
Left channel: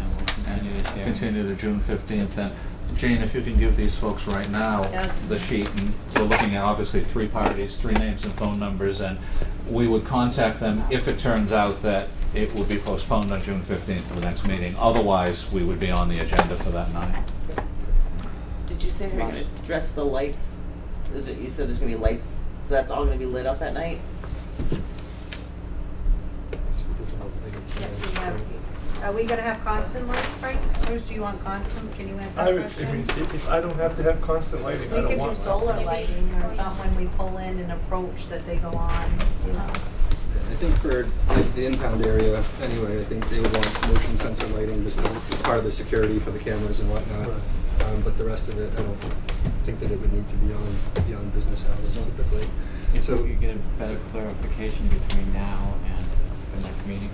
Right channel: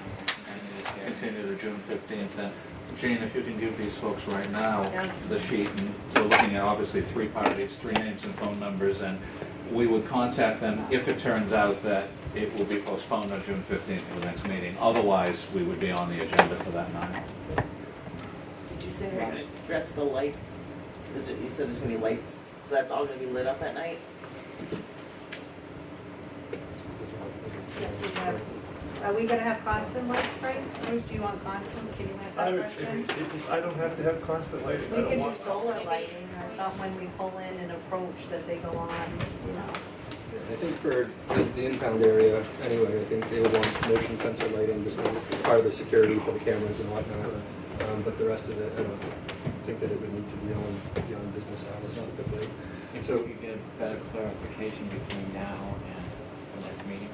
and we'll continue this hearing. Continue to June 15th, and Jane, if you can give these folks right now Yeah. the sheet, and we're looking at obviously 3 parties, 3 names and phone numbers, and we would contact them if it turns out that it will be postponed on June 15th for the next meeting. Otherwise, we would be on the agenda for that night. Did you say how you're gonna address the lights? You said there's gonna be lights, so that's all gonna be lit up at night? Yep, we have, are we gonna have constant lights, Frank? Bruce, do you want constant, can you answer I that mean, question? if I don't have to have constant lighting, I We don't could do want that. solar lighting, or something when we pull in and approach that they go on. I think for the impound area, anyway, I think they would want motion sensor lighting just as part of the security for the cameras and whatnot. But the rest of it, I don't think that it would need to be on business hours typically. If So- we could get better clarification between now and the next meeting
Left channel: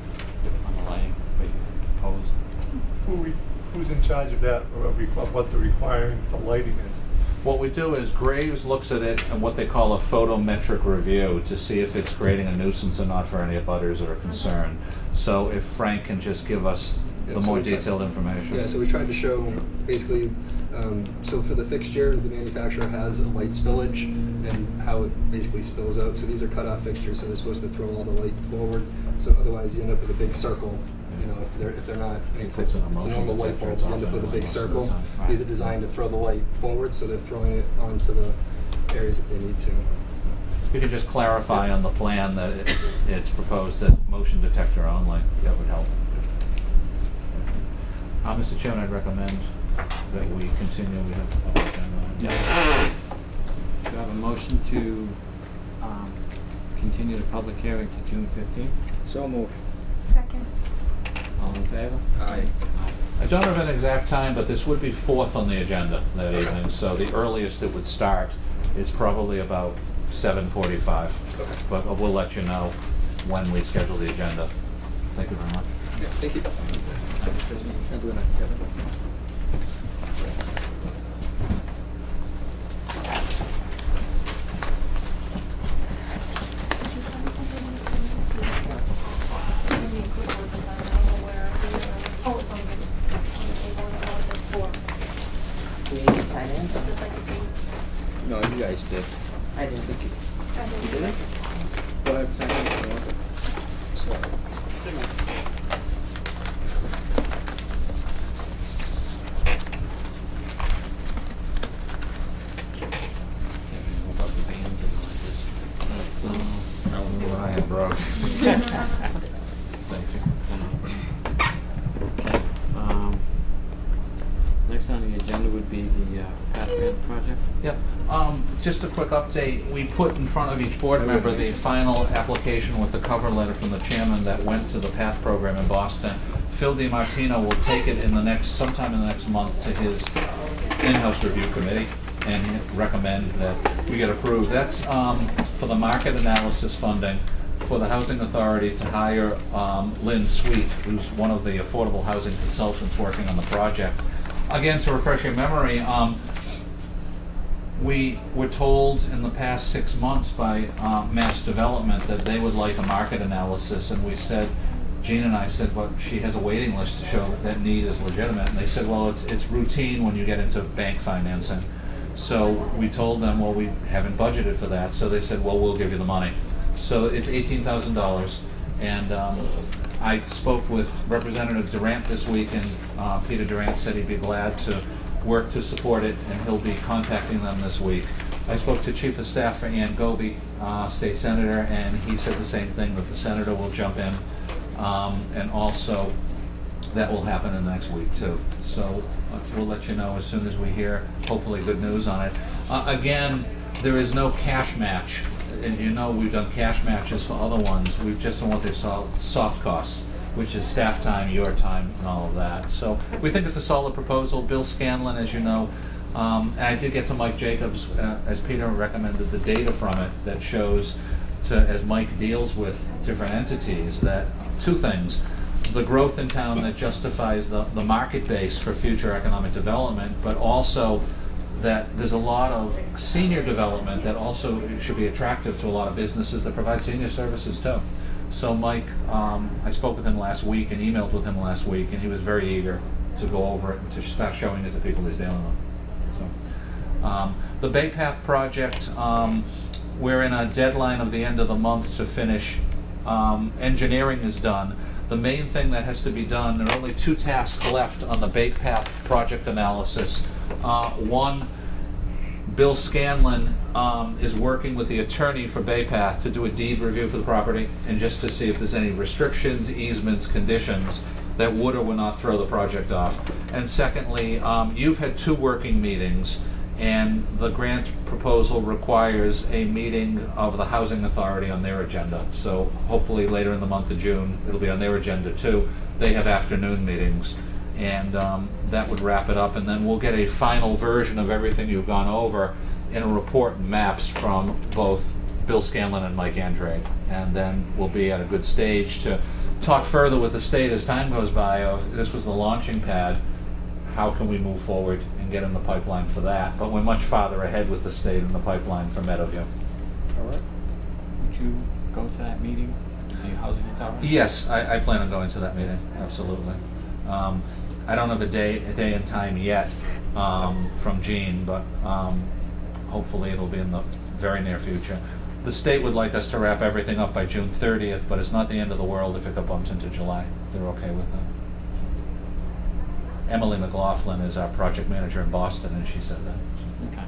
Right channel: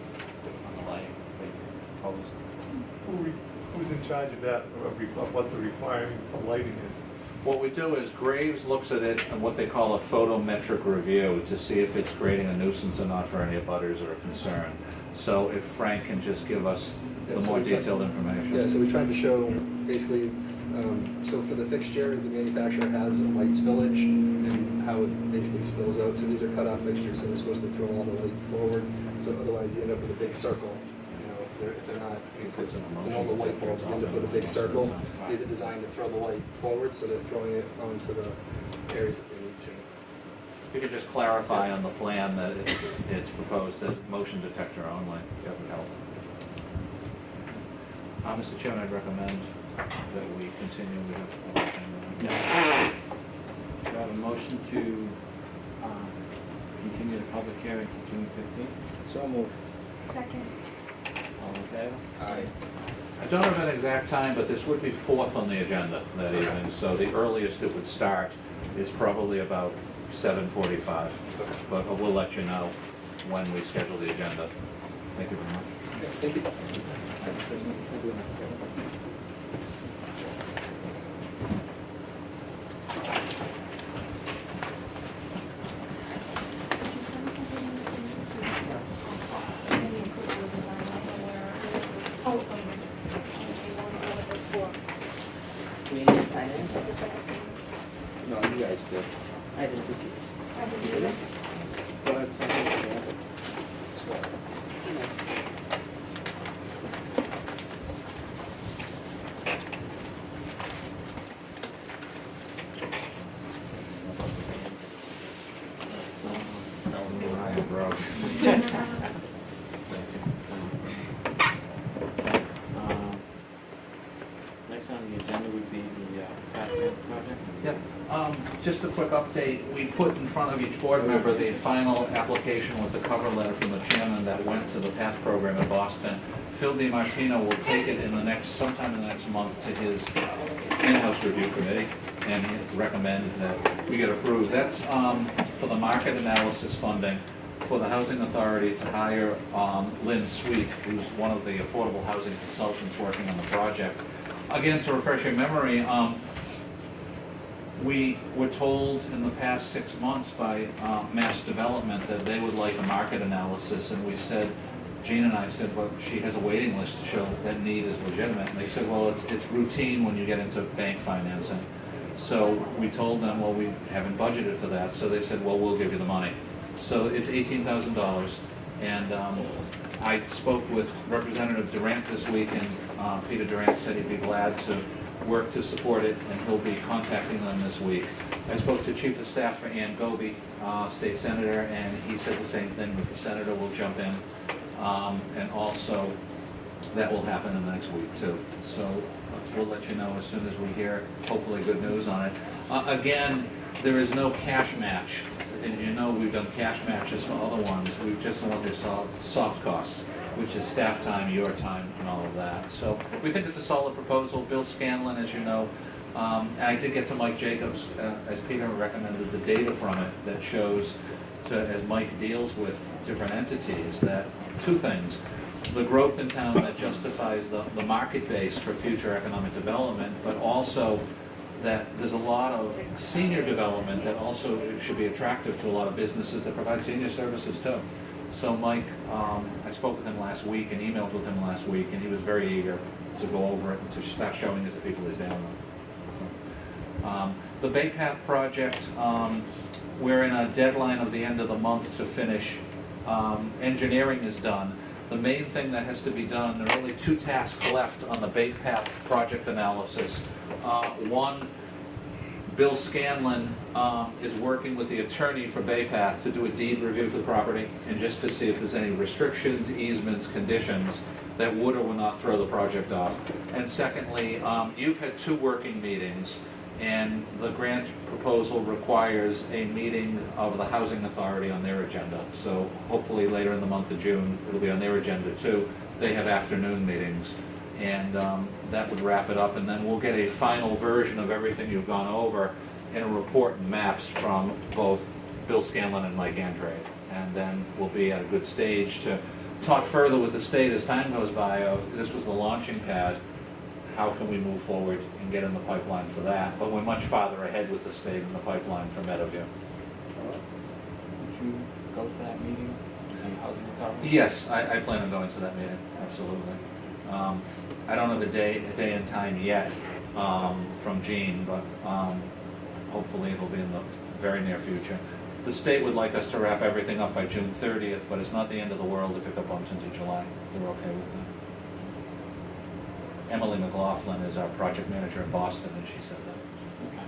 on the lighting we proposed. Who's in charge of that, or of what the requirement for lighting is? What we do is Graves looks at it in what they call a photometric review to see if it's creating a nuisance or not for any abutters or a concern. So if Frank can just give us the Yeah, so more we tried- detailed information. Yeah, so we tried to show basically, so for the fixture, the manufacturer has a light spillage and how it basically spills out. So these are cutoff fixtures, so they're supposed to throw all the light forward. So otherwise you end up with a big circle, if they're not, it's a normal light bulb, you end up with a big circle. These are designed to throw the light forward, so they're throwing it onto the areas that they need to. You could just clarify on the plan that it's proposed as motion detector only. That would help. Mr. Chairman, I'd recommend that we continue with the agenda. Yeah. Do I have a motion to continue the public hearing to June 15th? So moved. Second. All in favor? Aye. I don't have an exact time, but this would be 4th on the agenda that evening, so the earliest it would start is probably about 7:45. Okay. But we'll let you know when we schedule the agenda. Thank you very much. Yeah, thank you. That's me. I'm gonna- Did you send something? Send me a quick one, 'cause I don't know where, oh, it's on the table, I don't know what that's for. Do we need to sign It's like it? the second thing. No, you guys did. I didn't. I didn't do it. Go ahead, sign it if you want. So, What about the band? What I have brought. Thanks. Next on the agenda would be the Pat Grant project. Yep. Just a quick update. We put in front of each board member the final application with the cover letter from the chairman that went to the PATH program in Boston. Phil DiMartino will take it sometime in the next month to his in-house review committee and recommend that we get approved. That's for the market analysis funding for the Housing Authority to hire Lynn Sweet, who's one of the affordable housing consultants working on the project. Again, to refresh your memory, we were told in the past 6 months by Mass Development that they would like a market analysis, and we said, Jean and I said, well, she has a waiting list to show that need is legitimate, and they said, well, it's routine when you get into bank financing. So we told them, well, we haven't budgeted for that, so they said, well, we'll give you the money. So it's $18,000, and I spoke with Representative Durant this week, and Peter Durant said he'd be glad to work to support it, and he'll be contacting them this week. I spoke to Chief of Staff for Ann Goby, State Senator, and he said the same thing, that the Senator will jump in, and also that will happen in the next week too. So we'll let you know as soon as we hear, hopefully, good news on it. Again, there is no cash match, and you know we've done cash matches for other ones. We've just done what they call soft costs, which is staff time, your time, and all of that. So we think it's a solid proposal. Bill Scanlon, as you know, and I did get to Mike Jacobs, as Peter recommended, the data from it that shows, as Mike deals with different entities, that two things: the growth in town that justifies the market base for future economic development, but also that there's a lot of senior development that also should be attractive to a lot of businesses that provide senior services too. So Mike, I spoke with him last week and emailed with him last week, and he was very eager to go over it, to start showing it to people he's dealing with. So, the Bay Path project, we're in a deadline of the end of the month to finish. Engineering is done. The main thing that has to be done, there are only 2 tasks left on the Bay Path project analysis. One, Bill Scanlon is working with the attorney for Bay Path to do a deed review for the property, and just to see if there's any restrictions, easements, conditions that would or would not throw the project off. And secondly, you've had 2 working meetings, and the grant proposal requires a meeting of the Housing Authority on their agenda. So hopefully later in the month of June, it'll be on their agenda too. They have afternoon meetings, and that would wrap it up, and then we'll get a final version of everything you've gone over in a report and maps from both Bill Scanlon and Mike Andrade. And then we'll be at a good stage to talk further with the state as time goes by of, this was the launching pad, how can we move forward and get in the pipeline for that? But we're much farther ahead with the state in the pipeline for Meadowview. All right. Would you go to that meeting? The Housing Authority? Yes, I plan on going to that meeting, absolutely. I don't have a day and time yet from Jean, but hopefully it'll be in the very near future. The state would like us to wrap everything up by June 30th, but it's not the end of the world if it got bumped into July. They're okay with that. Emily McLaughlin is our project manager in Boston, and she said that. Okay.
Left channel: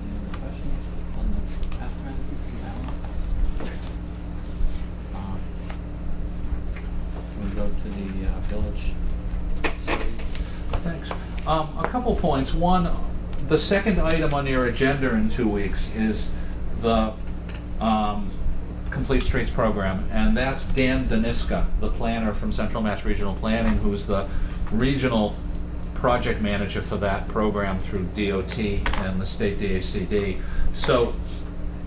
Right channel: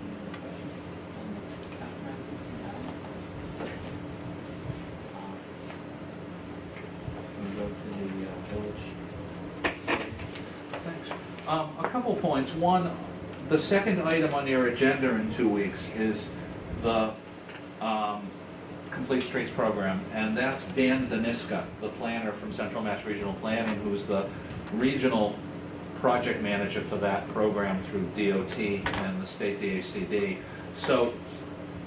Any questions on the estimate? We go to the village. Thanks. A couple points. One, the second item on your agenda in 2 weeks is the Complete Streets program, and that's Dan Daniska, the planner from Central Mass Regional Planning, who's the regional project manager for that program through DOT and the state DHCD. So,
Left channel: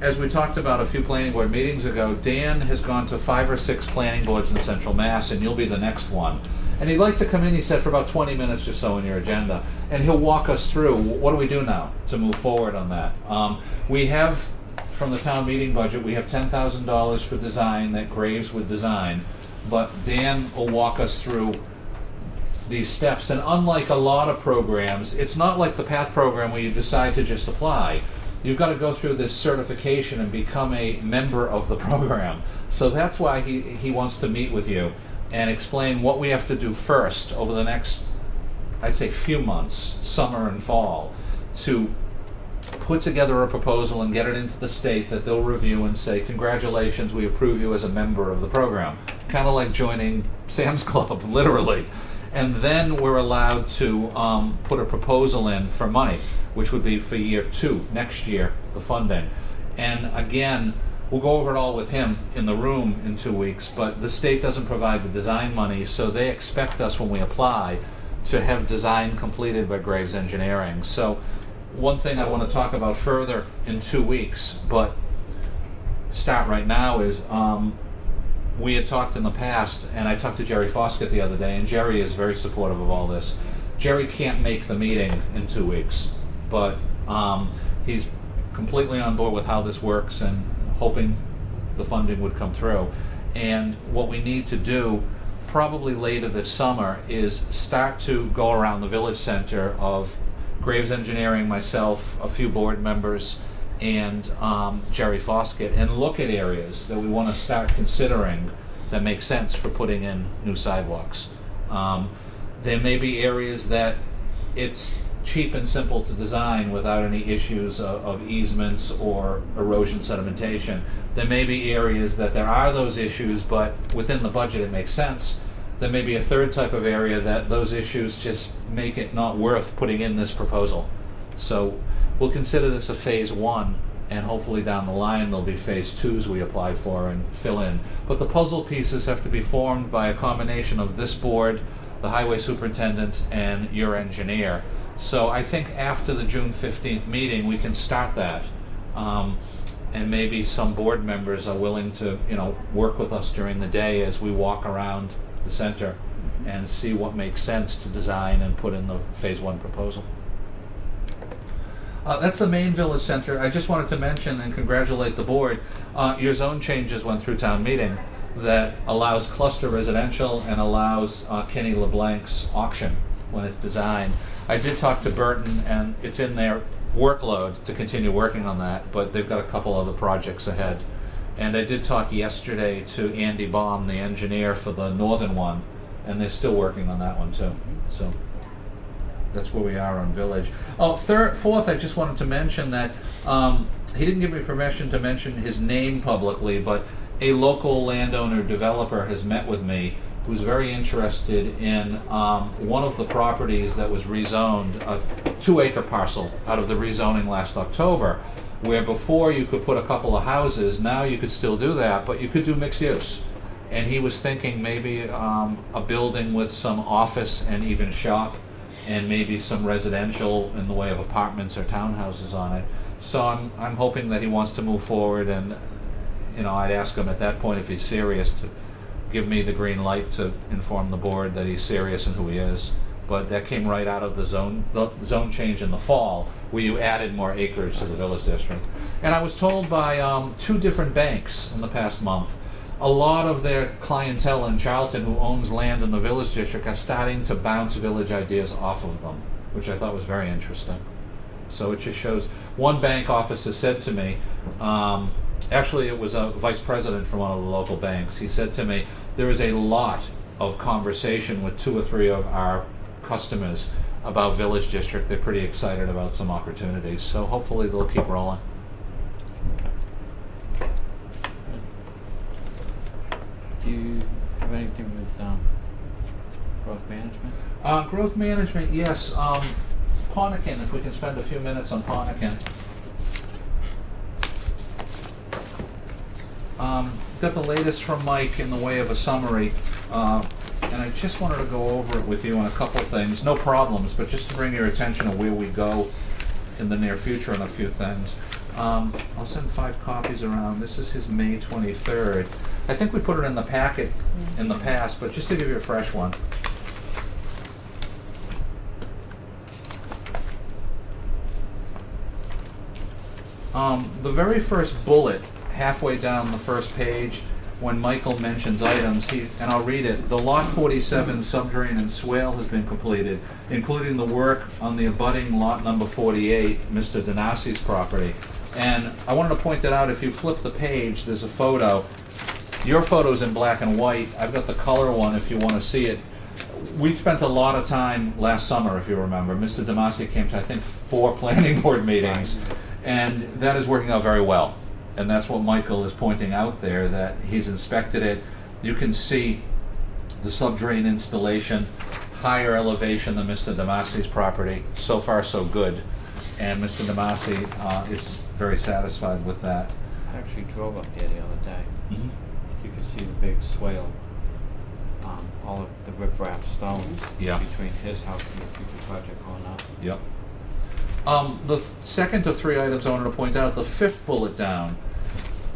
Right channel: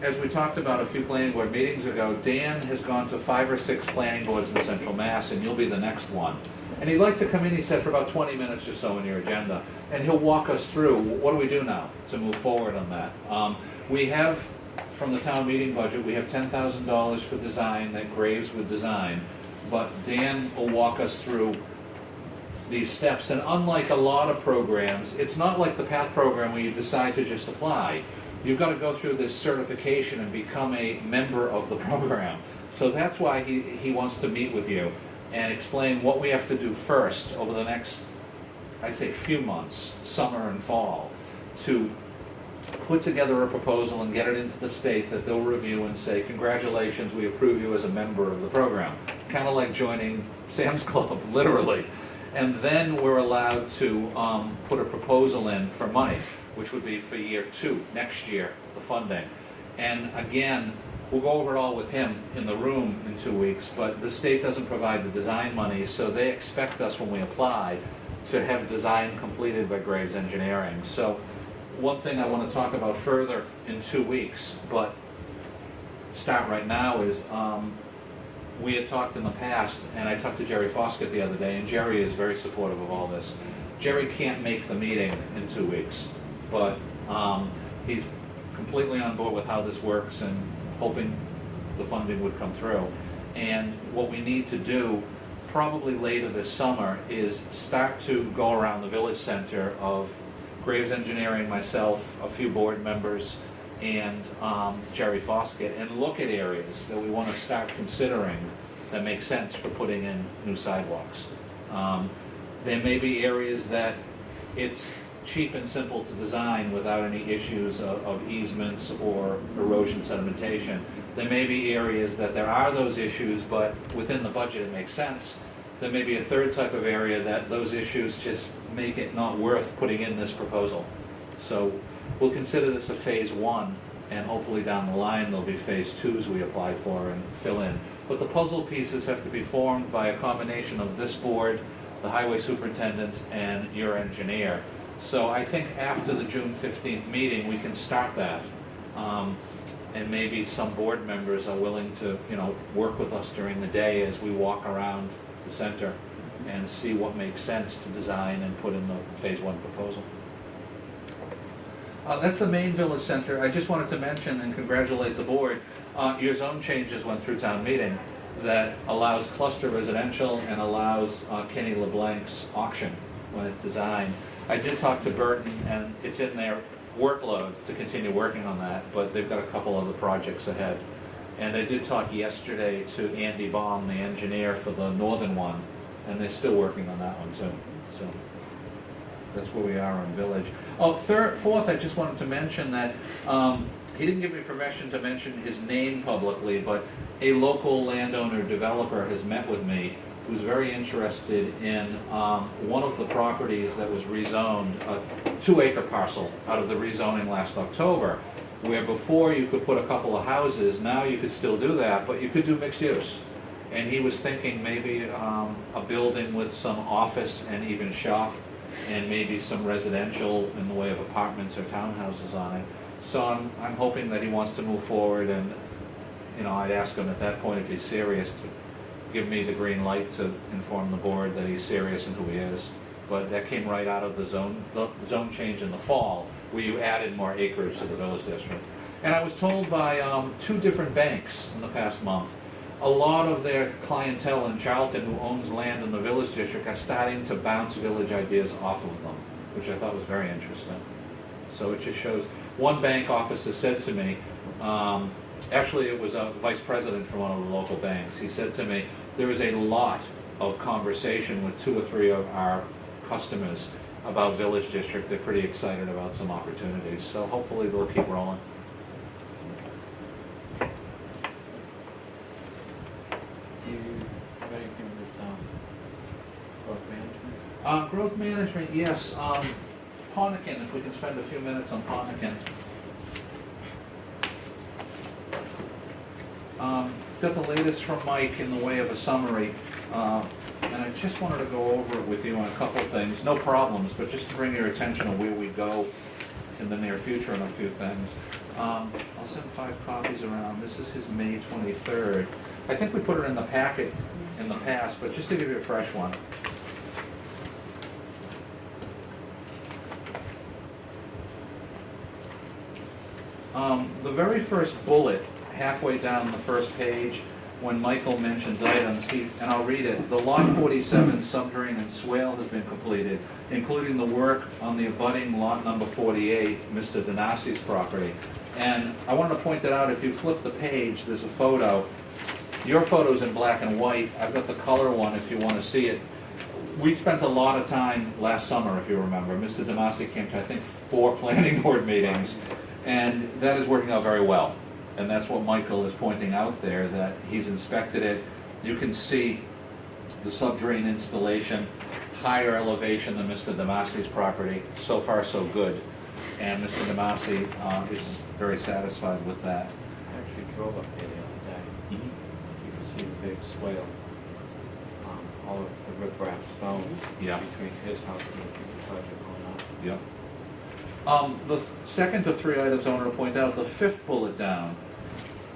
as we talked about a few planning board meetings ago, Dan has gone to 5 or 6 planning boards in Central Mass, and you'll be the next one. And he'd like to come in, he said, for about 20 minutes or so on your agenda, and he'll walk us through, what do we do now to move forward on that? We have, from the town meeting budget, we have $10,000 for design that Graves would design, but Dan will walk us through these steps. And unlike a lot of programs, it's not like the PATH program where you decide to just apply. You've got to go through this certification and become a member of the program. So that's why he wants to meet with you and explain what we have to do first over the next, I'd say, few months, summer and fall, to put together a proposal and get it into the state that they'll review and say, congratulations, we approve you as a member of the program. Kind of like joining Sam's Club, literally. And then we're allowed to put a proposal in for money, which would be for year 2, next year, the funding. And again, we'll go over it all with him in the room in 2 weeks, but the state doesn't provide the design money, so they expect us when we apply to have design completed by Graves Engineering. So one thing I want to talk about further in 2 weeks, but start right now, is we had talked in the past, and I talked to Jerry Foskett the other day, and Jerry is very supportive of all this. Jerry can't make the meeting in 2 weeks, but he's completely on board with how this works and hoping the funding would come through. And what we need to do probably later this summer is start to go around the village center of Graves Engineering, myself, a few board members, and Jerry Foskett, and look at areas that we want to start considering that make sense for putting in new sidewalks. There may be areas that it's cheap and simple to design without any issues of easements or erosion sedimentation. There may be areas that there are those issues, but within the budget it makes sense. There may be a third type of area that those issues just make it not worth putting in this proposal. So we'll consider this a phase 1, and hopefully down the line there'll be phase 2s we apply for and fill in. But the puzzle pieces have to be formed by a combination of this board, the highway superintendent, and your engineer. So I think after the June 15th meeting we can start that. And maybe some board members are willing to, work with us during the day as we walk around the center and see what makes sense to design and put in the phase 1 proposal. That's the main village center. I just wanted to mention and congratulate the board. Your zone changes went through town meeting that allows cluster residential and allows Kenny LeBlanc's auction when it's designed. I did talk to Burton, and it's in their workload to continue working on that, but they've got a couple other projects ahead. And I did talk yesterday to Andy Baum, the engineer for the northern one, and they're still working on that one too. So that's where we are on Village. Oh, fourth, I just wanted to mention that he didn't give me permission to mention his name publicly, but a local landowner developer has met with me who's very interested in one of the properties that was rezoned, a 2-acre parcel out of the rezoning last October, where before you could put a couple of houses, now you could still do that, but you could do mixed use. And he was thinking maybe a building with some office and even shop, and maybe some residential in the way of apartments or townhouses on it. So I'm hoping that he wants to move forward, and I'd ask him at that point if he's serious to give me the green light to inform the board that he's serious and who he is. But that came right out of the zone change in the fall, where you added more acreage to the village district. And I was told by 2 different banks in the past month, a lot of their clientele in Charlton who owns land in the village district are starting to bounce village ideas off of them, which I thought was very interesting. So it just shows. One bank officer said to me, actually it was a vice president from one of the local banks, he said to me, there is a lot of conversation with 2 or 3 of our customers about village district. They're pretty excited about some opportunities, so hopefully they'll keep rolling. Do you have anything with growth management? Growth management, yes. Pontiac, if we can spend a few minutes on Pontiac. Got the latest from Mike in the way of a summary, and I just wanted to go over it with you on a couple things. No problems, but just to bring your attention to where we go in the near future on a few things. I'll send 5 copies around. This is his May 23rd. I think we put it in the packet in the past, but just to give you a fresh one. The very first bullet, halfway down the first page, when Michael mentions items, and I'll read it, the Lot 47 subdrain and swale has been completed, including the work on the abutting lot number 48, Mr. Donasi's property. And I wanted to point it out, if you flip the page, there's a photo. Your photo's in black and white. I've got the color one if you want to see it. We spent a lot of time last summer, if you remember. Mr. Donasi came to, I think, 4 planning board meetings, and that is working out very well. And that's what Michael is pointing out there, that he's inspected it. You can see the subdrain installation, higher elevation than Mr. Damasi's property. So far, so good. And Mr. Damasi is very satisfied with that. I actually drove up here the other day. You can see the big swale, all of the riprap stones Yeah. between his house and the people project going up. Yep. The second of three items I wanted to point out, the fifth bullet down,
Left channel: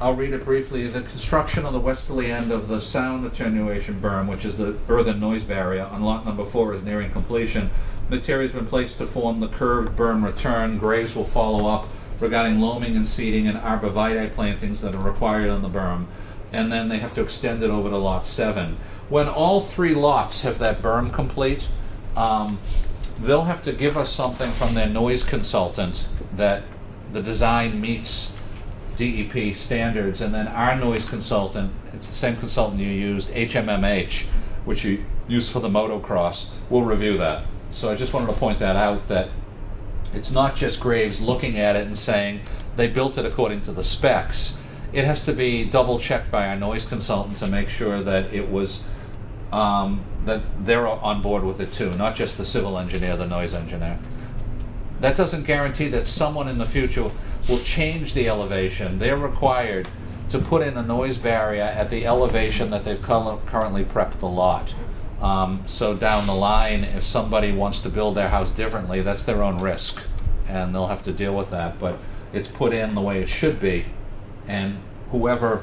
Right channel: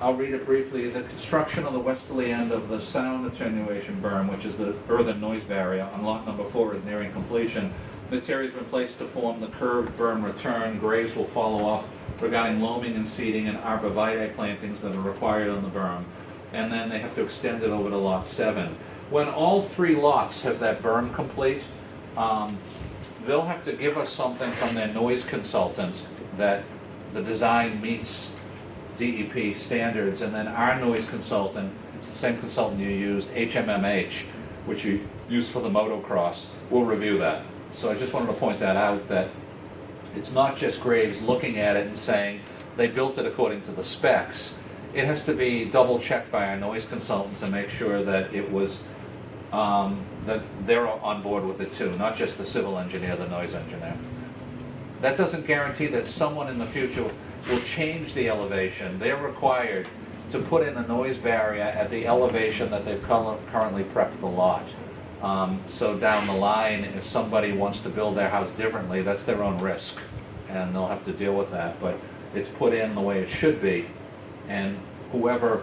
I'll read it briefly. The construction on the westerly end of the sound attenuation berm, which is the earthen noise barrier on lot number 4, is nearing completion. Materials have been placed to form the curved berm return. Graves will follow up regarding loaming and seeding and arborvitae plantings that are required on the berm. And then they have to extend it over to lot 7. When all 3 lots have that berm complete, they'll have to give us something from their noise consultant that the design meets DEP standards, and then our noise consultant, it's the same consultant you used, HMMH, which you use for the motocross, will review that. So I just wanted to point that out, that it's not just Graves looking at it and saying they built it according to the specs. It has to be double checked by our noise consultant to make sure that it was that they're on board with it too, not just the civil engineer, the noise engineer. That doesn't guarantee that someone in the future will change the elevation. They're required to put in a noise barrier at the elevation that they've currently prepped the lot. So down the line, if somebody wants to build their house differently, that's their own risk, and they'll have to deal with that. But it's put in the way it should be, and whoever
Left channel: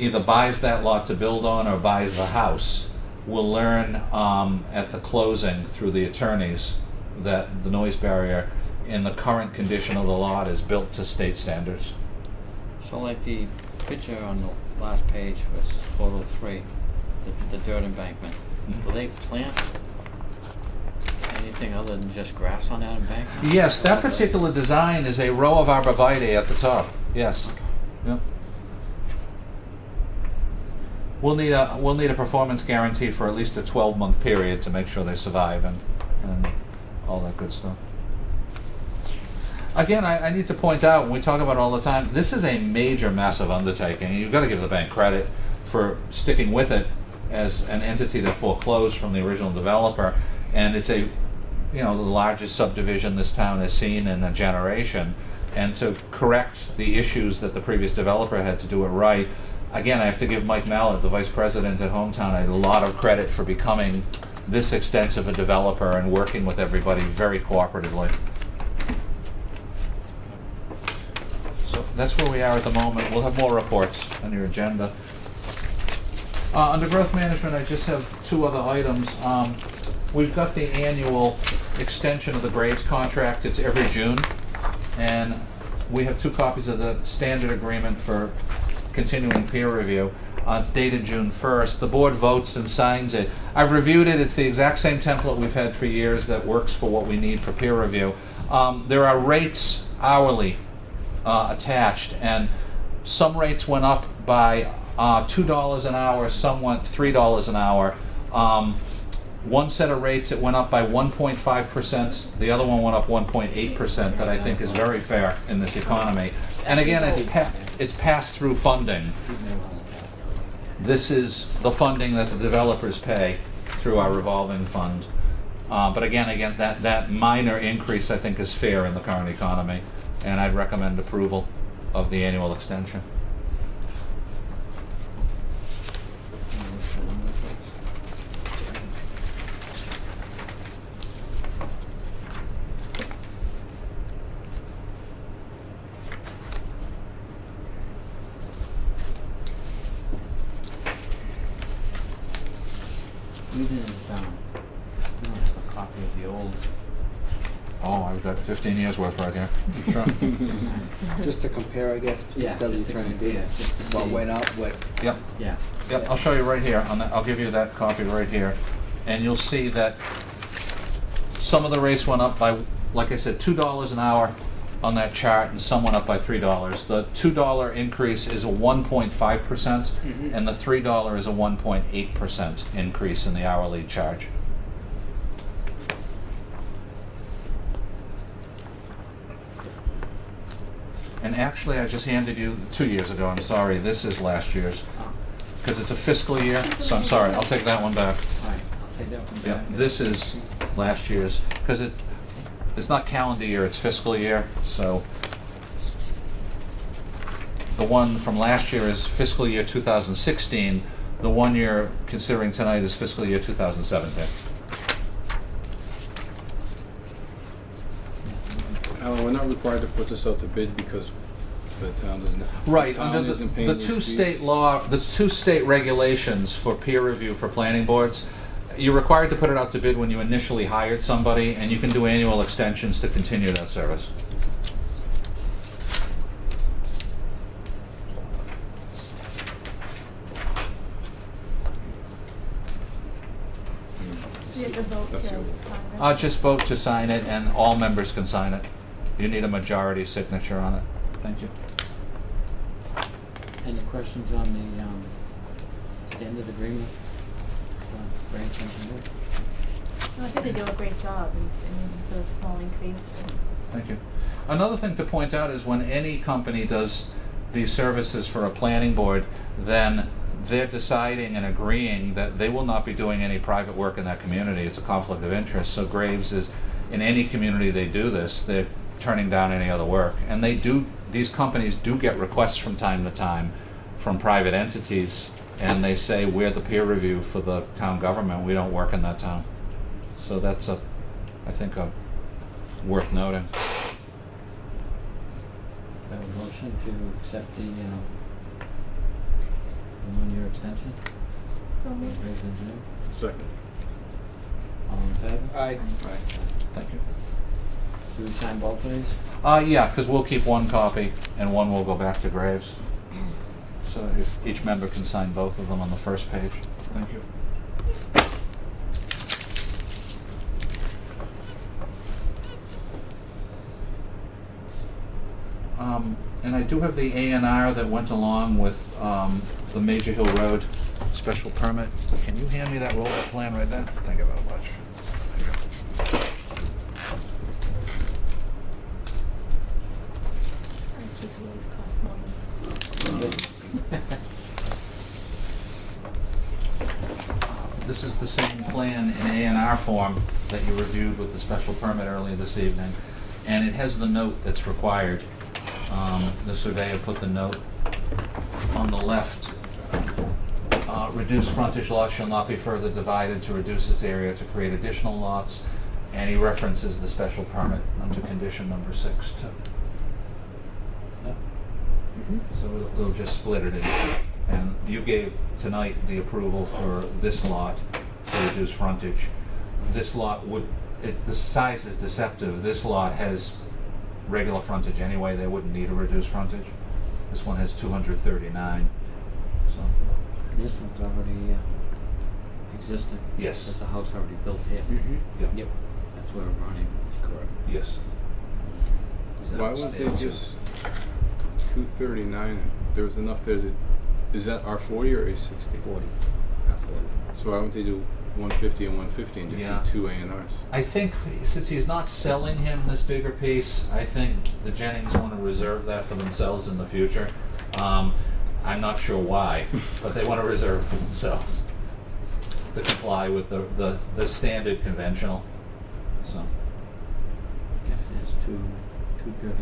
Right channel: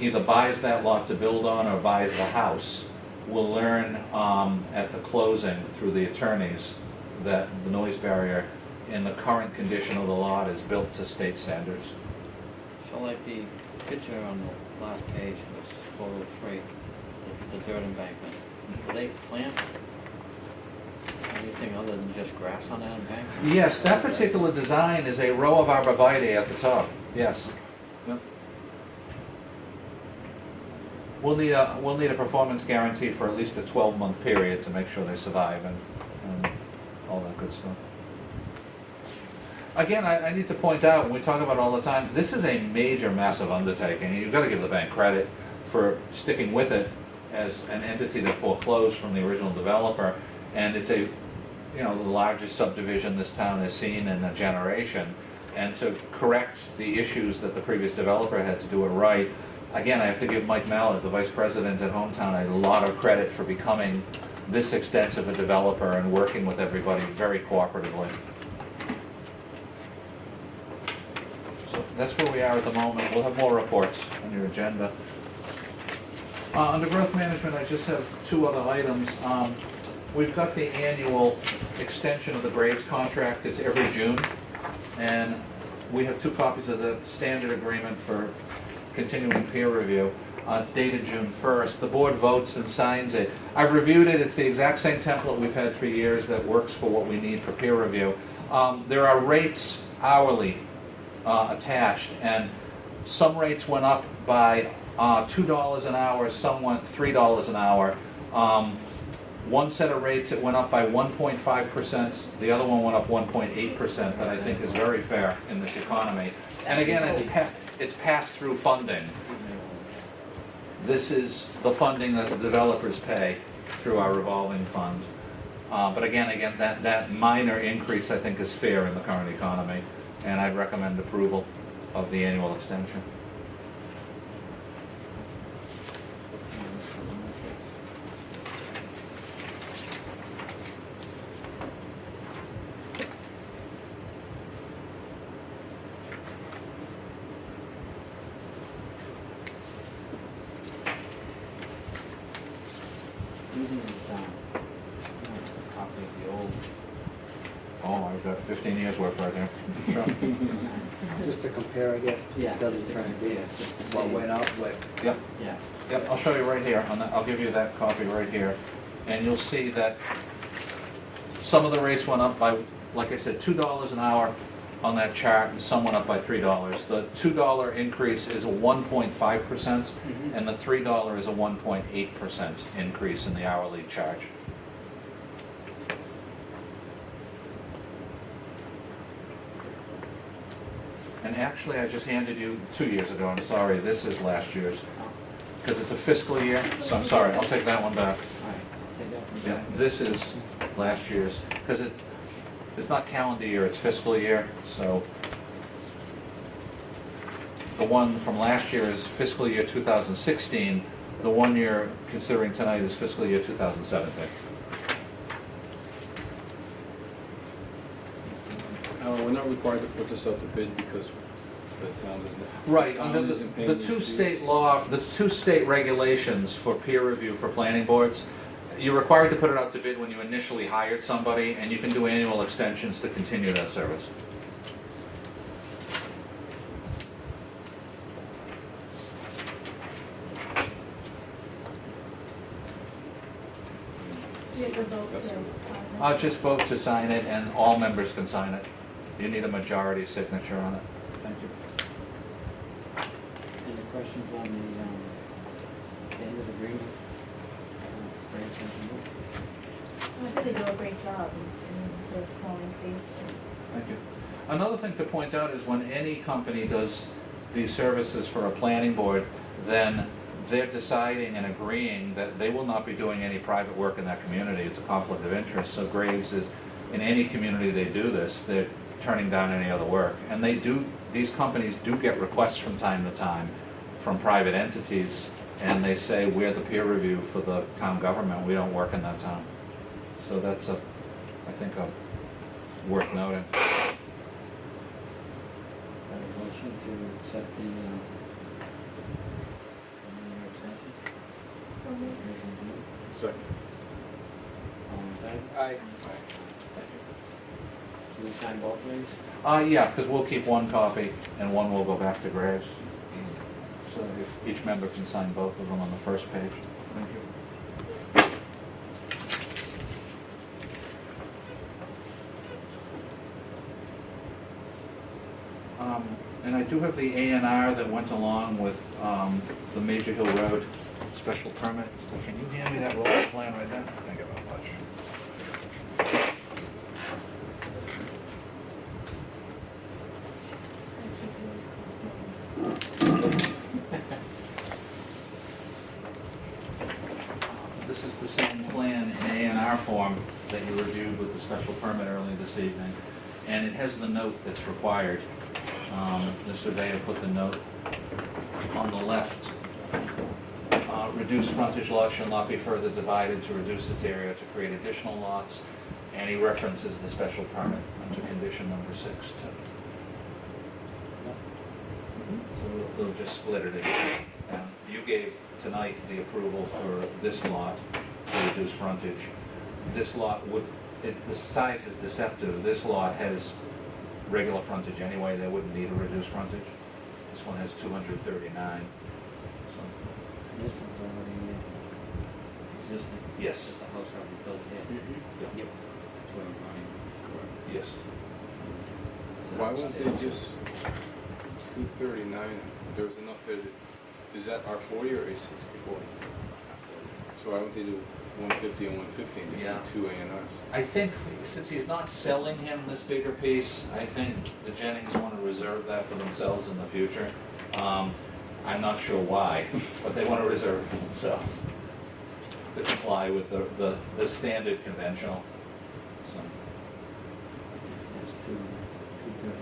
either buys that lot to build on or buys the house will learn at the closing through the attorneys that the noise barrier in the current condition of the lot is built to state standards. So like the picture on the last page was photo 3, the dirt embankment. Do they plant anything other than just grass on that embankment? Yes, that particular design is a row of arborvitae at the top. Yes. Yep. We'll need a performance guarantee for at least a 12-month period to make sure they survive and all that good stuff. Again, I need to point out, we talk about it all the time, this is a major, massive undertaking. You've got to give the bank credit for sticking with it as an entity that foreclosed from the original developer, and it's the largest subdivision this town has seen in a generation, and to correct the issues that the previous developer had to do it right. Again, I have to give Mike Mallett, the vice president at Hometown, a lot of credit for becoming this extensive a developer and working with everybody very cooperatively. So that's where we are at the moment. We'll have more reports on your agenda. Under growth management, I just have 2 other items. We've got the annual extension of the Graves contract. It's every June, and we have 2 copies of the standard agreement for continuing peer review. It's dated June 1st. The board votes and signs it. I've reviewed it. It's the exact same template we've had for years that works for what we need for peer review. There are rates hourly attached, and some rates went up by $2 an hour, some went $3 an hour. One set of rates, it went up by 1.5%, the other one went up 1.8%, that I think is very fair in this economy. And again, it's pass-through funding. This is the funding that the developers pay through our revolving fund. But again, that minor increase I think is fair in the current economy, and I'd recommend approval of the annual extension. You didn't you have a copy of the old. Oh, I've got 15 years worth right here. Sure. Just to compare, I guess. Yeah, That's what just we're to trying to do. compare, just to What see. went up, what. Yep. Yeah. Yep, I'll show you right here. I'll give you that copy right here. And you'll see that some of the rates went up by, like I said, $2 an hour on that chart, and some went up by $3. The $2 increase is a 1.5%, and the $3 is a 1.8% increase in the hourly charge. And actually, I just handed you 2 years ago. I'm sorry, this is last year's, because it's a fiscal year. So I'm sorry, I'll take that one back. Yeah, this is last year's, because it's not calendar year, it's fiscal year. So the one from last year is fiscal year 2016. The one you're considering tonight is fiscal year 2017. Alan, we're not required to put this out to bid because the town isn't. Right, the town under isn't paying the these two fees. state law, the two state regulations for peer review for planning boards, you're required to put it out to bid when you initially hired somebody, and you can do annual extensions to continue that service. You have to vote to sign it. Just vote to sign it, and all members can sign it. You need a majority signature on it. Thank you. Any questions on the standard agreement? Grants and agreement? I think they do a great job in the small increase. Thank you. Another thing to point out is when any company does these services for a planning board, then they're deciding and agreeing that they will not be doing any private work in that community. It's a conflict of interest. So Graves is, in any community they do this, they're turning down any other work. And they do, these companies do get requests from time to time from private entities, and they say, we're the peer review for the town government, we don't work in that town. So that's I think worth noting. Have a motion to accept the 1-year extension? So Raise the hand. Second. All in favor? Aye. Thank you. Should we sign both of these? Yeah, because we'll keep one copy and one will go back to Graves. So if each member can sign both of them on the first page. Thank you. And I do have the A&R that went along with the Major Hill Road special permit. Can you hand me that roll plan right there? Thank you very much. This is the same plan in A&R form that you reviewed with the special permit earlier this evening, and it has the note that's required. The surveyor put the note on the left. Reduced frontage lot shall not be further divided to reduce its area to create additional lots, and he references the special permit under condition number 6 too. So we'll just split it in two. And you gave tonight the approval for this lot to reduce frontage. This lot would, the size is deceptive. This lot has regular frontage anyway. They wouldn't need a reduced frontage. This one has 239. So, This one's already existing. yes. There's a house already built here. Yep. Yep. That's what I'm running. Correct. Yes. Why wouldn't they just 239? There was enough there to, is that R40 or A60? 40. So why wouldn't they do 150 and 150 and just Yeah. do 2 A&Rs? I think since he's not selling him this bigger piece, I think the Jennings want to reserve that for themselves in the future. I'm not sure why, but they want to reserve it for themselves to comply with the standard conventional. So, That's 239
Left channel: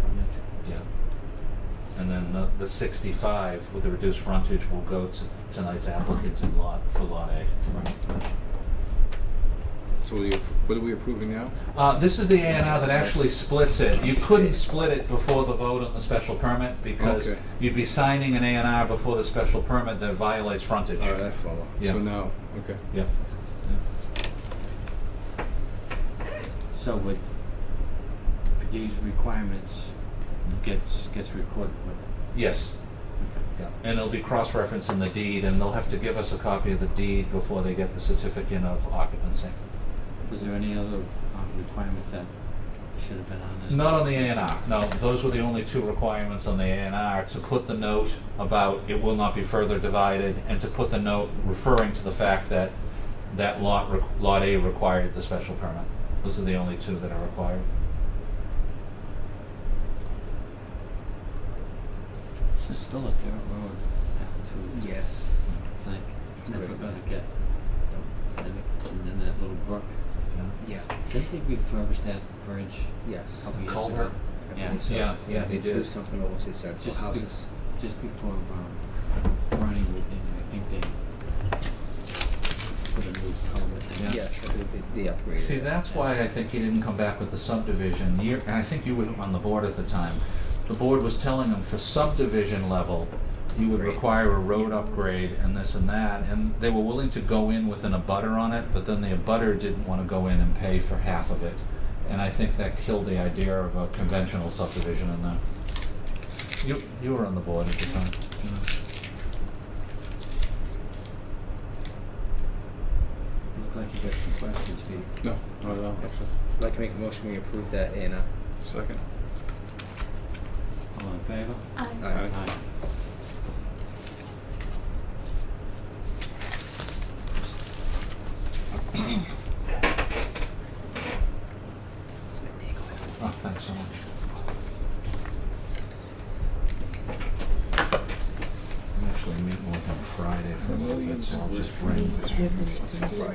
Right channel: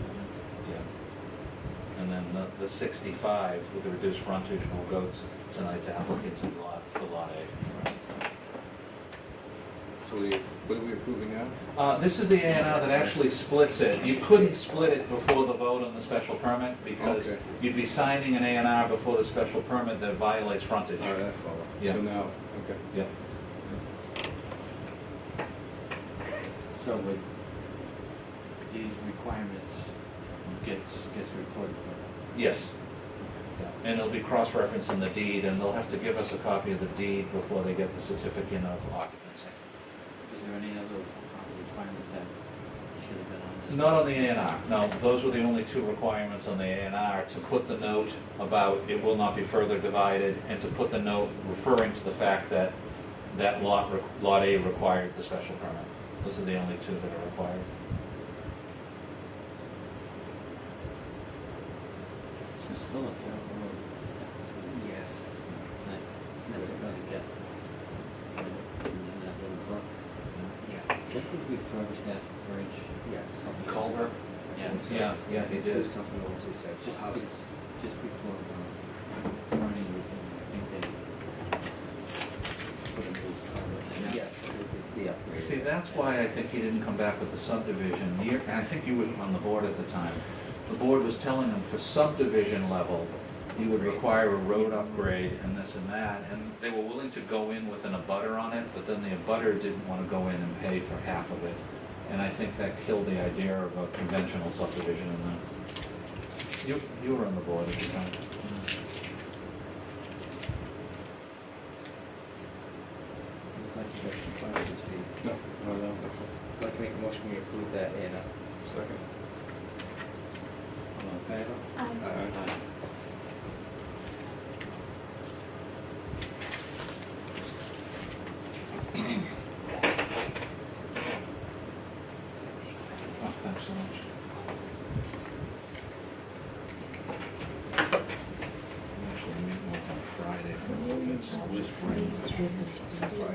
frontage. yeah. And then the 65 with the reduced frontage will go to tonight's applicants in for lot A. So what are we approving now? This is the A&R that actually splits it. You couldn't split it before the vote on the special permit because Okay. you'd be signing an A&R before the special permit that violates frontage. All right, I follow. Yeah. So now, okay. Yep. So with these requirements gets recorded, right? Yes. Yeah. And it'll be cross-referenced in the deed, and they'll have to give us a copy of the deed before they get the certificate of occupancy. Was there any other requirements that should have been on this? Not on the A&R, no. Those were the only two requirements on the A&R, to put the note about it will not be further divided, and to put the note referring to the fact that that lot A required the special permit. Those are the only two that are required. This is still a dirt road. Yes. It's like, it's never Right. gonna get, and then that little brook, you know? Yeah. Didn't they refurbish that bridge Yes. a couple years Culvert? ago? I Yeah. believe so. Yeah, They did. do something almost in central Just houses. just before, running, I think they put a new culvert in. Yeah. Yes, the upgrade. See, that's why I think he didn't come back with the subdivision. And I think you were on the board at the time. The board was telling him for subdivision level, you would require a road upgrade and this and that, and they were willing to go in with an abutter on it, but then the abutter didn't want to go in and pay for half of it. And I think that killed the idea of a conventional subdivision in there. You were on the board at the time. Look like you got some questions, Pete. No, not at all. I'd like to make a motion, we approve that A&R. Second. All in favor? Aye. Aye. Oh, thanks so much. I'm actually meeting with him Friday for a little bit, so I'll just bring.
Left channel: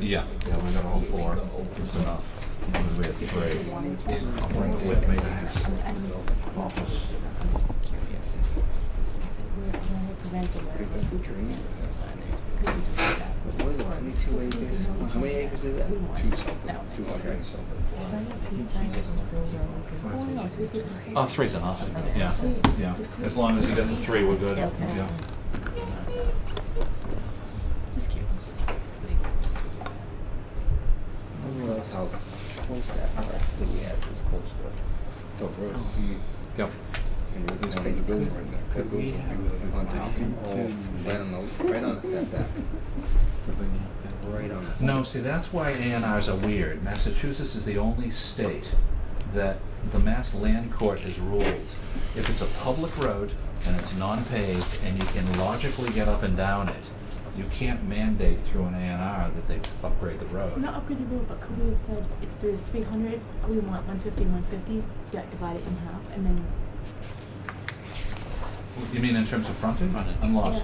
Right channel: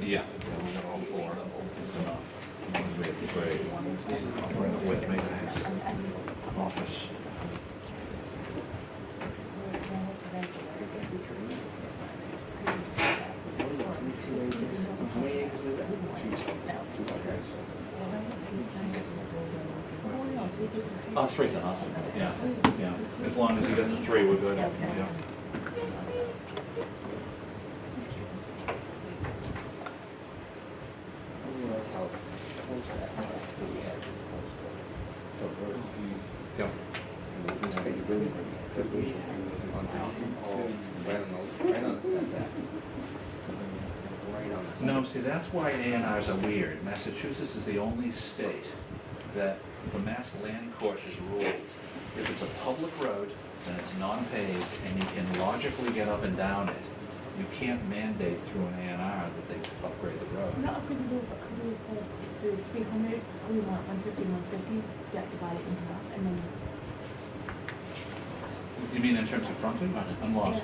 Yeah, we're gonna go for it. It's enough. We have three. I'll bring it with me to his office. What was it, 22 acres? How many acres is that? Two something. Okay. Oh, three's enough. Yeah, yeah. As long as you get the three, we're good. Yeah. I don't realize how close that parcel that we has is close to the road. Yep. It's going to building right now. Could go to On top of, right on the setback. Right on the setback. No, see, that's why A&Rs are weird. Massachusetts is the only state that the Mass Land Court has ruled if it's a public road and it's non-paved and you can logically get up and down it, you can't mandate through an A&R that they upgrade the road. Not upgrade the road, but could we have said if there's 300, we want 150, 150, that divide it in half, and then You mean in terms of frontage? I'm lost.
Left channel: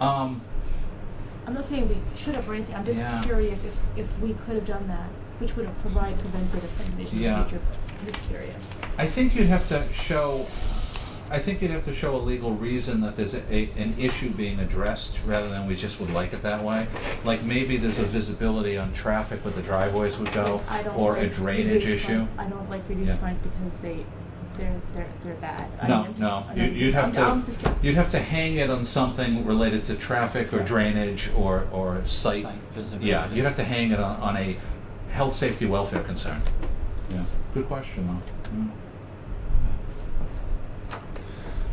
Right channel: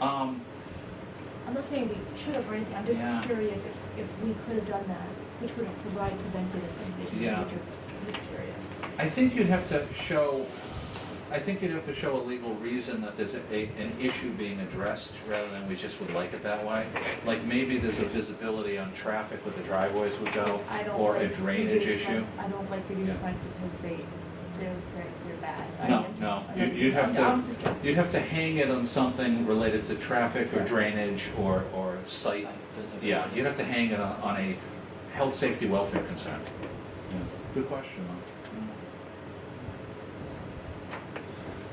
I'm not saying we should have or anything. I'm just Yeah. curious if we could have done that, which would have prevented a subdivision. Yeah. I'm just curious. I think you'd have to show, a legal reason that there's an issue being addressed rather than we just would like it that way. Like maybe there's a visibility on traffic where the driveways would go, I don't or a like drainage reduced issue. front. I don't like reduced Yeah. front because they're bad. I No, mean, I'm no, just- you'd have I'm just to, you'd have to hang it on something related to traffic or drainage or site. Site visibility. Yeah, you'd have to hang it on a health, safety, welfare concern. Yeah, good question though.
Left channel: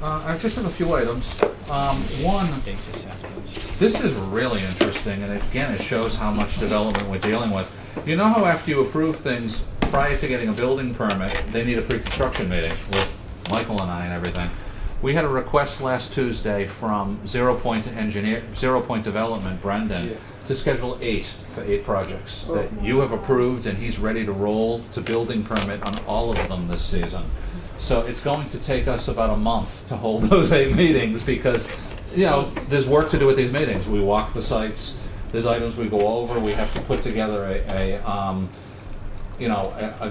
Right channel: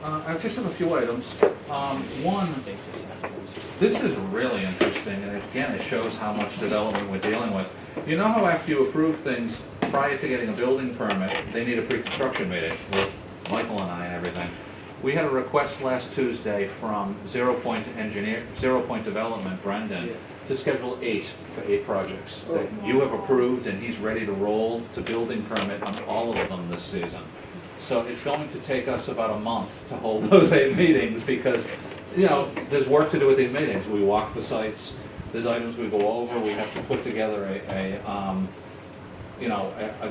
I just have a few items. One, this is really interesting, and again, it shows how much development we're dealing with. You know how after you approve things prior to getting a building permit, they need a pre-construction meeting with Michael and I and everything. We had a request last Tuesday from Zero Point Development, Brendan, to schedule 8 for 8 projects that you have approved, and he's ready to roll to building permit on all of them this season. So it's going to take us about a month to hold those 8 meetings because, you know, there's work to do with these meetings. We walk the sites, there's items we go over, we have to put together a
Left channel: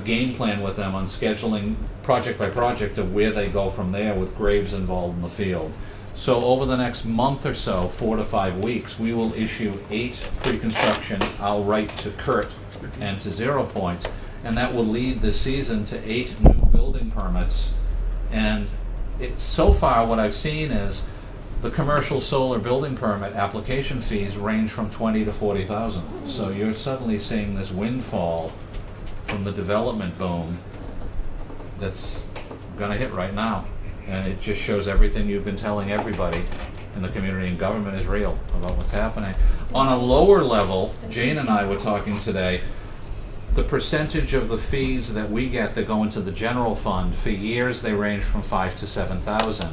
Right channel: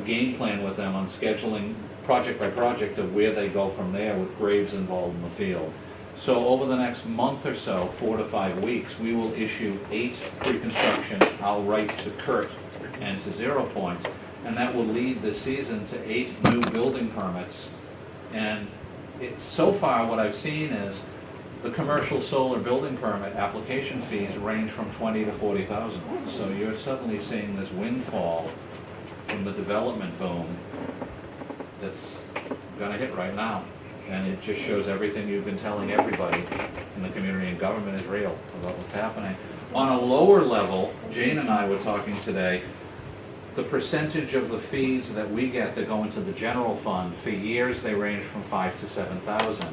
game plan with them on scheduling project by project of where they go from there with graves involved in the field. So over the next month or so, 4 to 5 weeks, we will issue 8 pre-construction. I'll write to Kurt and to 0 Point, and that will lead the season to 8 new building permits. And so far what I've seen is the commercial solar building permit application fees range from 20 to 40,000. So you're suddenly seeing this windfall from the development boom that's gonna hit right now. And it just shows everything you've been telling everybody in the community and government is real about what's happening. On a lower level, Jane and I were talking today, the percentage of the fees that we get that go into the general fund, for years they range from 5 to 7,000.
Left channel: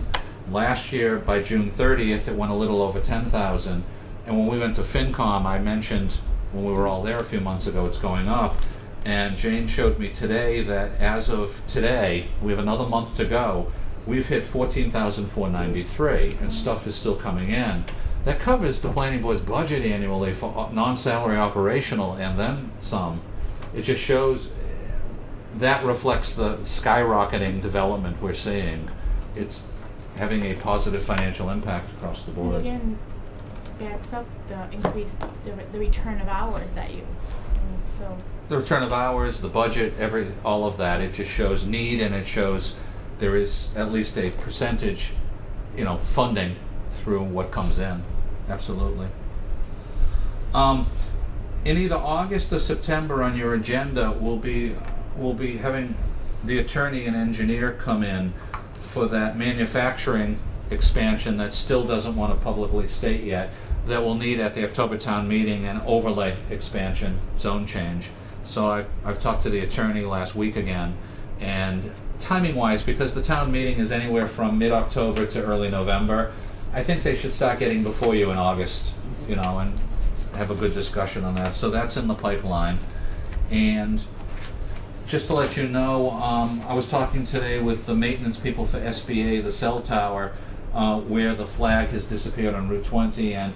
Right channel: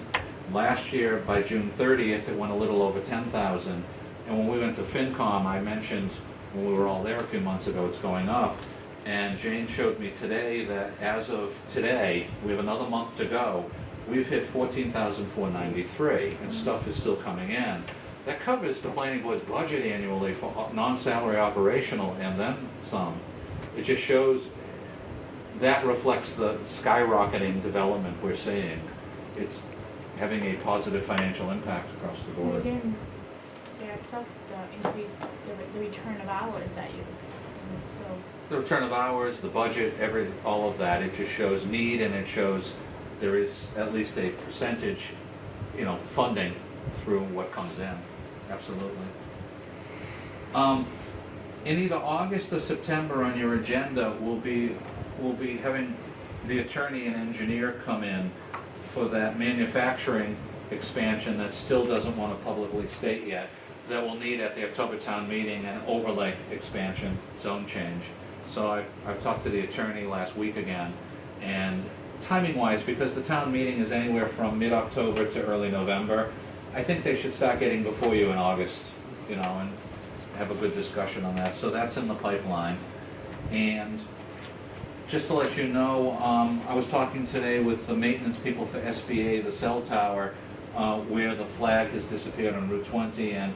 Last year, by June 30th, it went a little over 10,000. And when we went to FinCom, I mentioned when we were all there a few months ago, it's going up. And Jane showed me today that as of today, we have another month to go. We've hit 14,493, and stuff is still coming in. That covers the planning board's budget annually for non-salary operational and then some. It just shows that reflects the skyrocketing development we're seeing. It's having a positive financial impact across the And board. again, backs up the increase, the return of hours that you, so. The return of hours, the budget, all of that, it just shows need, and it shows there is at least a percentage, funding through what comes in. Absolutely. In either August or September on your agenda, we'll be having the attorney and engineer come in for that manufacturing expansion that still doesn't want to publicly state yet, that we'll need at the October town meeting an overlay expansion, zone change. So I've talked to the attorney last week again, and timing-wise, because the town meeting is anywhere from mid-October to early November, I think they should start getting before you in August, and have a good discussion on that. So that's in the pipeline. And just to let you know, I was talking today with the maintenance people for SBA, the cell tower, where the flag has disappeared on Route 20, and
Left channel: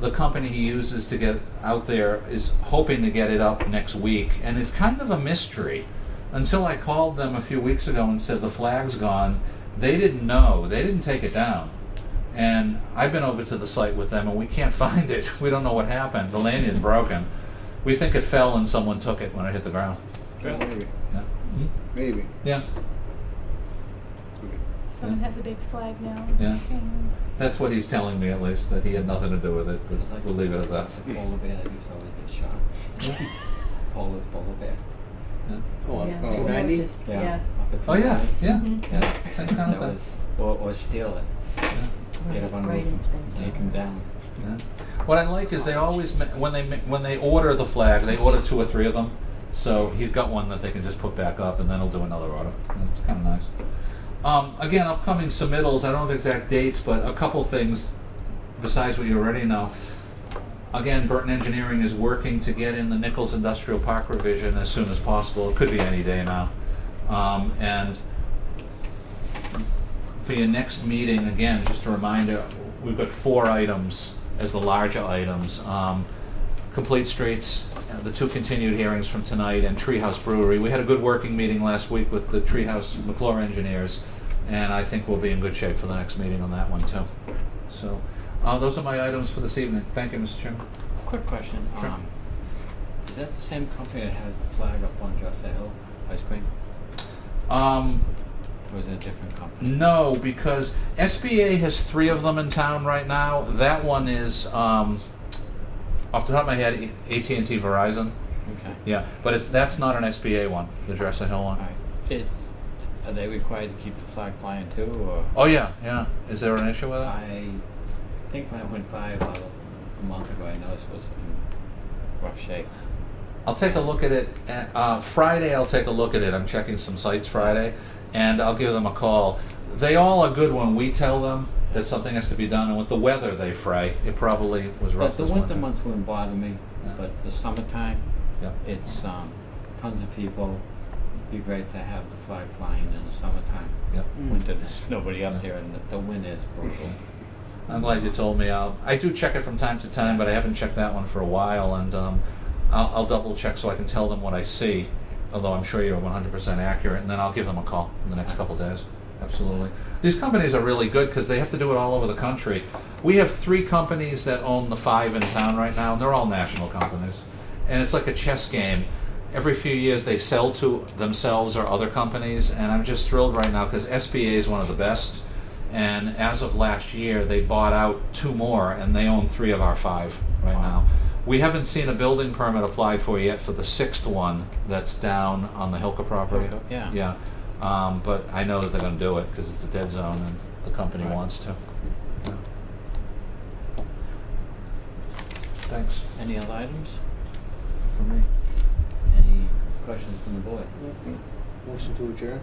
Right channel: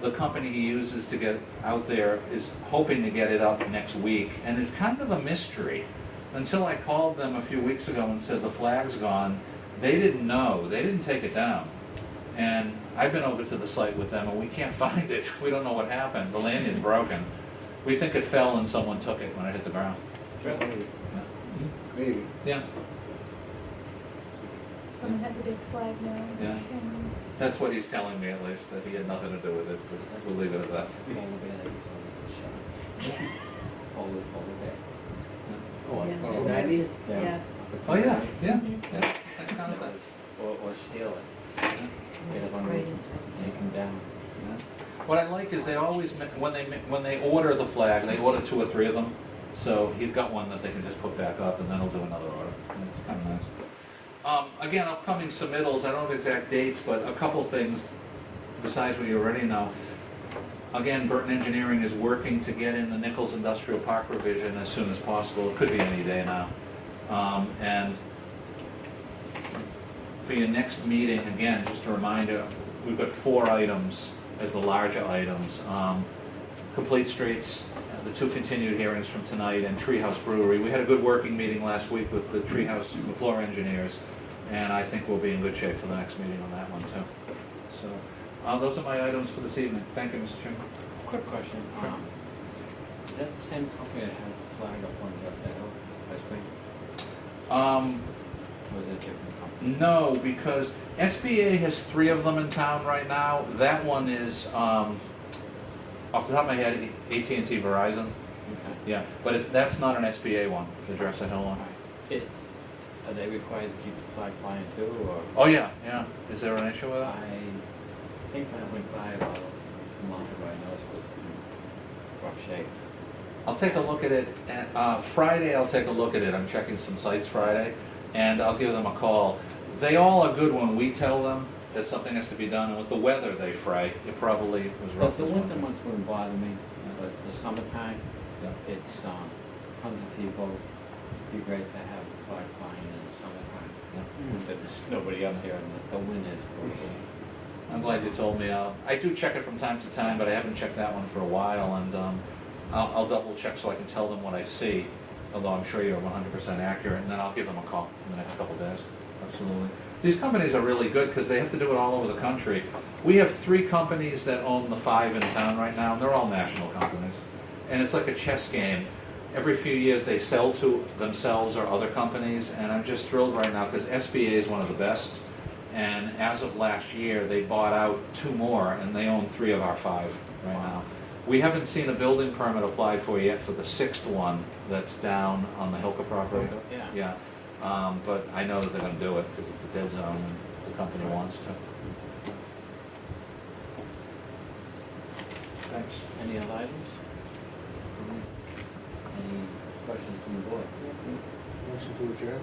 the company he uses to get out there is hoping to get it up next week. And it's kind of a mystery. Until I called them a few weeks ago and said the flag's gone, they didn't know. They didn't take it down. And I've been over to the site with them, and we can't find it. We don't know what happened. The lanyard's broken. We think it fell and someone took it when it hit the ground. Maybe. Yeah. Maybe. Yeah. Someone has a big flag now. Yeah. Just hanging. That's what he's telling me, at least, that he had nothing to do with it, but we'll leave it at that. Polar bear that usually gets shot. Polar bear. Oh, on Yeah. 290? Yeah. Oh, yeah, yeah, Mhm. yeah, same kind of That thing. was, or steal it. Yeah. Get it on the Right, roof, it's take him down. Yeah. What I like is they always, when they order the flag, they order 2 or 3 of them. So he's got one that they can just put back up, and then he'll do another order. And it's kind of nice. Again, upcoming submittals, I don't have exact dates, but a couple things besides what you already know. Again, Burton Engineering is working to get in the Nichols Industrial Park revision as soon as possible. It could be any day now. And for your next meeting, again, just a reminder, we've got 4 items as the larger items. Complete Streets, the 2 continued hearings from tonight, and Treehouse Brewery. We had a good working meeting last week with the Treehouse McClure engineers, and I think we'll be in good shape for the next meeting on that one too. So those are my items for this evening. Thank you, Mr. Chairman. Quick question. Sure. Is that the same company that has the flag up on Johnson Hill ice cream? Or is it a different company? No, because SBA has 3 of them in town right now. That one is, off the top of my head, AT&T Verizon. Okay. Yeah, but that's not an SBA one, the Dresser Hill one. Alright. Are they required to keep the flag flying too, or? Oh, yeah, yeah. Is there an issue with it? I think when I went by about a month ago, I noticed it was in rough shape. I'll take a look at it. Friday, I'll take a look at it. I'm checking some sites Friday, and I'll give them a call. They all are good when we tell them that something has to be done, and with the weather they fray, it probably was rough The this winter winter. months wouldn't bother me, Yeah. but the summertime, Yeah. it's tons of people. It'd be great to have the flag flying in the summertime. Yep. Winter, there's nobody up there, and the wind is brutal. I'm glad you told me. I do check it from time to time, but I haven't checked that one for a while, and I'll double check so I can tell them what I see, although I'm sure you're 100% accurate, and then I'll give them a call in the next couple days. Absolutely. These companies are really good because they have to do it all over the country. We have 3 companies that own the 5 in town right now, and they're all national companies. And it's like a chess game. Every few years they sell to themselves or other companies, and I'm just thrilled right now because SBA is one of the best. And as of last year, they bought out 2 more, and they own 3 of our 5 right now. We haven't seen a building permit applied for yet for the 6th one that's down on the Hilka property. Yeah. Yeah. But I know that they're going to do it because it's a dead zone and the company Right. wants to. Thanks. Any other items? For me. Any questions from the board? Motion to adjourn?